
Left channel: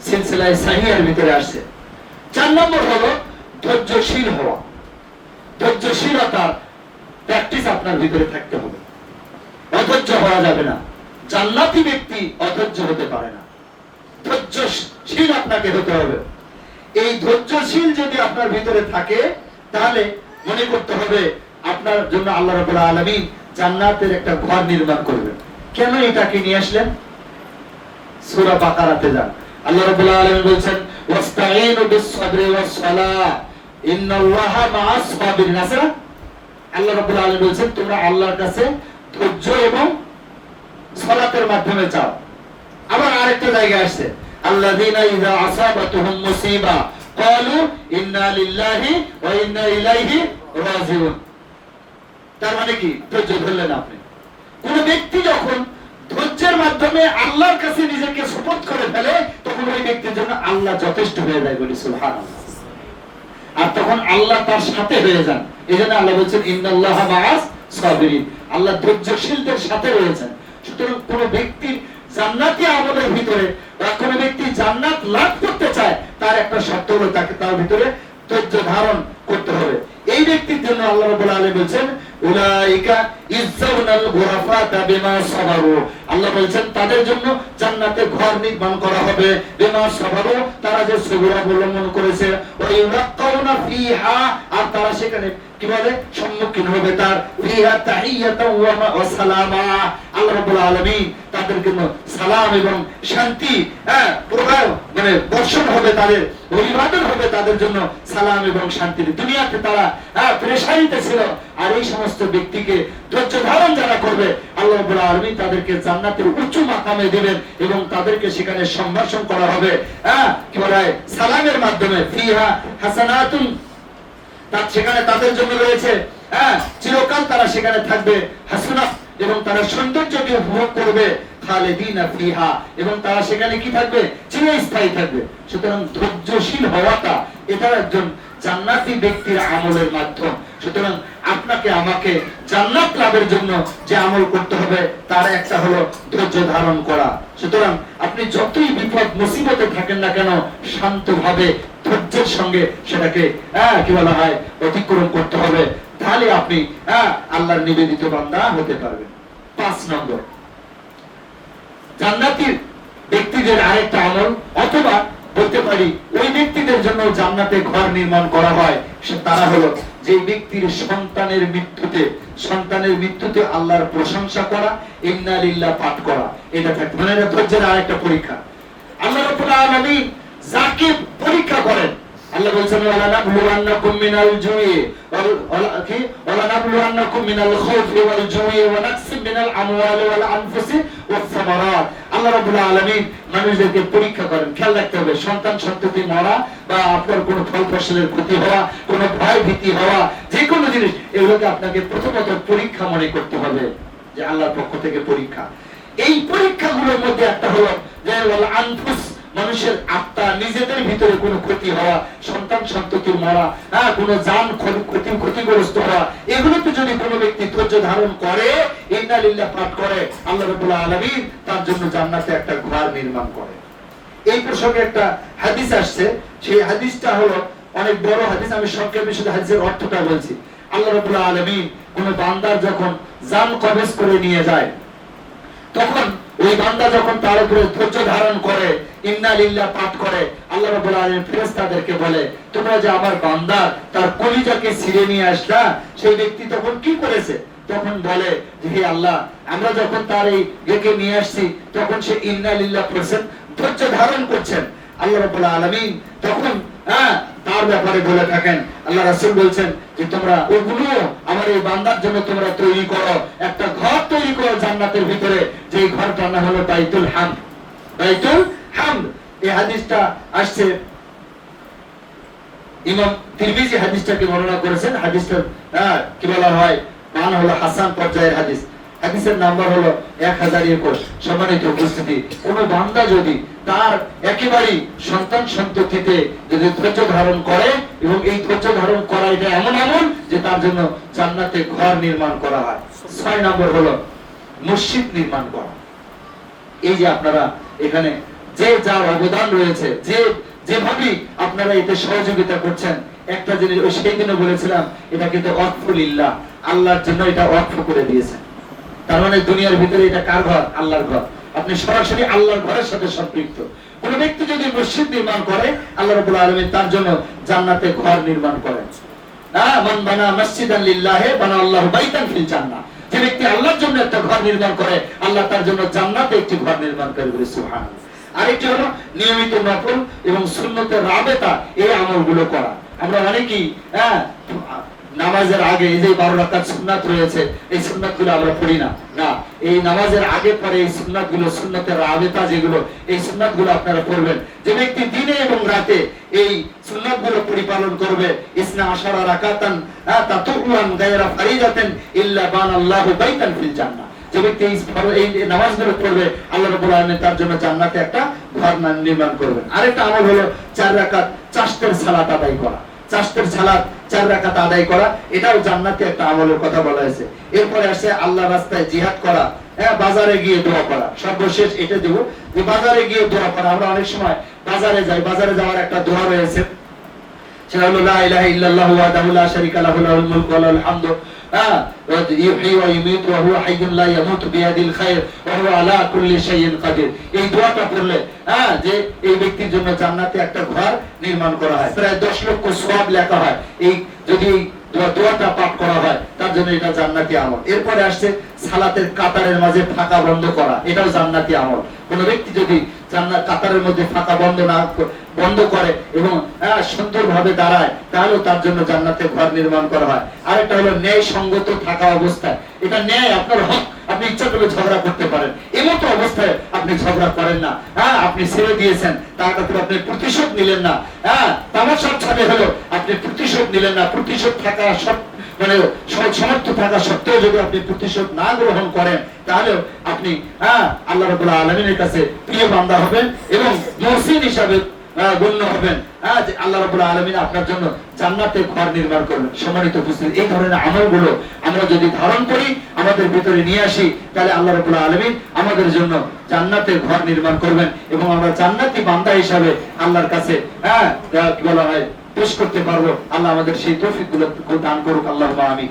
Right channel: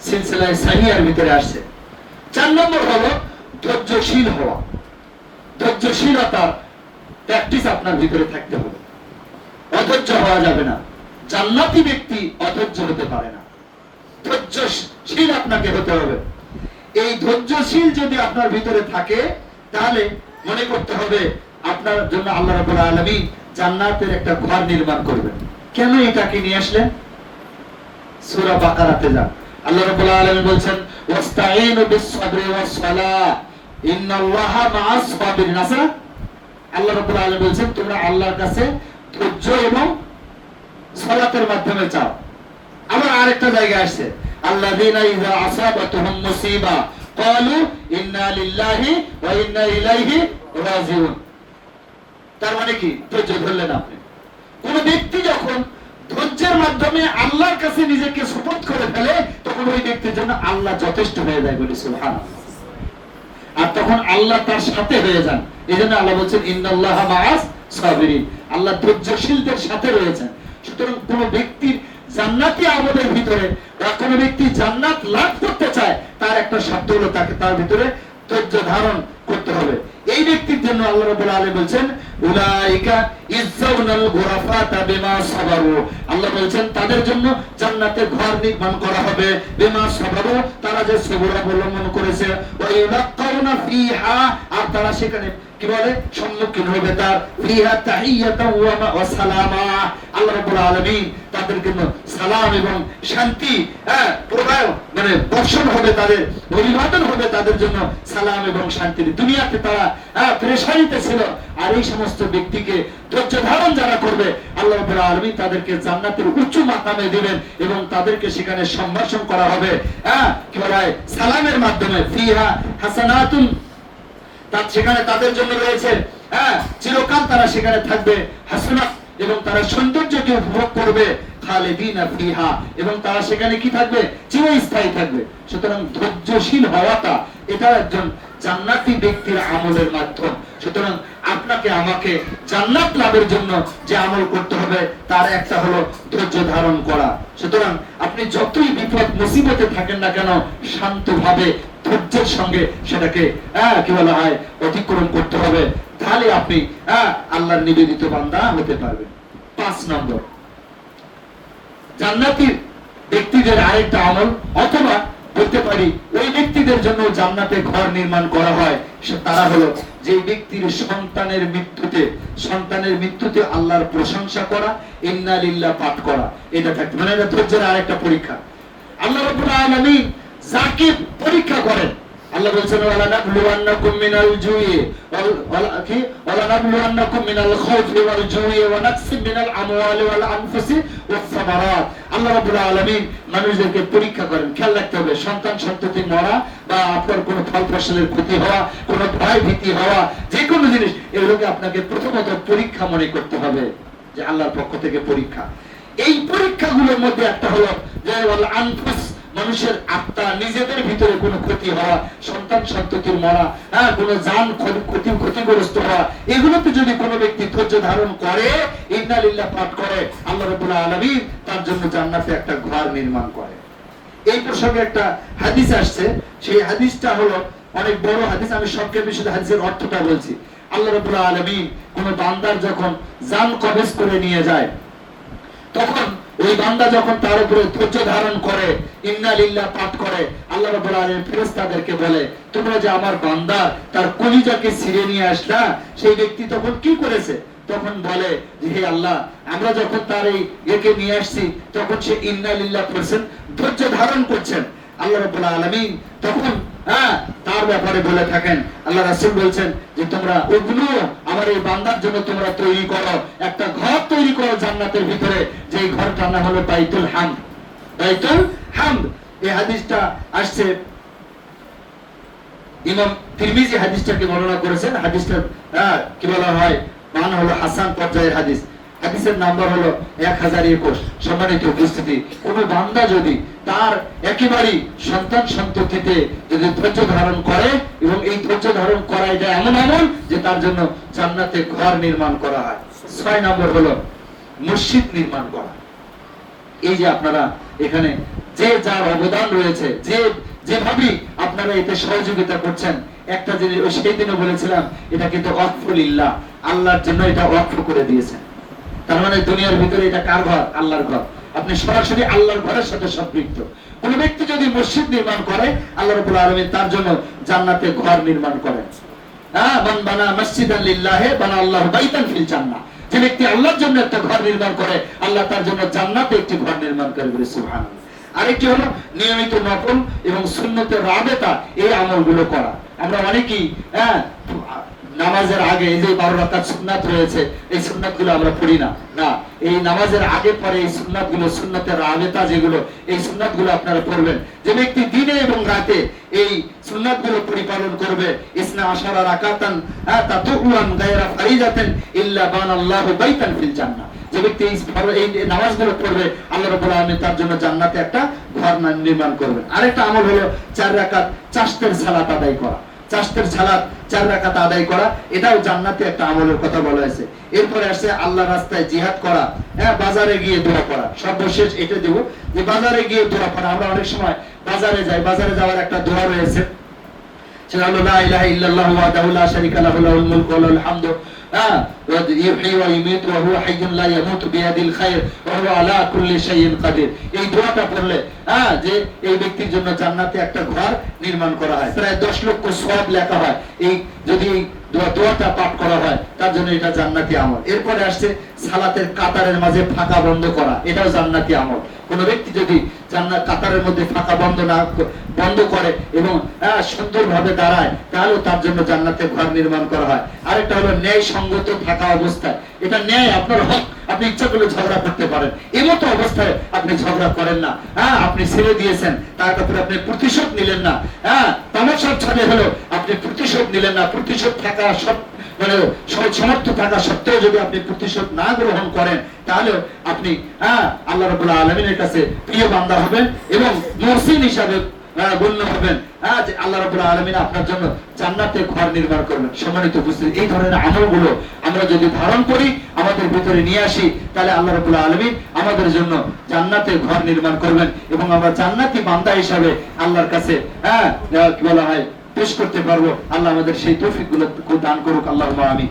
সিলসিলায়ে সাহিহার ভিতরে আসছে। 4 নম্বর হলো ধৈর্যশীল হওয়া। ধৈর্যশীলতা প্র্যাকটিস আপনার ভিতরে থাকতে হবে। অধৈর্য হওয়া যাবে না। জান্নাতি ব্যক্তি অধৈর্য হতে পারে না, ধৈর্যশীল আপনাকে হতে হবে। এই ধৈর্যশীল যদি আপনার ভিতরে থাকে, তাহলে মনে করতে হবে আপনার জন্য আল্লাহ রাব্বুল আলামিন জান্নাতের একটা ঘর নির্মাণ করবেন। কেন এটাকে নিয়ে আসলেন? সূরা বাকারাতে যান, আল্লাহ রাব্বুল আলামিন বলছেন ওয়াস্তাঈনু বিস-সাবরি ওয়াস-সালাহ ইন্নাল্লাহা মা'আস সাবিরিন। আল্লাহ রাব্বুল আলামিন বলছেন তোমরা আল্লাহর কাছে ধৈর্য এবং সালাতের মাধ্যমে চাও। আবার আরেকটা জায়গায় আসছে আল্লাযীনা ইযা আসাবাতুহুম মুসিবা ক্বালু ইন্না লিল্লাহি ওয়া ইন্না ইলাইহি রাজিউন। তার মানে কি? ধৈর্য ধরলেন আপনি। কোন ব্যক্তি যখন ধৈর্যের মাধ্যমে আল্লাহর কাছে নিজেকে সুপর্দ করে ফেলে, তখন ওই ব্যক্তির জন্য আল্লাহ যথেষ্ট হয়ে যায়, বলি সুবহানাল্লাহ। আর তখন আল্লাহ তার সাথে হয়ে যান। এজন্য আল্লাহ বলেন ইন্নাল্লাহা মা'আস সাবিরিন, আল্লাহ ধৈর্যশীলদের সাথে রয়েছেন। সুতরাং কোন ব্যক্তির জান্নাতি আমলের ভিতরে বা কোন ব্যক্তি জান্নাত লাভ করতে চায়, তার একটা শর্ত হলো তাকে তার ভিতরে ধৈর্য ধারণ করতে হবে। এই ব্যক্তির জন্য আল্লাহ রাব্বুল আলামিন বলেন উলাইকা ইযজাউনাল গুরাফাতা বিমা সাবারু। আল্লাহ বলেন তাদের জন্য জান্নাতে ঘর নির্মাণ করা হবে বিমা সাবারু, তারা যে সবর অবলম্বন করেছে। ওয়া ইউলাকাউনা ফিহা, আর তারা সেখানে কি বলে সম্মুখীন হবে তার ফিহা তাহিয়াতাও ওয়া সালামা। আল্লাহ রাব্বুল আলামিন তাদের জন্য সালাম এবং শান্তি প্রবাহ মানে বর্ষণ হবে, তাদের অভিবাদন হবে তাদের জন্য সালাম এবং শান্তি। দুনিয়াতে তারা পেরেশানিতে ছিল, আর এই সমস্ত ব্যক্তিকে ধৈর্য ধারণ যারা করবে আল্লাহ রাব্বুল আলামিন তাদেরকে জান্নাতের উচ্চ মাকামে দিবেন এবং তাদেরকে সেখানে সম্ভাষণ করা হবে কি বলা হয় সালামের মাধ্যমে। ফিহা হাসানাতুন, তার সেখানে তাদের জন্য রয়েছে চিরকাল তারা সেখানে থাকবে হাসানাত, এবং তারা সৌন্দর্যকে উপভোগ করবে খালিদিনা ফিহা, এবং তারা সেখানে কি থাকবে চিরস্থায়ী থাকবে। সুতরাং ধৈর্যশীল হওয়াটা এটা একজন জান্নাতি ব্যক্তির আমলের মাধ্যম। সুতরাং আপনাকে আমাকে জান্নাত লাভের জন্য যে আমল করতে হবে তার একটা হলো ধৈর্য ধারণ করা। সুতরাং আপনি যতই বিপদ মুসিবতে থাকেন না কেন, শান্তভাবে ধৈর্যের সঙ্গে সেটাকে কি বলা হয় অতিক্রম করতে হবে, তাহলে আপনি আল্লাহর নিবেদিত বান্দা হতে পারবেন। 5 নম্বর, জান্নাতি ব্যক্তিদের আরেকটা আমল, অথবা বলতে পারি ওই ব্যক্তিদের জন্য জান্নাতে ঘর নির্মাণ করা হয়, তারা হলো যে ব্যক্তির সন্তানের মৃত্যুতে আল্লাহর প্রশংসা করা, ইন্না লিল্লাহ পাঠ করা। এটা থাকে মানে ধৈর্যের আরেকটা পরীক্ষা। আল্লাহ রাব্বুল আলামিন যাকে পরীক্ষা করেন, আল্লাহ বলেছেন ওয়ালা নাবলুওয়ান্নাকুম মিনাল জুই ওয়ালা নাবলুওয়ান্নাকুম মিনাল খাউফি ওয়াল জুই ওয়া নাকসিম মিনাল আমওয়ালি ওয়াল আনফুসি ওয়াস সামারাত। আল্লাহ রাব্বুল আলামিন মানুষদেরকে পরীক্ষা করেন। খেয়াল রাখতে হবে সন্তান সন্ততি মরা বা আপনার কোনো ফল ফসলের ক্ষতি হওয়া, কোনো ভয় ভীতি হওয়া, যে কোনো জিনিস, এগুলোকে আপনাকে প্রথমত পরীক্ষা মনে করতে হবে, যে আল্লাহর পক্ষ থেকে পরীক্ষা। এই পরীক্ষাগুলোর মধ্যে একটা হলো যে ওয়াল আনফুস, মানুষের আত্মা নিজেদের ভিতরে কোনো ক্ষতি হওয়া, সন্তান সন্ততির মরা, কোনো জান ক্ষতিগ্রস্ত হওয়া, এগুলোতে যদি কোনো ব্যক্তি ধৈর্য ধারণ করে, ইন্না লিল্লাহ পাঠ করে, আল্লাহ রাব্বুল আলামিন তার জন্য জান্নাতে একটা ঘর নির্মাণ করে। এই প্রসঙ্গে একটা হাদিস আসছে, সেই হাদিসটা হলো অনেক বড় হাদিস, আমি সংক্ষেপে শুধু হাদিসের অর্থটা বলছি। আল্লাহ রাব্বুল আলামিন কোন বান্দার যখন জান কবজ করে নিয়ে যায়, তখন ওই বান্দা যখন তার উপরে ধৈর্য ধারণ করে, ইন্না লিল্লাহ পাঠ করে, আল্লাহ রাব্বুল আলামিন ফেরেশতাদেরকে বলে, তোমরা যে আমার বান্দা তার কলিজাকে ছিঁড়ে নিয়ে আসলা, সেই ব্যক্তি তখন কি করেছে? তখন বলে যে হে আল্লাহ, আমরা যখন তার এই একে নিয়ে আসছি তখন সে ইন্না লিল্লাহ পড়ছেন, ধৈর্য ধারণ করছেন। আল্লাহ রাব্বুল আলামিন তখন তার ব্যাপারে বলে থাকেন, আল্লাহ রাসূল বলছেন যে তোমরা ওগুলো আমার এই বান্দার জন্য তোমরা তৈরি করো, একটা ঘর তৈরি করো জান্নাতের ভিতরে, যে ঘরটার নাম হলো বাইতুল হামদ। বাইতুল হামদ, এই হাদিসটা আসছে ইমাম তিরমিজি হাদিসটাকে বর্ণনা করেছেন। হাদিসটা কি বলা হয়, মান হলো হাসান পর্যায়ের হাদিস। হাদিসের নাম্বার হলো 1021। সম্মানিত উপস্থিতি, কোন বান্দা যদি তার একেবারেই সন্তান সন্ততিতে যদি ধৈর্য ধারণ করে, এবং এই ধৈর্য ধারণ করা এটা এমন আমল যে তার জন্য জান্নাতে ঘর নির্মাণ করা হয়। 6 নম্বর হলো মসজিদ নির্মাণ করা। এই যে আপনারা এখানে যে যা অবদান রয়েছে, যে যেভাবে আপনারা এতে সহযোগিতা করছেন, একটা জিনিস সেই দিনে বলেছিলাম, এটা কিন্তু ওয়াকফুলিল্লাহ, আল্লাহর জন্য এটা ওয়াকফ করে দিয়েছেন। তার মানে দুনিয়ার ভিতরে এটা কার ঘর? আল্লাহর ঘর। আপনি সরাসরি আল্লাহর ঘরের সাথে সম্পৃক্ত। কোন ব্যক্তি যদি মসজিদ নির্মাণ করে, আল্লাহ রাব্বুল আলামিন তার জন্য জান্নাতে ঘর নির্মাণ করেন। মান বানা মসজিদান লিল্লাহি বানা আল্লাহু বাইতান ফিল জান্নাহ। যে ব্যক্তি আল্লাহর জন্য একটা ঘর নির্মাণ করে, আল্লাহ তার জন্য জান্নাতে একটি ঘর নির্মাণ করবে। সুবহানাল্লাহ। আরেকটি হলো নিয়মিত নফল এবং সুন্নতের রাবেতা, এই আমলগুলো করা। আমরা অনেকেই নামাজের আগে এই যে 12 রাকাত সুন্নাত রয়েছে, এই সুন্নাতগুলো আমরা পড়ি না। এই নামাজের আগে পরে এই সুন্নাতগুলো, সুন্নতের রাবেতা যেগুলো, এই সুন্নাতগুলো আপনারা পড়বেন। যে ব্যক্তি দিনে এবং রাতে এই সুন্নাতগুলো পরিপালন করবে, ইসনা আশারা রাকাতান তাতুআন গায়রা ফারিদাতান ইল্লা বানাল্লাহু বাইতান ফিল জান্নাহ। যে ব্যক্তি এই নামাজগুলো পড়বে, আল্লাহ রাব্বুল আলামিন তার জন্য জান্নাতে একটা ঘর নির্মাণ করবেন। আরেকটা আমল হলো 4 রাকাত চাশতের সালাত আদায় করা। চাশতের সালাত 4 রাকাত আদায় করা, এটাও জান্নাতে একটা আমলের কথা বলা হয়েছে। এরপরে আসছে আল্লাহর রাস্তায় জিহাদ করা, বাজারে গিয়ে দোয়া করা। সর্বশেষ এটা দেব যে বাজারে গিয়ে দোয়া করা। আমরা অনেক সময় বাজারে যাই, বাজারে যাওয়ার একটা দোয়া রয়েছে, সেটা হলো লা ইলাহা ইল্লাল্লাহু ওয়াহদাহু লা শারীকা লাহু লাহুল মুলকু ওয়া লাহুল হামদু ইউহয়ী ওয়া ইউমীতু ওয়া হুয়া হাইয়্যুন লা ইয়ামুতু বিয়াদিল খায়র ওয়া হুয়া আলা কুল্লি শাইইন কাদির। এই দোয়াটা পড়লে যে এই ব্যক্তির জন্য জান্নাতে একটা ঘর নির্মাণ করা হয়, প্রায় 10 লক্ষ সওয়াব লেখা হয়। এই যদি দোয়াটা পাঠ করা হয়, তার জন্য এটা জান্নাতি আমল। এরপরে আসছে সালাতের কাতারের মাঝে ফাঁকা বন্ধ করা, এটাও জান্নাতি আমল। কোন ব্যক্তি যদি জান্নাত কাতারের মধ্যে ফাঁকা বন্ধ করে এবং সুন্দরভাবে দাঁড়ায়, তাহলে তার জন্য জান্নাতে ঘর নির্মাণ করা হয়। আরেকটা হলো ন্যায় সঙ্গত থাকা অবস্থায়। এটা ন্যায়, আপনার হক, আপনি ইচ্ছা করলে ঝগড়া করতে পারেন, এমতো অবস্থায় আপনি ঝগড়া করেন না। আপনি ছেড়ে দিয়েছেন, তারপরে আপনি প্রতিশোধ নিলেন না। তামাশার ছাড়ে হলো আপনি প্রতিশোধ নিলেন না। প্রতিশোধ থাকা মানে সমর্থ থাকা সত্ত্বেও যদি আপনি প্রতিশোধ না গ্রহণ করেন, তাহলে আপনি আল্লাহ রাব্বুল আলামিনের কাছে প্রিয় বান্দা হবেন এবং মুহসিন হিসাবে গণ্য হবেন। যে আল্লাহ রাব্বুল আলামিন আপনার জন্য জান্নাতে ঘর নির্মাণ করবেন। সম্মানিত উপস্থিতি, এই ধরনের আমলগুলো আমরা যদি ধারণ করি, আমাদের ভিতরে নিয়ে আসি, তাহলে আল্লাহ রাব্বুল আলামিন আমাদের জন্য জান্নাতে ঘর নির্মাণ করবেন এবং আমরা জান্নাতি বান্দা হিসাবে আল্লাহর কাছে কি বলা হয় পেশ করতে পারবো। আল্লাহ আমাদের সেই তৌফিক গুলো দান করুক। আল্লাহুম্মা আমিন।